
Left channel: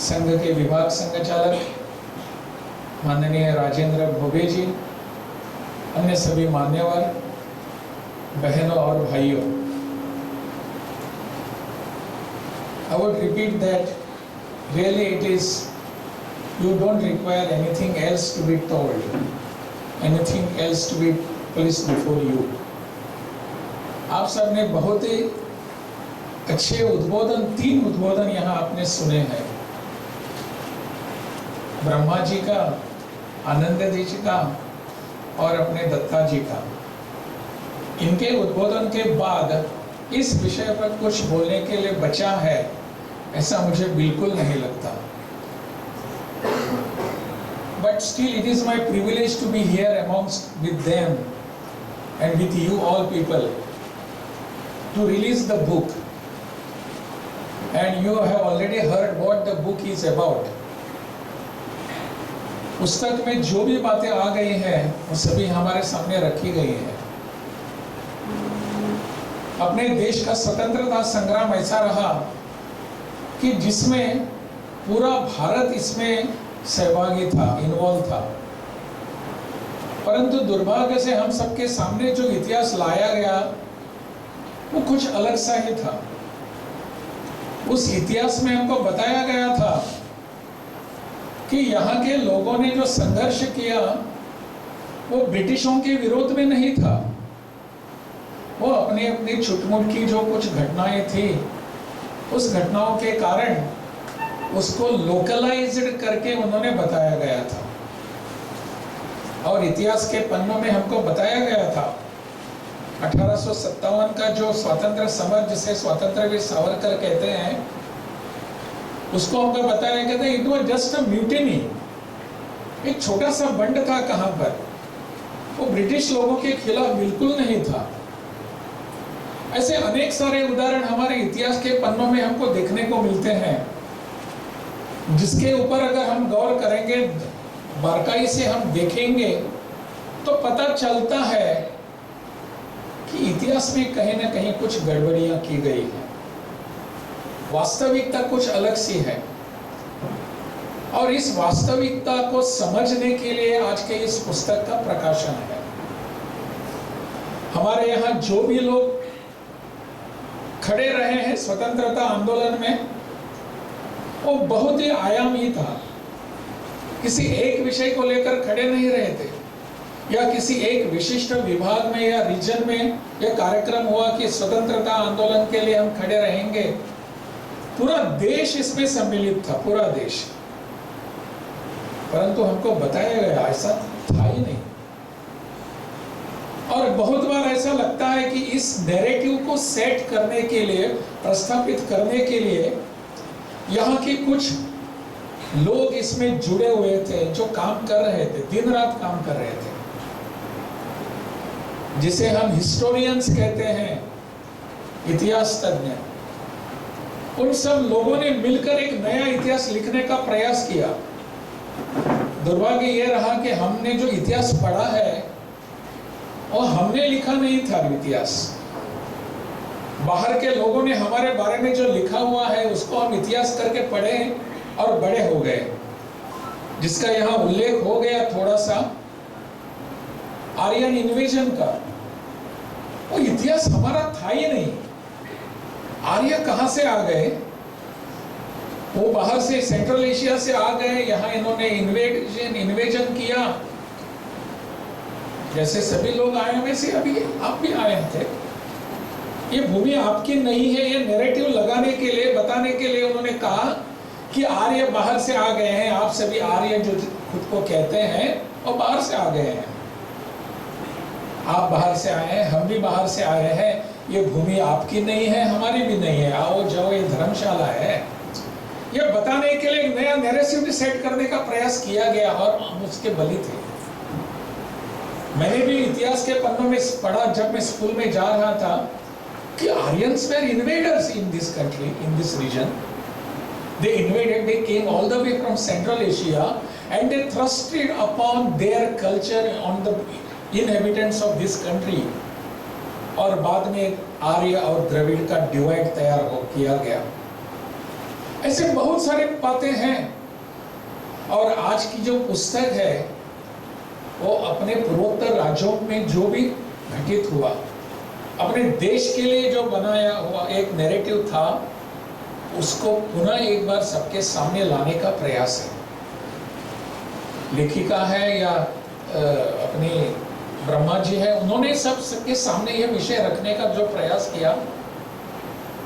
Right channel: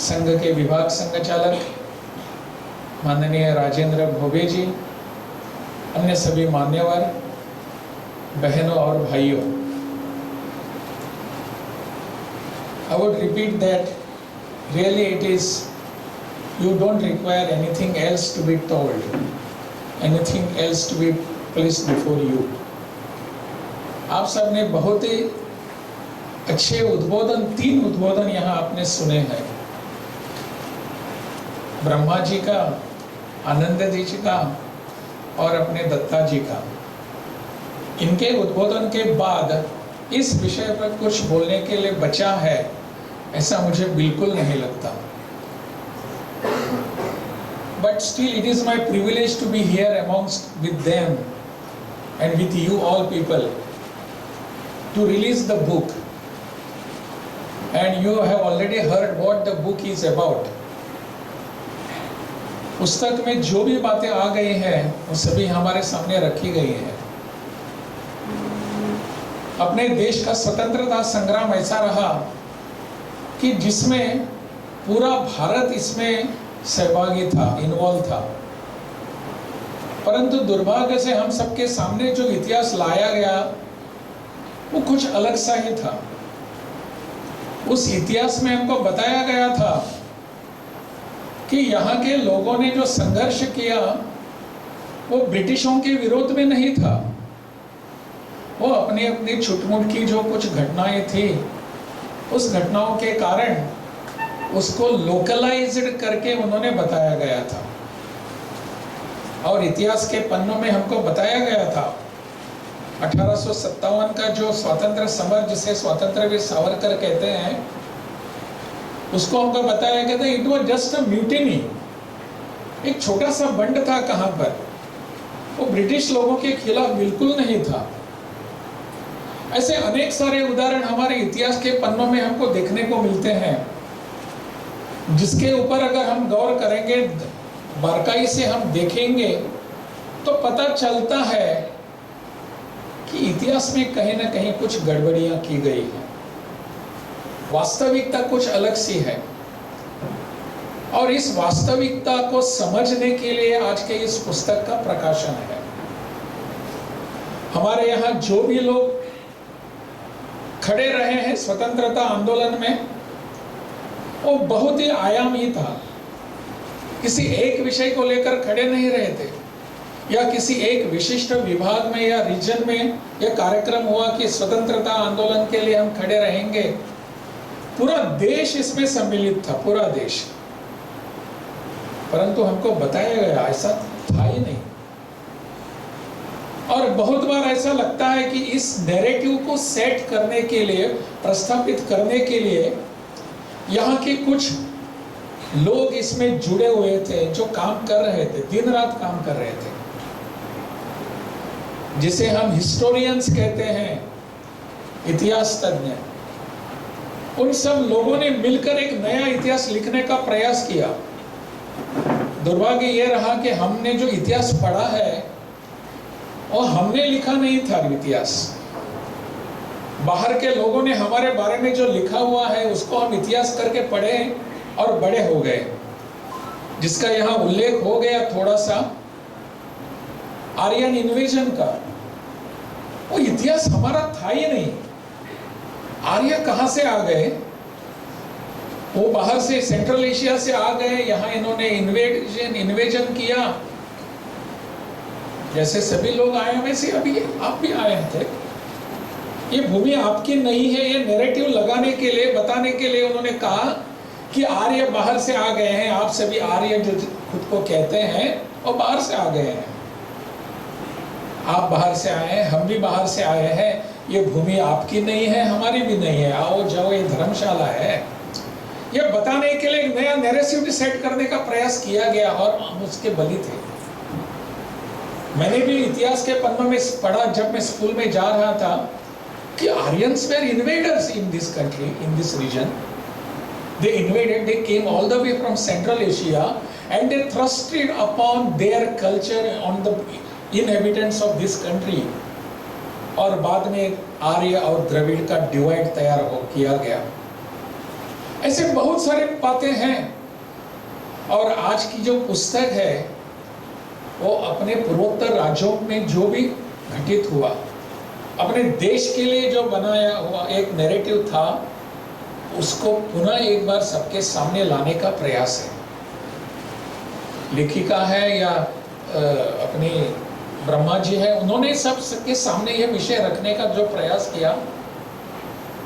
संघ के विभाग संघचालक माननीय राजेंद्र भोबे जी, अन्य सभी मान्यवर, बहनों और भाइयों, I would repeat that really it is, you don't require anything else to be told, anything else to be placed before you. आप सबने बहुत ही अच्छे उद्बोधन, 3 उद्बोधन यहाँ आपने सुने हैं, ब्रह्मा जी का, आनंद जी का और अपने दत्ता जी का। इनके उद्बोधन के बाद इस विषय पर कुछ बोलने के लिए बचा है, ऐसा मुझे बिल्कुल नहीं लगता। But still it is my privilege to be here amongst with them and with you all people to release the book, and you have already heard what the book is about. पुस्तक में जो भी बातें आ गई हैं वो सभी हमारे सामने रखी गई हैं। अपने देश का स्वतंत्रता संग्राम ऐसा रहा कि जिसमें पूरा भारत इसमें सहभागी था, इन्वॉल्व था, परंतु दुर्भाग्य से हम सबके सामने जो इतिहास लाया गया वो कुछ अलग सा ही था। उस इतिहास में हमको बताया गया था कि यहाँ के लोगों ने जो संघर्ष किया वो ब्रिटिशों के विरोध में नहीं था, वो अपनी अपनी छुटमुट की जो कुछ घटनाएं थी, उस घटनाओं के कारण उसको लोकलाइज्ड करके उन्होंने बताया गया था। और इतिहास के पन्नों में हमको बताया गया था 1857 का जो स्वतंत्र समर, जिसे स्वतंत्रवीर सावरकर कहते हैं, उसको हमको बताया गया था it was just a mutiny, एक छोटा सा बंड था। कहां पर? वो ब्रिटिश लोगों के खिलाफ बिल्कुल नहीं था। ऐसे अनेक सारे उदाहरण हमारे इतिहास के पन्नों में हमको देखने को मिलते हैं, जिसके ऊपर अगर हम गौर करेंगे, बारीकाई से हम देखेंगे तो पता चलता है कि इतिहास में कहीं ना कहीं कुछ गड़बड़ियां की गई हैं, वास्तविकता कुछ अलग सी है। और इस वास्तविकता को समझने के लिए आज के इस पुस्तक का प्रकाशन है। हमारे यहाँ जो भी लोग खड़े रहे हैं स्वतंत्रता आंदोलन में, वो बहुत ही आयामी था। किसी एक विषय को लेकर खड़े नहीं रहे थे, या किसी एक विशिष्ट विभाग में या रीजन में यह कार्यक्रम हुआ कि स्वतंत्रता आंदोलन के लिए हम खड़े रहेंगे। पूरा देश इसमें सम्मिलित था, पूरा देश। परंतु हमको बताया गया ऐसा था ही नहीं। और बहुत बार ऐसा लगता है कि इस नैरेटिव को सेट करने के लिए, प्रस्थापित करने के लिए यहाँ के कुछ लोग इसमें जुड़े हुए थे, जो काम कर रहे थे, दिन रात काम कर रहे थे, जिसे हम हिस्टोरियंस कहते हैं, इतिहास तज्ञ। उन सब लोगों ने मिलकर एक नया इतिहास लिखने का प्रयास किया। दुर्भाग्य यह रहा कि हमने जो इतिहास पढ़ा है और हमने लिखा नहीं था इतिहास। बाहर के लोगों ने हमारे बारे में जो लिखा हुआ है उसको हम इतिहास करके पढ़े और बड़े हो गए, जिसका यहाँ उल्लेख हो गया थोड़ा सा आर्यन इन्वेजन का। वो इतिहास हमारा था ही नहीं। आर्य कहां से आ गए? वो बाहर से सेंट्रल एशिया से आ गए, यहाँ इन्होंने इन्वेजन किया। जैसे सभी लोग आए वैसे अभी आप भी आए थे। ये भूमि आपकी नहीं है, ये नैरेटिव लगाने के लिए, बताने के लिए उन्होंने कहा कि आर्य बाहर से आ गए हैं, आप सभी आर्य जो खुद को कहते हैं और बाहर से आ गए हैं। आप बाहर से आए हैं, हम भी बाहर से आए हैं, ये भूमि आपकी नहीं है, हमारी भी नहीं है, आओ जाओ ये धर्मशाला है। ये बताने के लिए एक नया नैरेटिव सेट करने का प्रयास किया गया और हम उसके बली थे। मैंने भी इतिहास के पन्नों में पढ़ा जब मैं स्कूल में जा रहा था कि Aryans were invaders in this country, in this region. They invaded, they came all the way from Central Asia and they thrusted upon their culture on the inhabitants of this country. और बाद में आर्य और द्रविड़ का divide तैयार किया गया। ऐसे बहुत सारे बातें हैं। और आज की जो पुस्तक है वो अपने पूर्वोत्तर राज्यों में जो भी घटित हुआ, अपने देश के लिए जो बनाया हुआ एक नैरेटिव था, उसको पुनः एक बार सबके सामने लाने का प्रयास है। लेखिका है या अपनी ब्रह्मा जी है, उन्होंने सबके सामने यह विषय रखने का जो प्रयास किया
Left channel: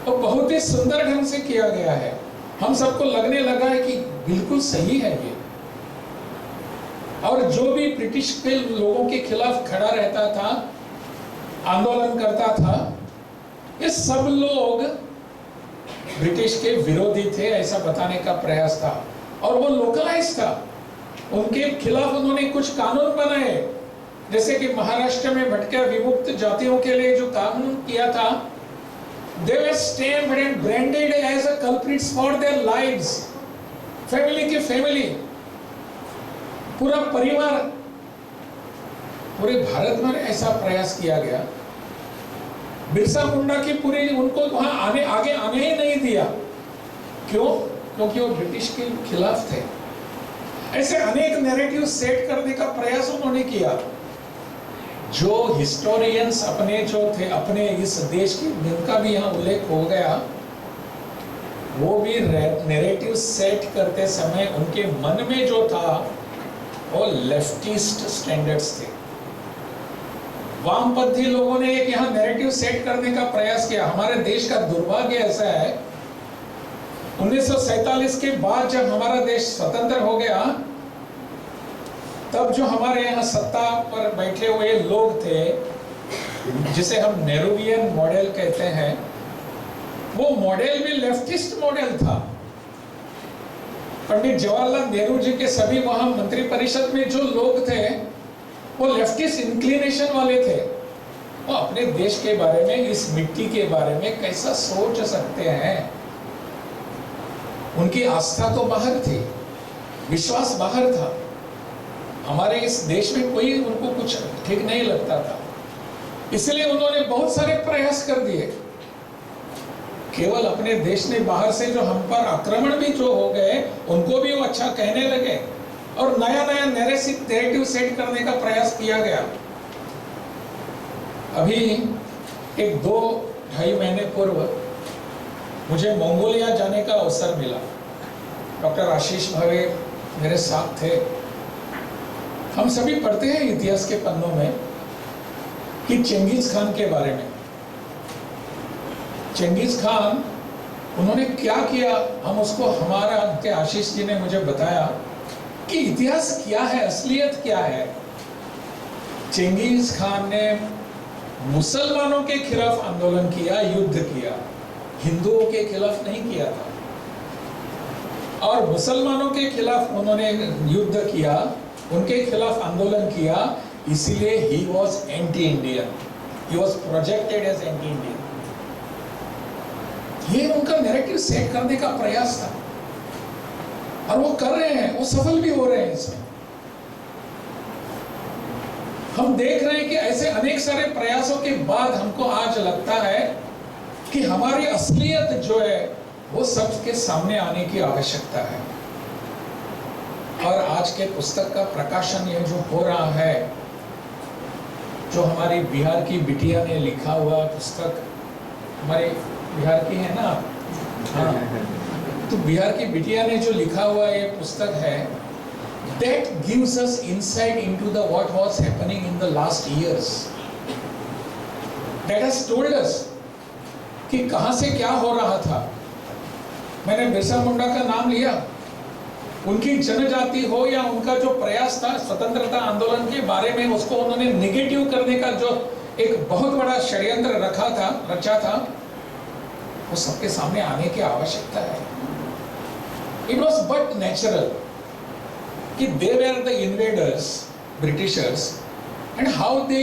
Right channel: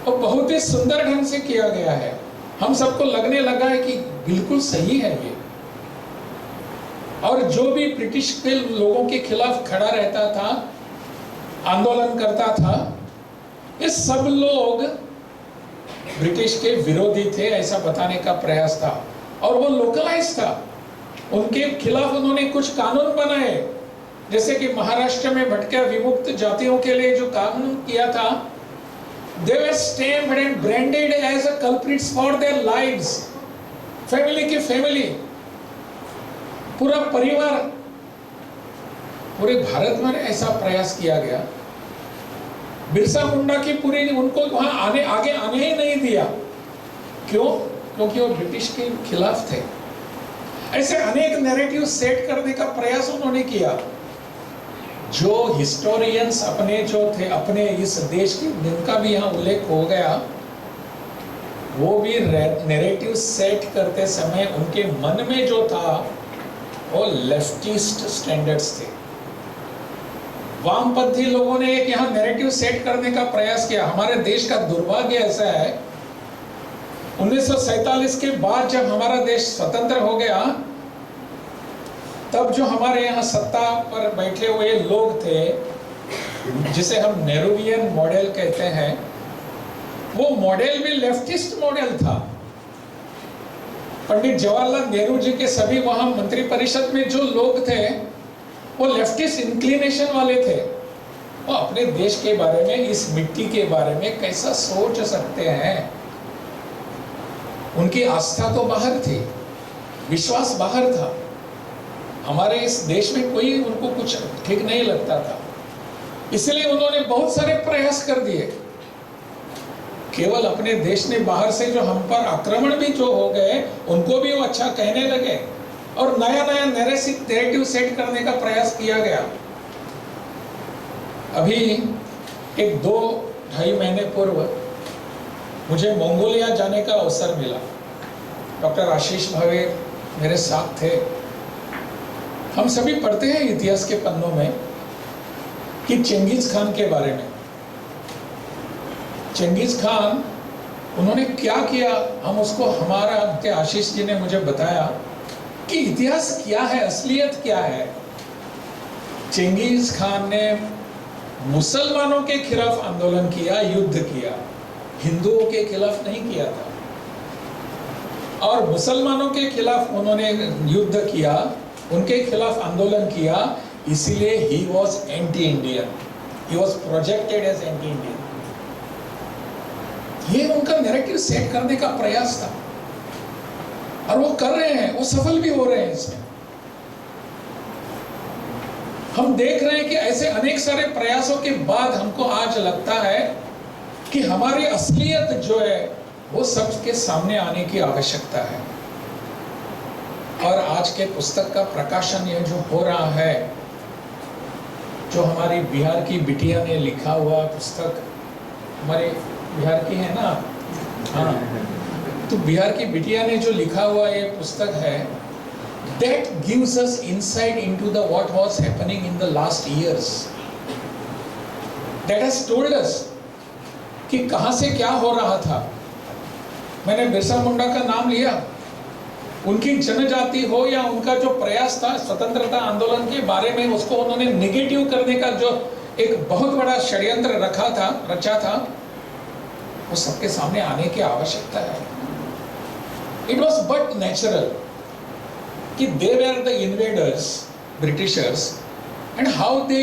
वो बहुत ही सुंदर ढंग से किया गया है। हम सबको लगने लगा है कि बिल्कुल सही है ये। और जो भी ब्रिटिश के लोगों के खिलाफ खड़ा रहता था, आंदोलन करता था, ये सब लोग ब्रिटिश के विरोधी थे, ऐसा बताने का प्रयास था। और वो लोकलाइज था, उनके खिलाफ उन्होंने कुछ कानून बनाए, जैसे कि महाराष्ट्र में भटके विमुक्त जातियों के लिए जो कानून किया था, they were stamped and branded as a culprits for their lives। Family की फैमिली, पूरा परिवार, पूरे भारत में ऐसा प्रयास किया गया। बिरसा मुंडा की पूरी, उनको वहां आगे आने ही नहीं दिया। क्यों? क्योंकि वो ब्रिटिश के खिलाफ थे। ऐसे अनेक नैरेटिव सेट करने का प्रयास उन्होंने किया। जो हिस्टोरियंस अपने जो थे, अपने इस देश की, जिनका भी यहाँ उल्लेख हो गया, वो भी नैरेटिव सेट करते समय उनके मन में जो था वो लेफ्टिस्ट स्टैंडर्ड्स थे। वामपंथी लोगों ने एक यहाँ नैरेटिव सेट करने का प्रयास किया। हमारे देश का दुर्भाग्य ऐसा है, 1947 के बाद जब हमारा देश स्वतंत्र हो गया, तब जो हमारे यहाँ सत्ता पर बैठे हुए लोग थे, जिसे हम नेहरूवियन मॉडल कहते हैं, वो मॉडल भी लेफ्टिस्ट मॉडल था। पंडित जवाहरलाल नेहरू जी के सभी वहां मंत्री परिषद में जो लोग थे वो लेफ्टिस्ट इंक्लिनेशन वाले थे। वो अपने देश के बारे में, इस मिट्टी के बारे में कैसा सोच सकते हैं? उनकी आस्था तो बाहर थी, विश्वास बाहर था। हमारे इस देश में कोई उनको कुछ ठीक नहीं लगता था, इसलिए उन्होंने बहुत सारे प्रयास कर दिए। केवल अपने देश ने बाहर से जो हम पर आक्रमण भी जो हो गए, उनको भी वो अच्छा कहने लगे और नया नया नैरेटिव सेट करने का प्रयास किया गया। अभी एक 2-2.5 महीने पूर्व मुझे मंगोलिया जाने का अवसर मिला। डॉक्टर आशीष भावे मेरे साथ थे। हम सभी पढ़ते हैं इतिहास के पन्नों में कि चेंगिस खान के बारे में। चेंगिस खान, उन्होंने क्या किया, हम उसको, हमारे आशीष जी ने मुझे बताया कि इतिहास क्या है, असलियत क्या है। चेंगिस खान ने मुसलमानों के खिलाफ आंदोलन किया, युद्ध किया, हिंदुओं के खिलाफ नहीं किया था। और मुसलमानों के खिलाफ उन्होंने युद्ध किया, उनके खिलाफ आंदोलन किया, इसीलिए he was anti Indian, he was projected as anti Indian. ये उनका नैरेटिव सेट करने का प्रयास था और वो कर रहे हैं, वो सफल भी हो रहे हैं इसमें। हम देख रहे हैं कि ऐसे अनेक सारे प्रयासों के बाद हमको आज लगता है कि हमारी असलियत जो है वो सबके सामने आने की आवश्यकता है। और आज के पुस्तक का प्रकाशन ये जो हो रहा है, जो हमारी बिहार की बिटिया ने लिखा हुआ पुस्तक, हमारे बिहार की है ना, हाँ, तो बिहार की बिटिया ने जो लिखा हुआ ये पुस्तक है, that gives us insight into the what was happening in the last years. That has told us कि कहां से क्या हो रहा था. मैंने बिरसा मुंडा का नाम लिया, उनकी जनजाति हो या उनका जो प्रयास था स्वतंत्रता आंदोलन के बारे में, उसको उन्होंने निगेटिव करने का जो एक बहुत बड़ा षड्यंत्र रचा था, वो सबके सामने आने की आवश्यकता है. It was but natural कि they were the invaders, Britishers, and how do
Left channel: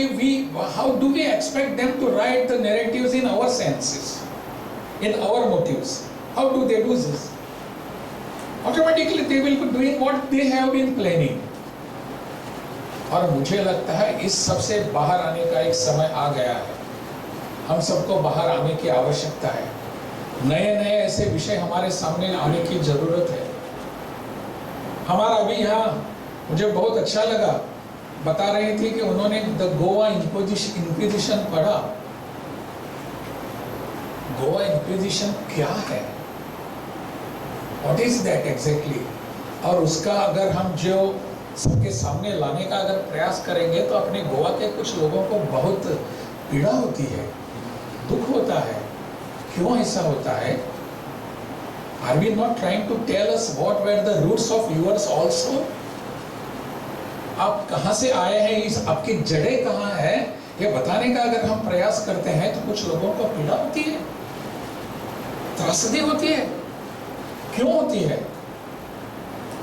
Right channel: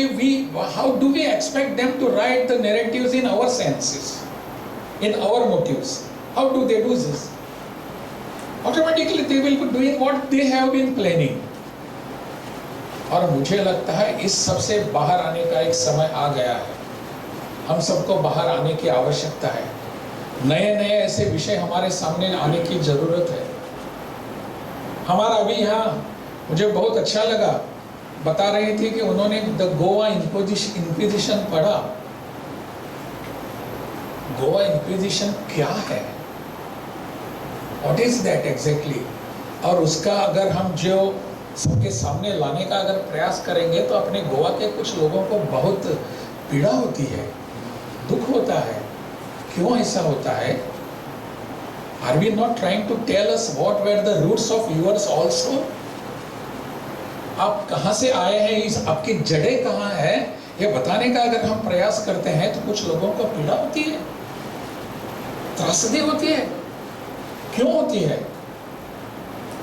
we expect them to write the narratives in our senses, in our motives? How do they do this? Automatically they will be doing what they have been planning. और मुझे लगता है इस सबसे बाहर आने का एक समय आ गया है. हम सबको बाहर आने की आवश्यकता है. नए ऐसे विषय हमारे सामने आने की जरूरत है. हमारा अभी यहाँ मुझे बहुत अच्छा लगा, बता रही थी कि उन्होंने द गोवा इंक्विजिशन पढ़ा. गोवा इंक्विजिशन क्या है, व्हाट इज दैट एग्जैक्टली, और उसका अगर हम जो सबके सामने लाने का अगर प्रयास करेंगे तो अपने गोवा के कुछ लोगों को बहुत पीड़ा होती है, दुख होता है. क्यों ऐसा होता है? Are we not trying to tell us what were the roots of yours also? आप कहां से आए हैं, इस आपकी जड़ें कहां है, ये बताने का अगर हम प्रयास करते हैं तो कुछ लोगों को पीड़ा होती है, त्रासदी होती है. क्यों होती है?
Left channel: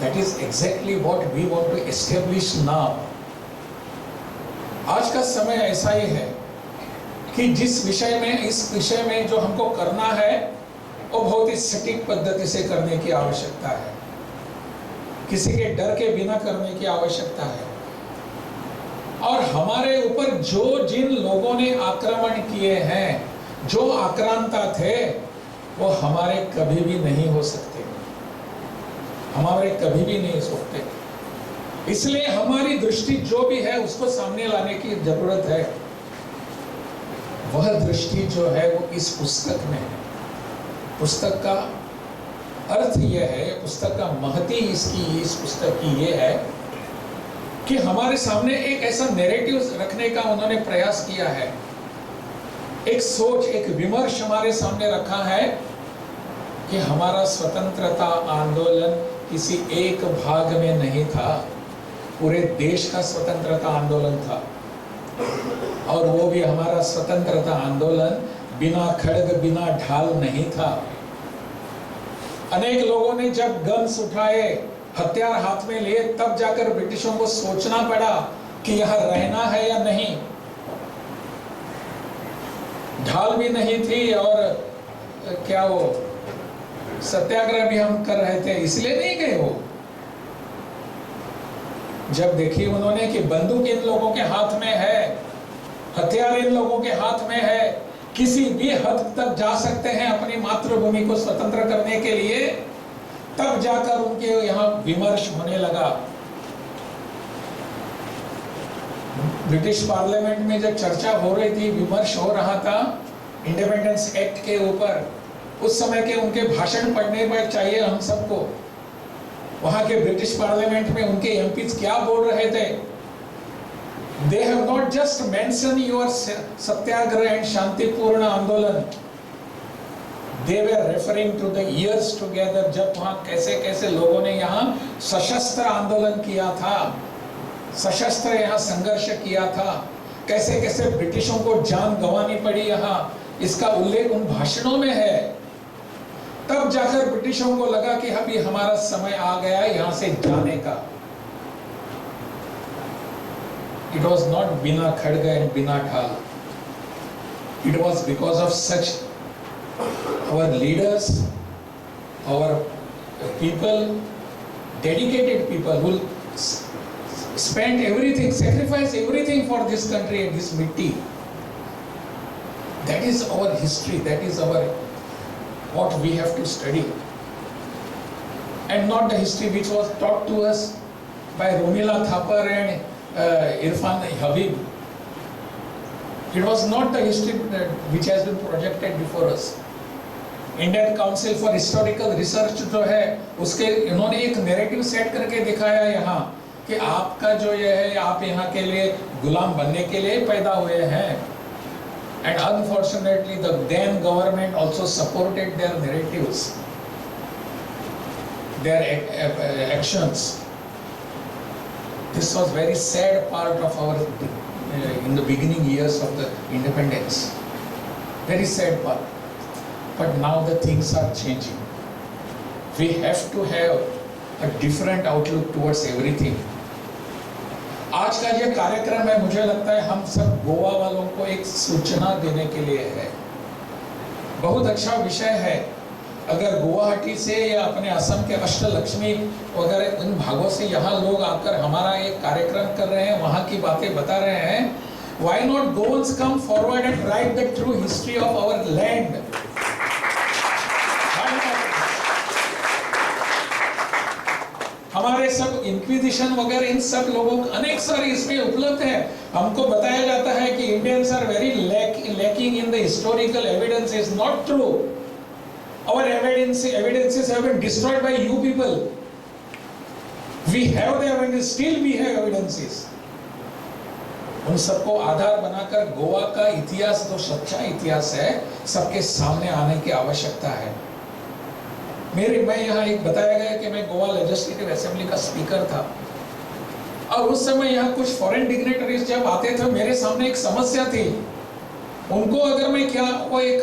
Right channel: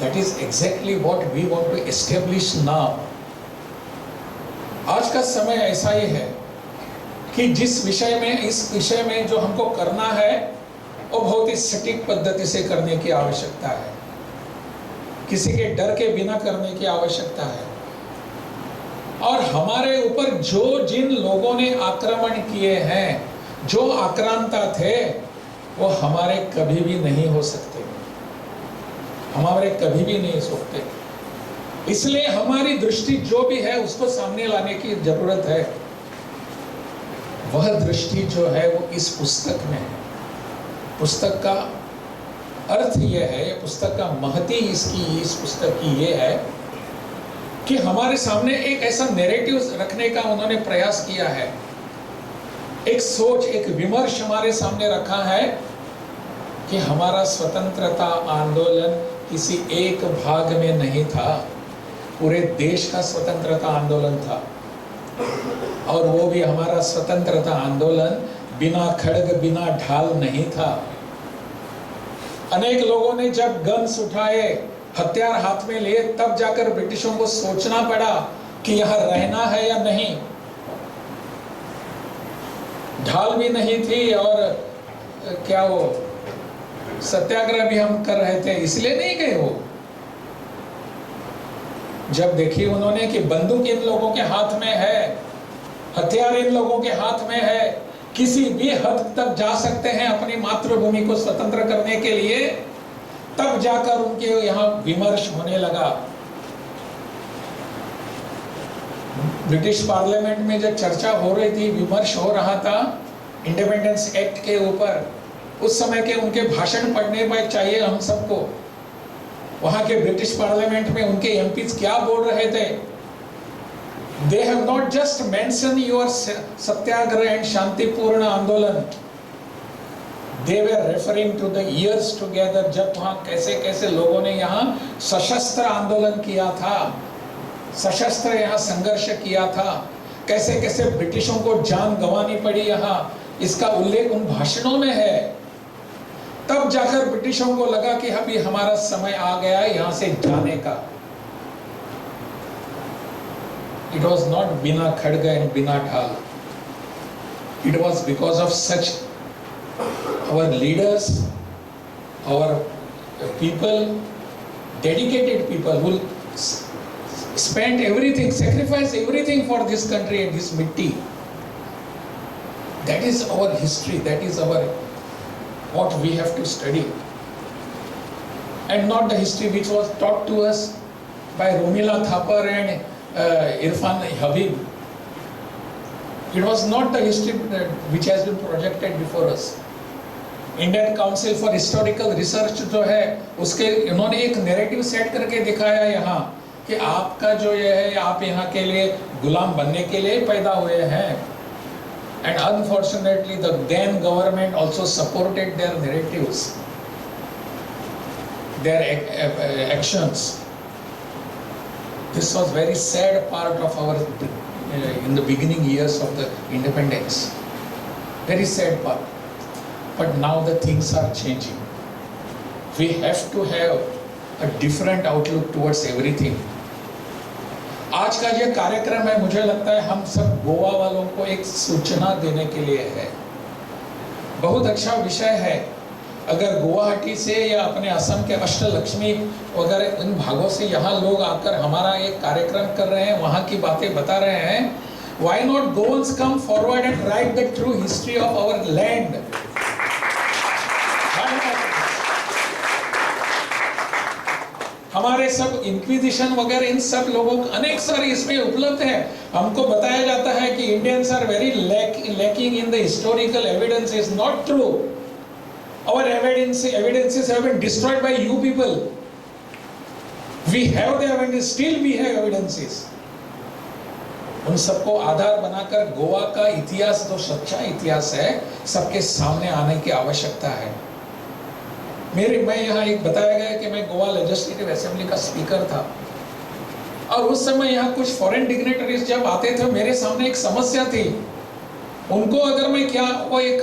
That is exactly what we want to establish now. आज का समय ऐसा ही है कि इस विषय में जो हमको करना है वो बहुत ही सटीक पद्धति से करने की आवश्यकता है. किसी के डर के बिना करने की आवश्यकता है. और हमारे ऊपर जिन लोगों ने आक्रमण किए हैं, जो आक्रांता थे, वो हमारे कभी भी नहीं हो सकते, हमारे कभी भी नहीं सकते. इसलिए हमारी दृष्टि जो भी है उसको सामने लाने की जरूरत है. वह दृष्टि जो है वो इस पुस्तक में है. पुस्तक का अर्थ यह है, पुस्तक का महती इस पुस्तक की ये है कि हमारे सामने एक ऐसा नैरेटिव रखने का उन्होंने प्रयास किया है. एक सोच, एक विमर्श हमारे सामने रखा है कि हमारा स्वतंत्रता आंदोलन किसी एक भाग में नहीं था, पूरे देश का स्वतंत्रता आंदोलन था. और वो भी हमारा स्वतंत्रता आंदोलन बिना खड्ग बिना ढाल नहीं था. अनेक लोगों ने जब गन्स उठाए, हथियार हाथ में लिए, तब जाकर ब्रिटिशों को सोचना पड़ा कि यहाँ रहना है या नहीं. ढाल भी नहीं थी और क्या वो सत्याग्रह भी हम कर रहे थे, इसलिए नहीं गए वो. जब देखी उन्होंने कि बंदूक इन लोगों के हाथ में है, हथियार इन लोगों के हाथ में है, किसी भी हद तक जा सकते हैं अपनी मातृभूमि को स्वतंत्र करने के लिए, तब जाकर उनके यहाँ विमर्श होने लगा. ब्रिटिश पार्लियामेंट में जब चर्चा हो रही थी, विमर्श हो रहा था इंडिपेंडेंस एक्ट के ऊपर, उस समय के उनके भाषण पढ़ने पर चाहिए हम सबको. वहां के ब्रिटिश पार्लियामेंट में उनके एमपीज क्या बोल रहे थे? They have not just mentioned your Satyagraha and शांतिपूर्ण आंदोलन. They were referring to the years together जब वहाँ कैसे कैसे लोगों ने यहाँ सशस्त्र आंदोलन किया था, सशस्त्र यहाँ संघर्ष किया था, कैसे कैसे ब्रिटिशों को जान गंवानी पड़ी यहाँ, इसका उल्लेख उन भाषणों में है. तब जाकर ब्रिटिशों को लगा कि अभी हमारा समय आ गया है यहाँ से जाने का. It was not bina khadga and bina dhal. It was because of such our leaders, our people, dedicated people who spent everything, sacrificed everything for this country and this mitti. That is our history. That is our what we have to study, and not the history which was taught to us by Romila Thapar and Irfan Habib. It was not the history which has been projected before us. Indian council for historical research जो है उसके इन्होंने एक narrative set करके दिखाया यहाँ कि आपका जो ये है आप यहाँ के लिए गुलाम बनने के लिए पैदा हुए हैं. And unfortunately, the then government also supported their narratives, their actions. This was very sad part of our in the beginning years of the independence. Very sad part. But now the things are changing. We have to have a different outlook towards everything. आज का ये कार्यक्रम है, मुझे लगता है हम सब गोवा वालों को एक सूचना देने के लिए है. बहुत अच्छा विषय है. अगर गुवाहाटी से या अपने असम के अष्टलक्ष्मी वगैरह इन भागों से यहाँ लोग आकर हमारा एक कार्यक्रम कर रहे हैं, वहाँ की बातें बता रहे हैं, why not Goans come forward and write the true history of our land? हमारे सब इंक्विजिशन वगैरह इन सब लोगों को अनेक सारे इसमें उपलब्ध है. हमको बताया जाता है कि Indians are very lacking in the historical evidence. Is not true. Our evidences have been destroyed by you people. We have the evidence, still we have evidences. उन सबको आधार बनाकर गोवा का इतिहास, जो सच्चा इतिहास है, सबके सामने आने की आवश्यकता है. मैं यहाँ एक बताया गया कि मैं गोवा लेजिस्लेटिव असेंबली का स्पीकर था और उस समय यहाँ कुछ फॉरेन डिग्नेटरीज जब आते थे, मेरे सामने एक समस्या थी. उनको अगर मैं क्या, वो एक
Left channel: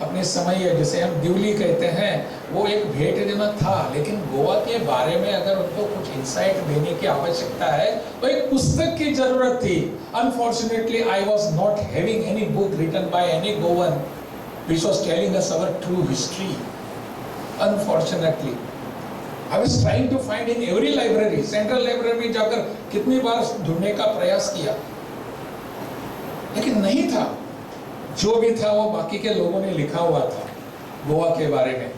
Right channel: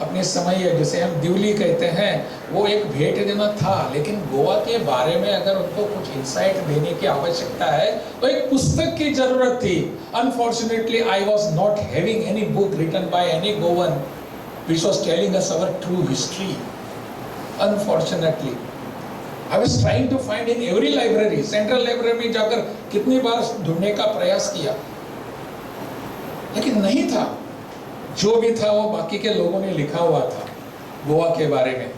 अपने समय जिसे हम दिवली कहते हैं, वो एक भेंट देना था, लेकिन गोवा के बारे में अगर उनको कुछ इंसाइट देने की आवश्यकता है तो एक पुस्तक की जरूरत थी. Unfortunately I was not having any book written by any Goan which was telling us our true history. Unfortunately, I was trying to find in every library, central library में जाकर कितनी बार ढूंढने का प्रयास किया, लेकिन नहीं था. जो भी था वो बाकी के लोगों ने लिखा हुआ था गोवा के बारे में.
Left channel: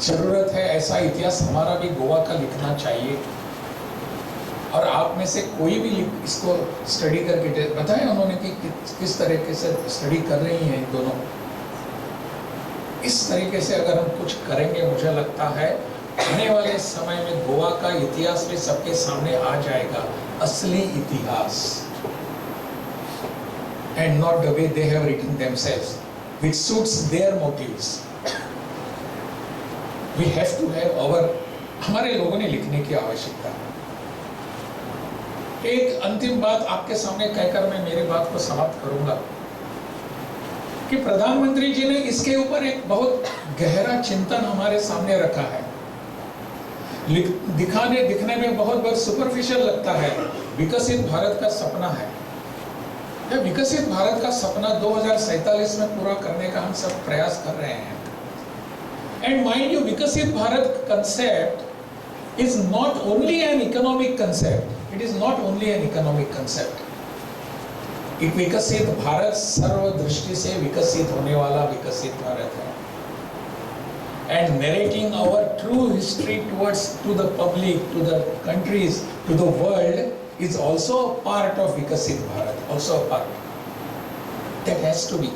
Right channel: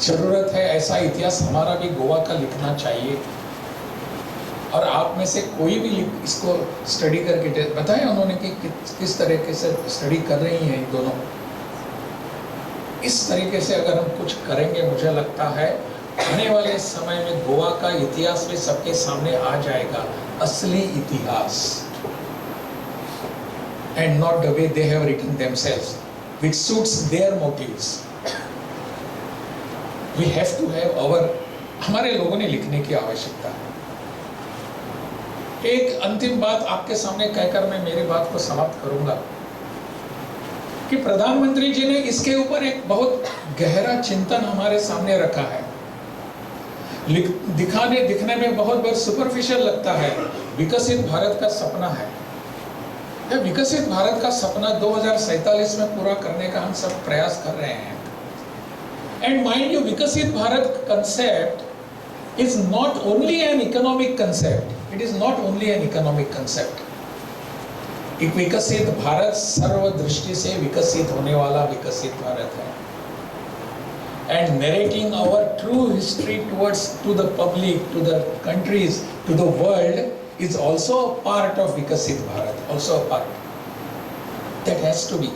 जरूरत है ऐसा इतिहास हमारा भी गोवा का लिखना चाहिए. और आप में से कोई भी इसको स्टडी करके बताएं उन्होंने कि किस तरीके से स्टडी कर रही हैं इन दोनों. इस तरीके से अगर हम कुछ करेंगे, मुझे लगता है आने वाले समय में गोवा का इतिहास भी सबके सामने आ जाएगा, असली इतिहास, and not the way they have written themselves, which suits their motives. We have to have our, हमारे लोगों ने लिखने की आवश्यकता है. एक अंतिम बात आपके सामने कहकर मैं मेरी बात को समाप्त करूंगा कि प्रधानमंत्री जी ने इसके ऊपर एक बहुत गहरा चिंतन हमारे सामने रखा है. दिखने में बहुत सुपरफिशियल लगता है. विकसित भारत का सपना है. यह विकसित भारत का सपना 2047 में पूरा करने का हम सब प्रयास कर रहे हैं. एंड माइंड यू, विकसित Bharat concept is not only an economic concept. It is not only an economic concept. एक विकसित भारत सर्व दृष्टि से विकसित होने वाला विकसित भारत है. And narrating our true history to the public, to the countries, to the world is also a part of विकसित Bharat. Also a part. That has to be.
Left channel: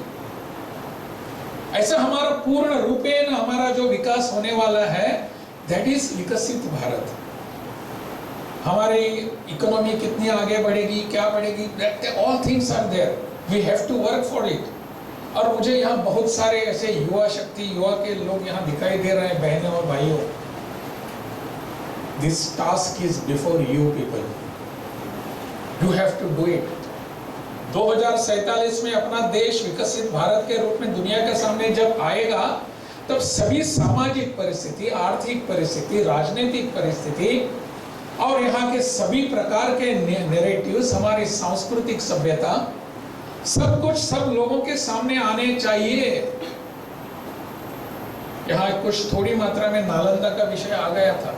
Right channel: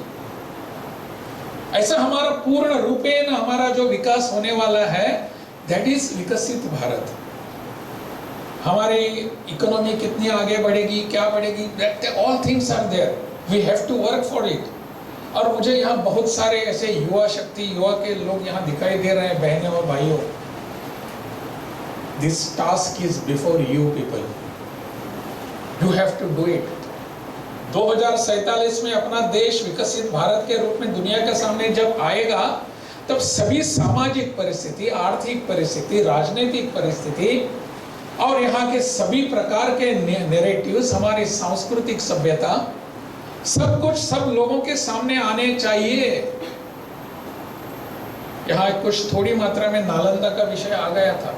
ऐसा हमारा पूर्ण रूपेण हमारा जो विकास होने वाला है, that is विकसित भारत. हमारी इकोनॉमी कितनी आगे बढ़ेगी, क्या बढ़ेगी, all things are there. We have to work for it. और मुझे यहाँ बहुत सारे ऐसे युवा शक्ति, युवा के लोग यहाँ दिखाई दे रहे हैं, बहनों और भाइयों. This task is before you people. You have to do it. 2047 में अपना देश विकसित भारत के रूप में दुनिया के सामने जब आएगा, तब सभी सामाजिक परिस्थिति, आर्थिक परिस्थिति, राजनीतिक परिस्थिति और यहाँ के सभी प्रकार के नैरेटिव्स, हमारी सांस्कृतिक सभ्यता, सब कुछ सब लोगों के सामने आने चाहिए. यहाँ कुछ थोड़ी मात्रा में नालंदा का विषय आ गया था.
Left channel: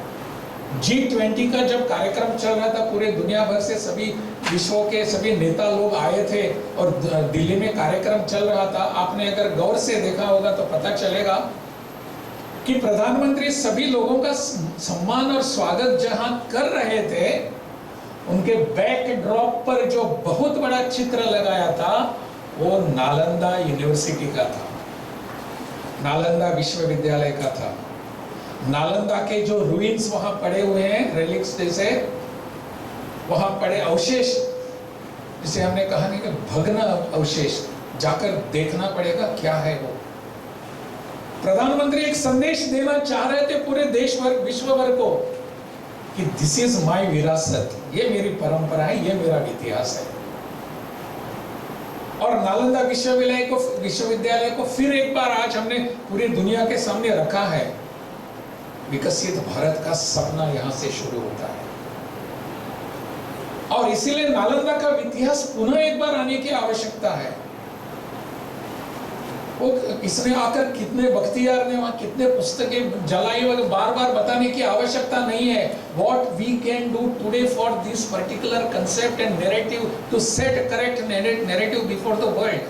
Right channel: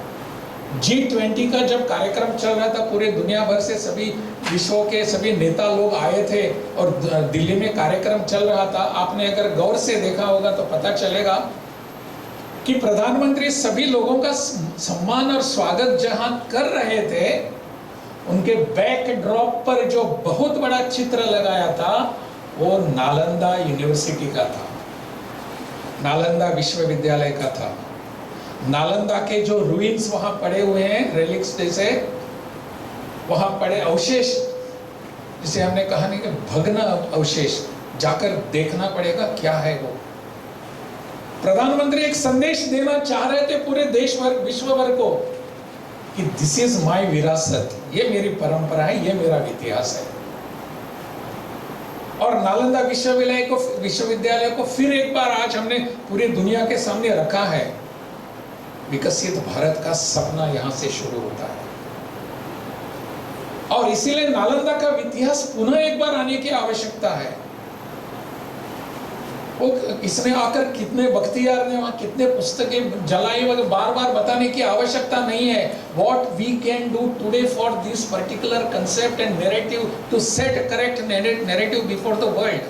G20 का जब कार्यक्रम चल रहा था, पूरे दुनिया भर से सभी विश्व के सभी नेता लोग आए थे और दिल्ली में कार्यक्रम चल रहा था. आपने अगर गौर से देखा होगा तो पता चलेगा कि प्रधानमंत्री सभी लोगों का सम्मान और स्वागत जहां कर रहे थे, उनके बैकड्रॉप पर जो बहुत बड़ा चित्र लगाया था वो नालंदा यूनिवर्सिटी का था. नालंदा विश्वविद्यालय का था। नालंदा के जो रूइंस वहां पड़े हुए हैं, रेलिक्स जैसे वहां पड़े अवशेष, जिसे हमने कहा नहीं कि भग्न अवशेष, जाकर देखना पड़ेगा क्या है वो। प्रधानमंत्री एक संदेश देना चाह रहे थे पूरे देश भर, विश्व भर को कि दिस इज माय विरासत, ये मेरी परंपरा है, ये मेरा इतिहास है। और नालंदा विश्वविद्यालय को फिर एक बार आज हमने पूरी दुनिया के सामने रखा है। विकसित भारत का सपना यहां से शुरू होता है और इसीलिए नालंदा का इतिहास पुनः एक बार आने की आवश्यकता है। वो इसने आकर कितने बख्तियार ने वहां कितने पुस्तकें जलाई, वगैरह बार बार बताने की आवश्यकता नहीं है। What we can do today for this particular concept and narrative to set correct narrative before the world,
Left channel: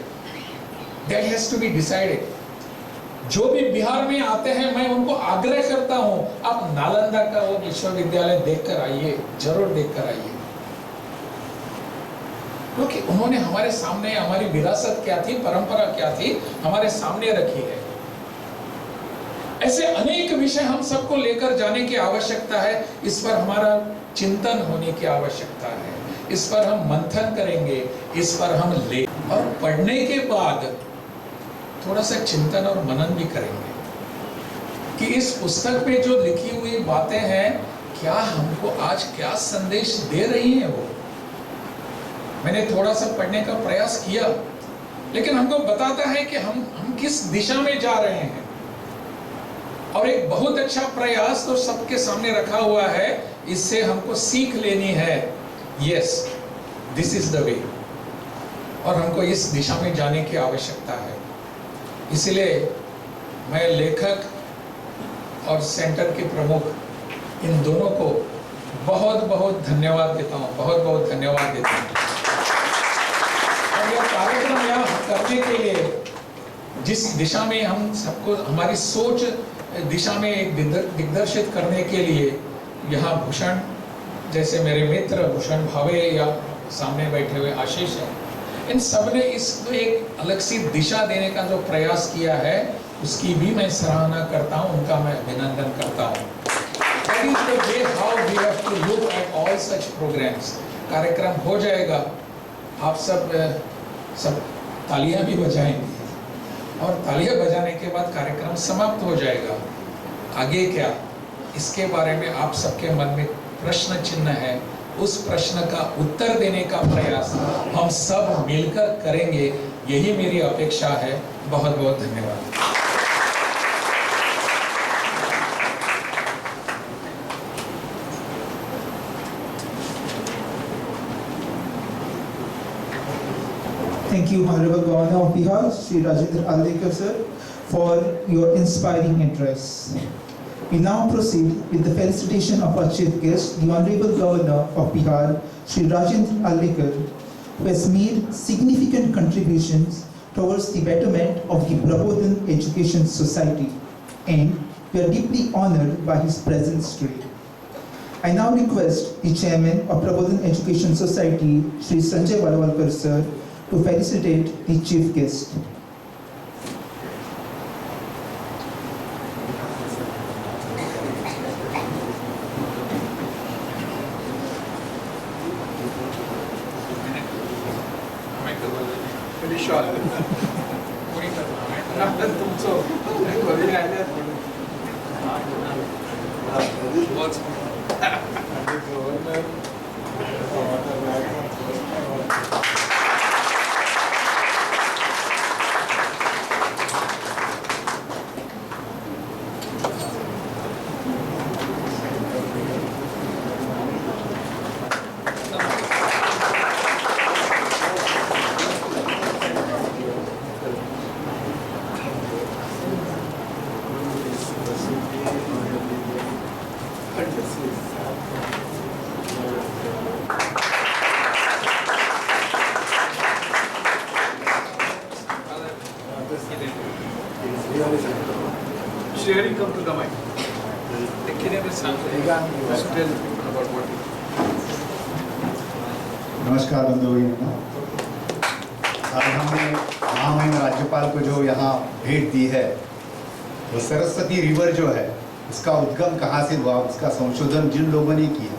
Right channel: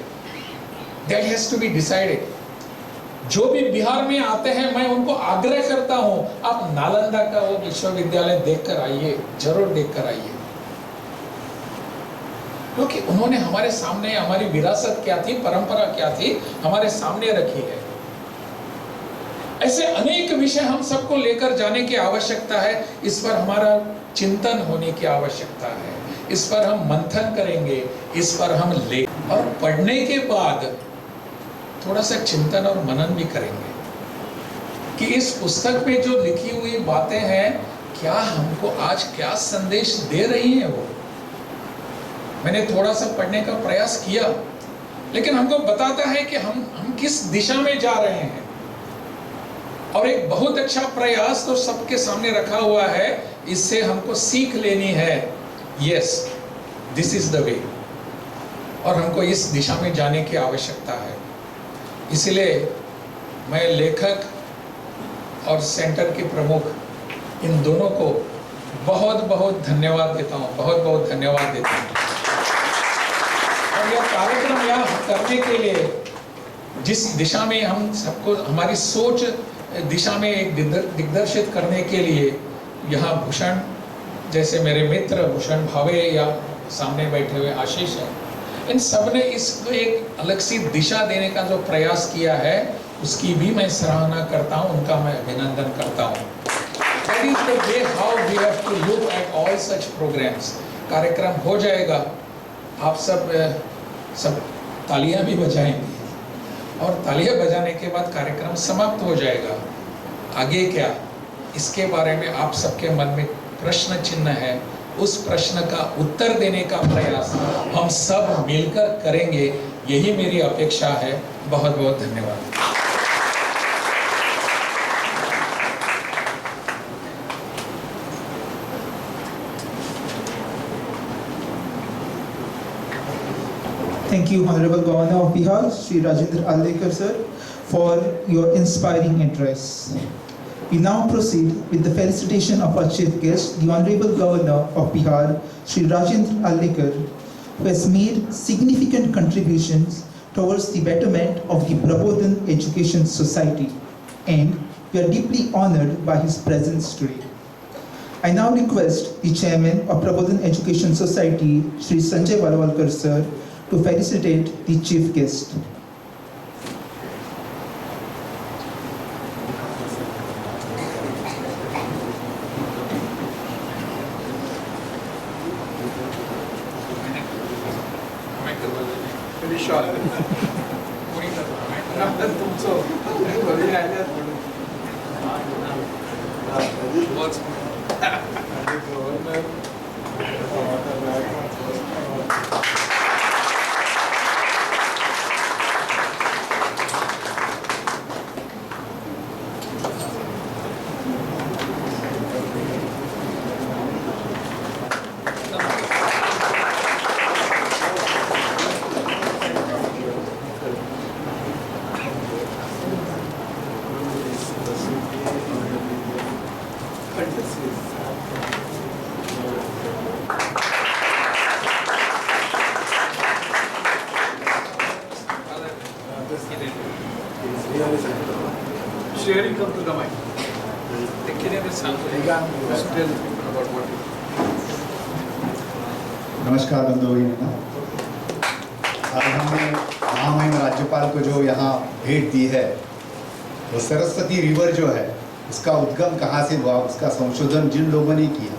that has to be decided. जो भी बिहार में आते हैं मैं उनको आग्रह करता हूं, आप नालंदा का वो विश्वविद्यालय देखकर आइए, जरूर देखकर आइए, क्योंकि उन्होंने हमारे सामने हमारी विरासत क्या थी, परंपरा क्या थी, हमारे सामने रखी है। ऐसे अनेक विषय हम सबको लेकर जाने की आवश्यकता है। इस पर हमारा चिंतन होने की आवश्यकता है, इस पर हम मंथन करेंगे, इस पर हम ले और पढ़ने के बाद थोड़ा सा चिंतन और मनन भी करेंगे कि इस पुस्तक में जो लिखी हुई बातें हैं, क्या हमको आज क्या संदेश दे रही हैं वो। मैंने थोड़ा सा पढ़ने का प्रयास किया, लेकिन हमको बताता है कि हम किस दिशा में जा रहे हैं। और एक बहुत अच्छा प्रयास तो सबके सामने रखा हुआ है, इससे हमको सीख लेनी है। Yes, this is the way, और हमको इस दिशा में जाने की आवश्यकता है। इसलिए मैं लेखक और सेंटर के प्रमुख इन दोनों को बहुत बहुत धन्यवाद देता हूँ, बहुत बहुत धन्यवाद देता हूँ। और यह कार्यक्रम यहाँ करने के लिए, जिस दिशा में हम सबको हमारी सोच दिशा में एक दिग्दर्शित करने के लिए, यहाँ भूषण जैसे मेरे मित्र भूषण भावे या सामने बैठे हुए आशीष हैं, इन सब ने इसको एक अलग सी दिशा देने का जो प्रयास किया है, उसकी भी मैं सराहना करता हूँ, उनका मैं अभिनंदन करता हूँ। That is the way how we have to look at all such programs. कार्यक्रम हो जाएगा, आप सब तालियां भी बजाएंगे और तालियां बजाने के बाद कार्यक्रम समाप्त हो जाएगा। आगे क्या, इसके बारे में आप सबके मन में प्रश्न चिन्ह है, उस प्रश्न का उत्तर देने का प्रयास हम सब मिलकर करेंगे, यही मेरी अपेक्षा है। बहुत बहुत धन्यवाद। Thank you, Honorable Governor of Bihar, Shri Rajendra Allekar sir, for your inspiring address. We now proceed with the felicitation of our chief guest, the Honorable Governor of Bihar, Shri Rajendra Allekar, who has made significant contributions towards the betterment of the Prabodhan Education Society, and we are deeply honored by his presence today. I now request the Chairman of Prabodhan Education Society, Shri Sanjay Valwalkar sir, to felicitate the chief guest. Sharing come to the mic. The Kenyan is tell about what you. नमस्कार बंधुओं, आज हमने महामहिम राज्यपाल को जो यहाँ भेंट दी है, वो सरस्वती रिवर जो है उसका उद्गम कहाँ से हुआ, उसका संशोधन जिन लोगों ने किया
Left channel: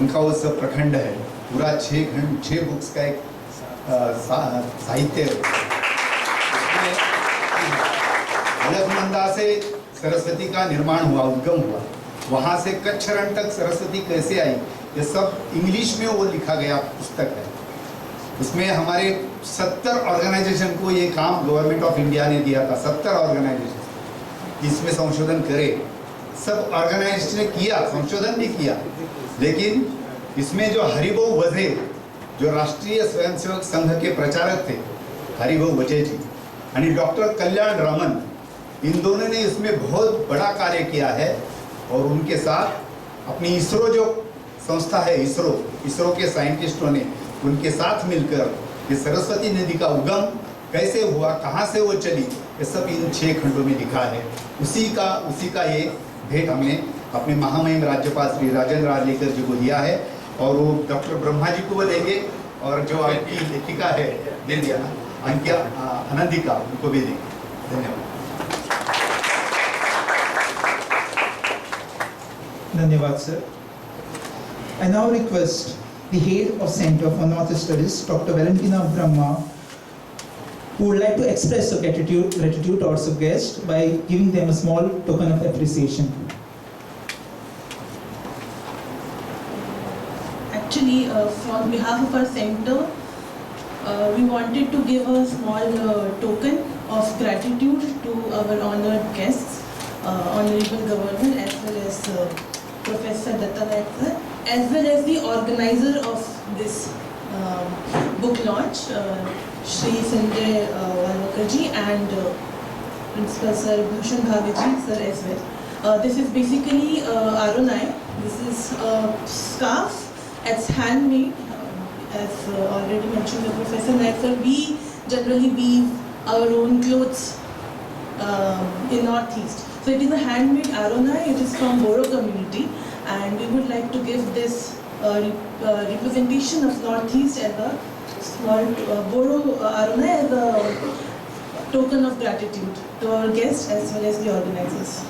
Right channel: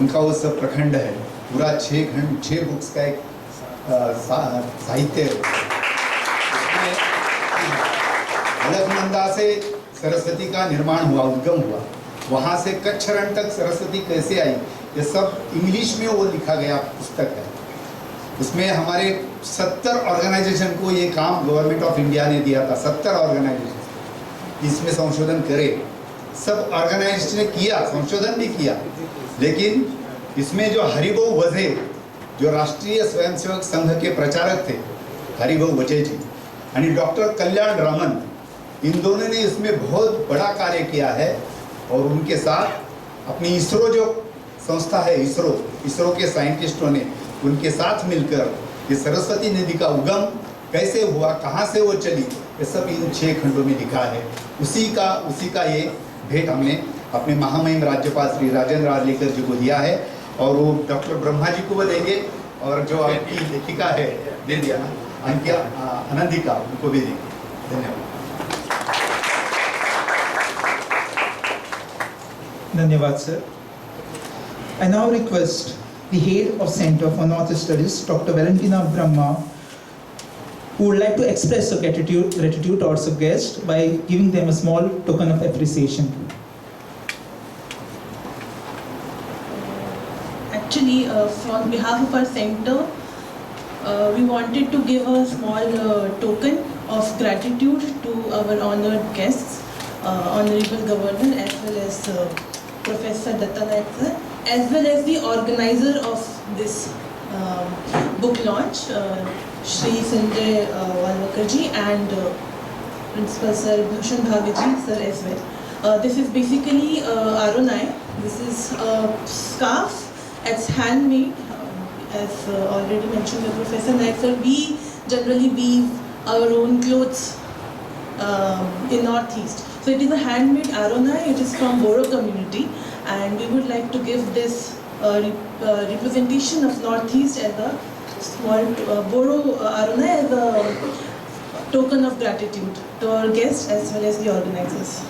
उनका वो सब प्रखंड है, पूरा 6 बुक्स का एक साहित्य है। अलकनंदा से सरस्वती का निर्माण हुआ, उद्गम हुआ, वहाँ से कच्छ रण तक सरस्वती कैसे आई, ये सब इंग्लिश में वो लिखा गया पुस्तक है। उसमें हमारे 70 ऑर्गेनाइजेशन को ये काम गवर्नमेंट ऑफ इंडिया ने दिया था, 70 ऑर्गेनाइजेशन इसमें संशोधन करे। सब ऑर्गेनाइजेशन ने किया, संशोधन भी किया, लेकिन इसमें जो हरिभाऊ वजे जो राष्ट्रीय स्वयंसेवक संघ के प्रचारक थे, हरिभाऊ वजे जी यानी डॉक्टर कल्याण रामन, इन दोनों ने इसमें बहुत बड़ा कार्य किया है। और उनके साथ अपनी इसरो जो संस्था है, इसरो के साइंटिस्टों ने उनके साथ मिलकर ये सरस्वती नदी का उगम कैसे हुआ, कहाँ से वो चली, ये सब इन 6 खंडों में लिखा है। उसी का ये भेंट हमने अपने महामहिम राज्यपाल श्री राजेंद्र आर्लेकर जी को दिया है, और वो डॉक्टर ब्रह्मा जी को वो देंगे, और जो आपकी लेखिका है दे दिया ना अंकिया आनंदिका, उनको भी देंगे। धन्यवाद। Dhanyavad, sir. I now request the head of Center for North Studies, Dr. Valentina Brahma, who would like to express her gratitude towards her guest by giving them a small token of appreciation. Actually, on behalf of our center, we wanted to give a small token of gratitude to our honored guests, Honorable Governor, as well as Professor Datta Naik sir, as well as the organizer of this book launch, Shri Sanjay Walwakar ji and Principal Sir Bhushan Bhaviji sir as well. This is basically Aronai. This is a scarf. It's handmade. As already mentioned by Professor Naik sir, we generally weave our own clothes in Northeast. So it is a handmade Aronai. It is from Boro community, and we would like to give this representation of Northeast as a small Boro Aronai as a token of gratitude to our guests as well as the organizers.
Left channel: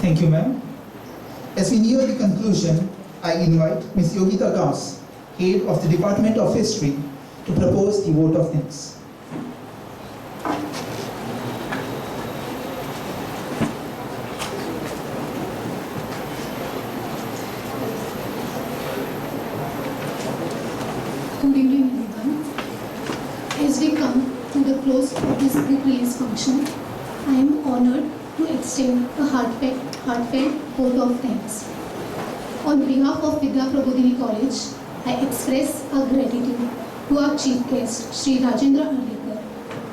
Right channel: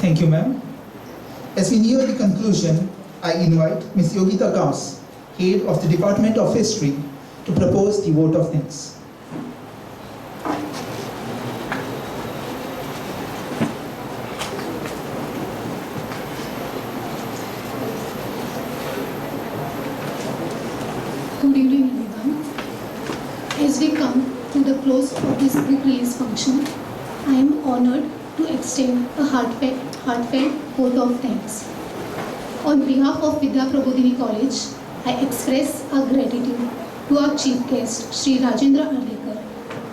Thank you, ma'am. As we near the conclusion, I invite Ms. Yogita Gaus, Head of the Department of History, to propose the vote of thanks. Good evening, everyone. As we come to the close of this book release function, I am honored to extend a heartfelt vote of thanks. On behalf of Vidya Prabodhini College, I express our gratitude to our chief guest, Shri Rajendra Arlekar,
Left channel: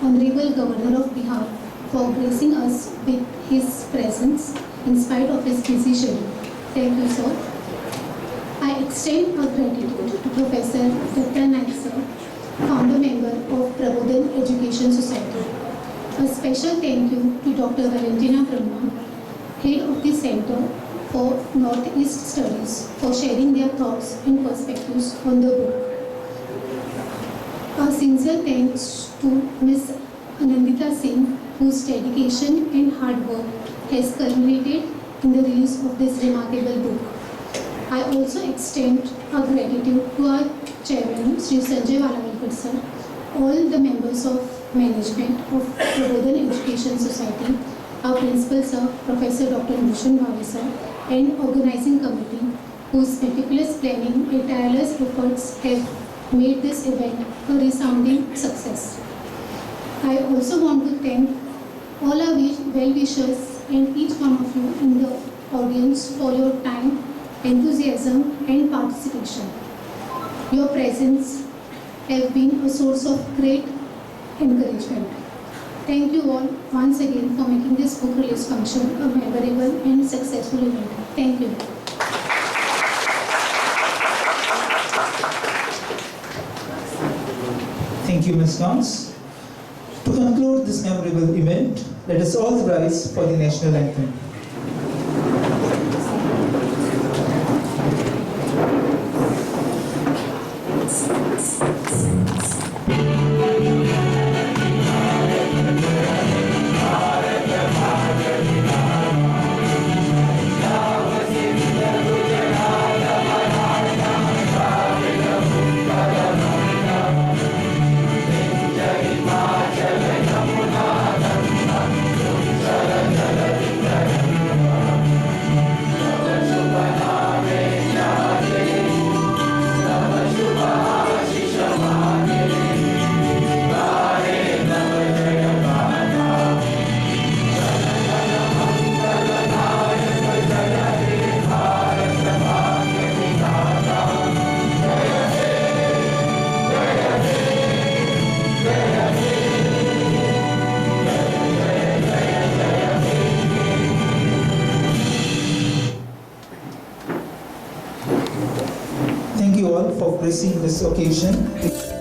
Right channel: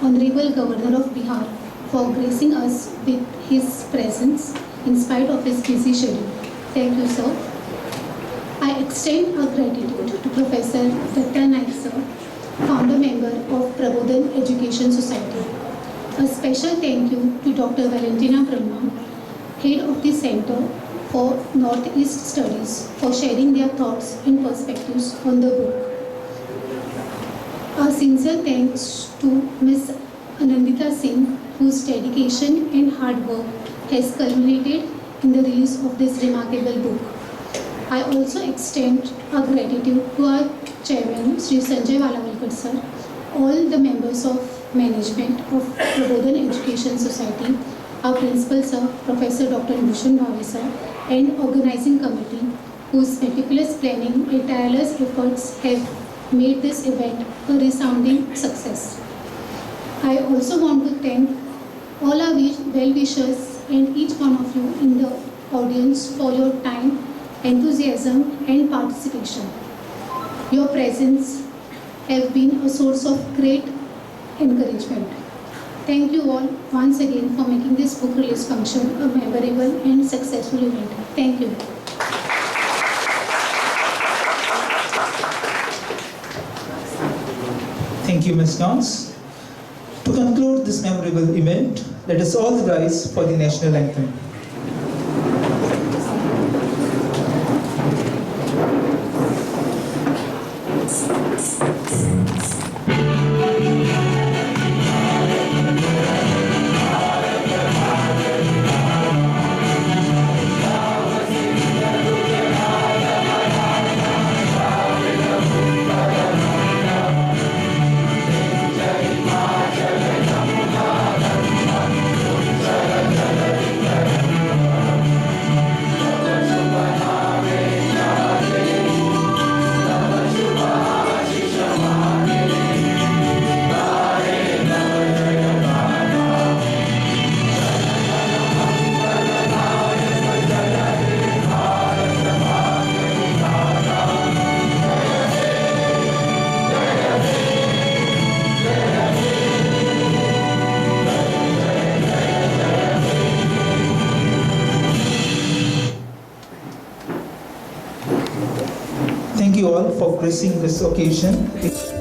Honorable Governor of Bihar, for gracing us with his presence in spite of his busy schedule. Thank you, sir. I extend our gratitude to Professor Datta Naik sir, founder member of Prabodhan Education Society. A special thank you to Dr. Valentina Brahma, head of the Center for Northeast Studies, for sharing their thoughts and perspectives on the book. A sincere thanks to Ms. Anandita Singh, whose dedication and hard work has culminated in the release of this remarkable book. I also extend our gratitude to our chairman, Sri Sanjay Valavalkar sir, all the members of management of Prabodhan Education Society, our principal sir, Professor Dr. Bhushan Bhave sir, and organizing committee whose meticulous planning and tireless efforts have made this event a resounding success. I also want to thank all our well-wishers and each one of you in the audience for your time, enthusiasm and participation. Your presence have been a source of great encouragement. Thank you all once again for making this book release function a memorable and successful event. Thank you. Thank you, Ms. Dons. To conclude this memorable event, let us all rise for the national anthem. Thank you all for gracing this occasion.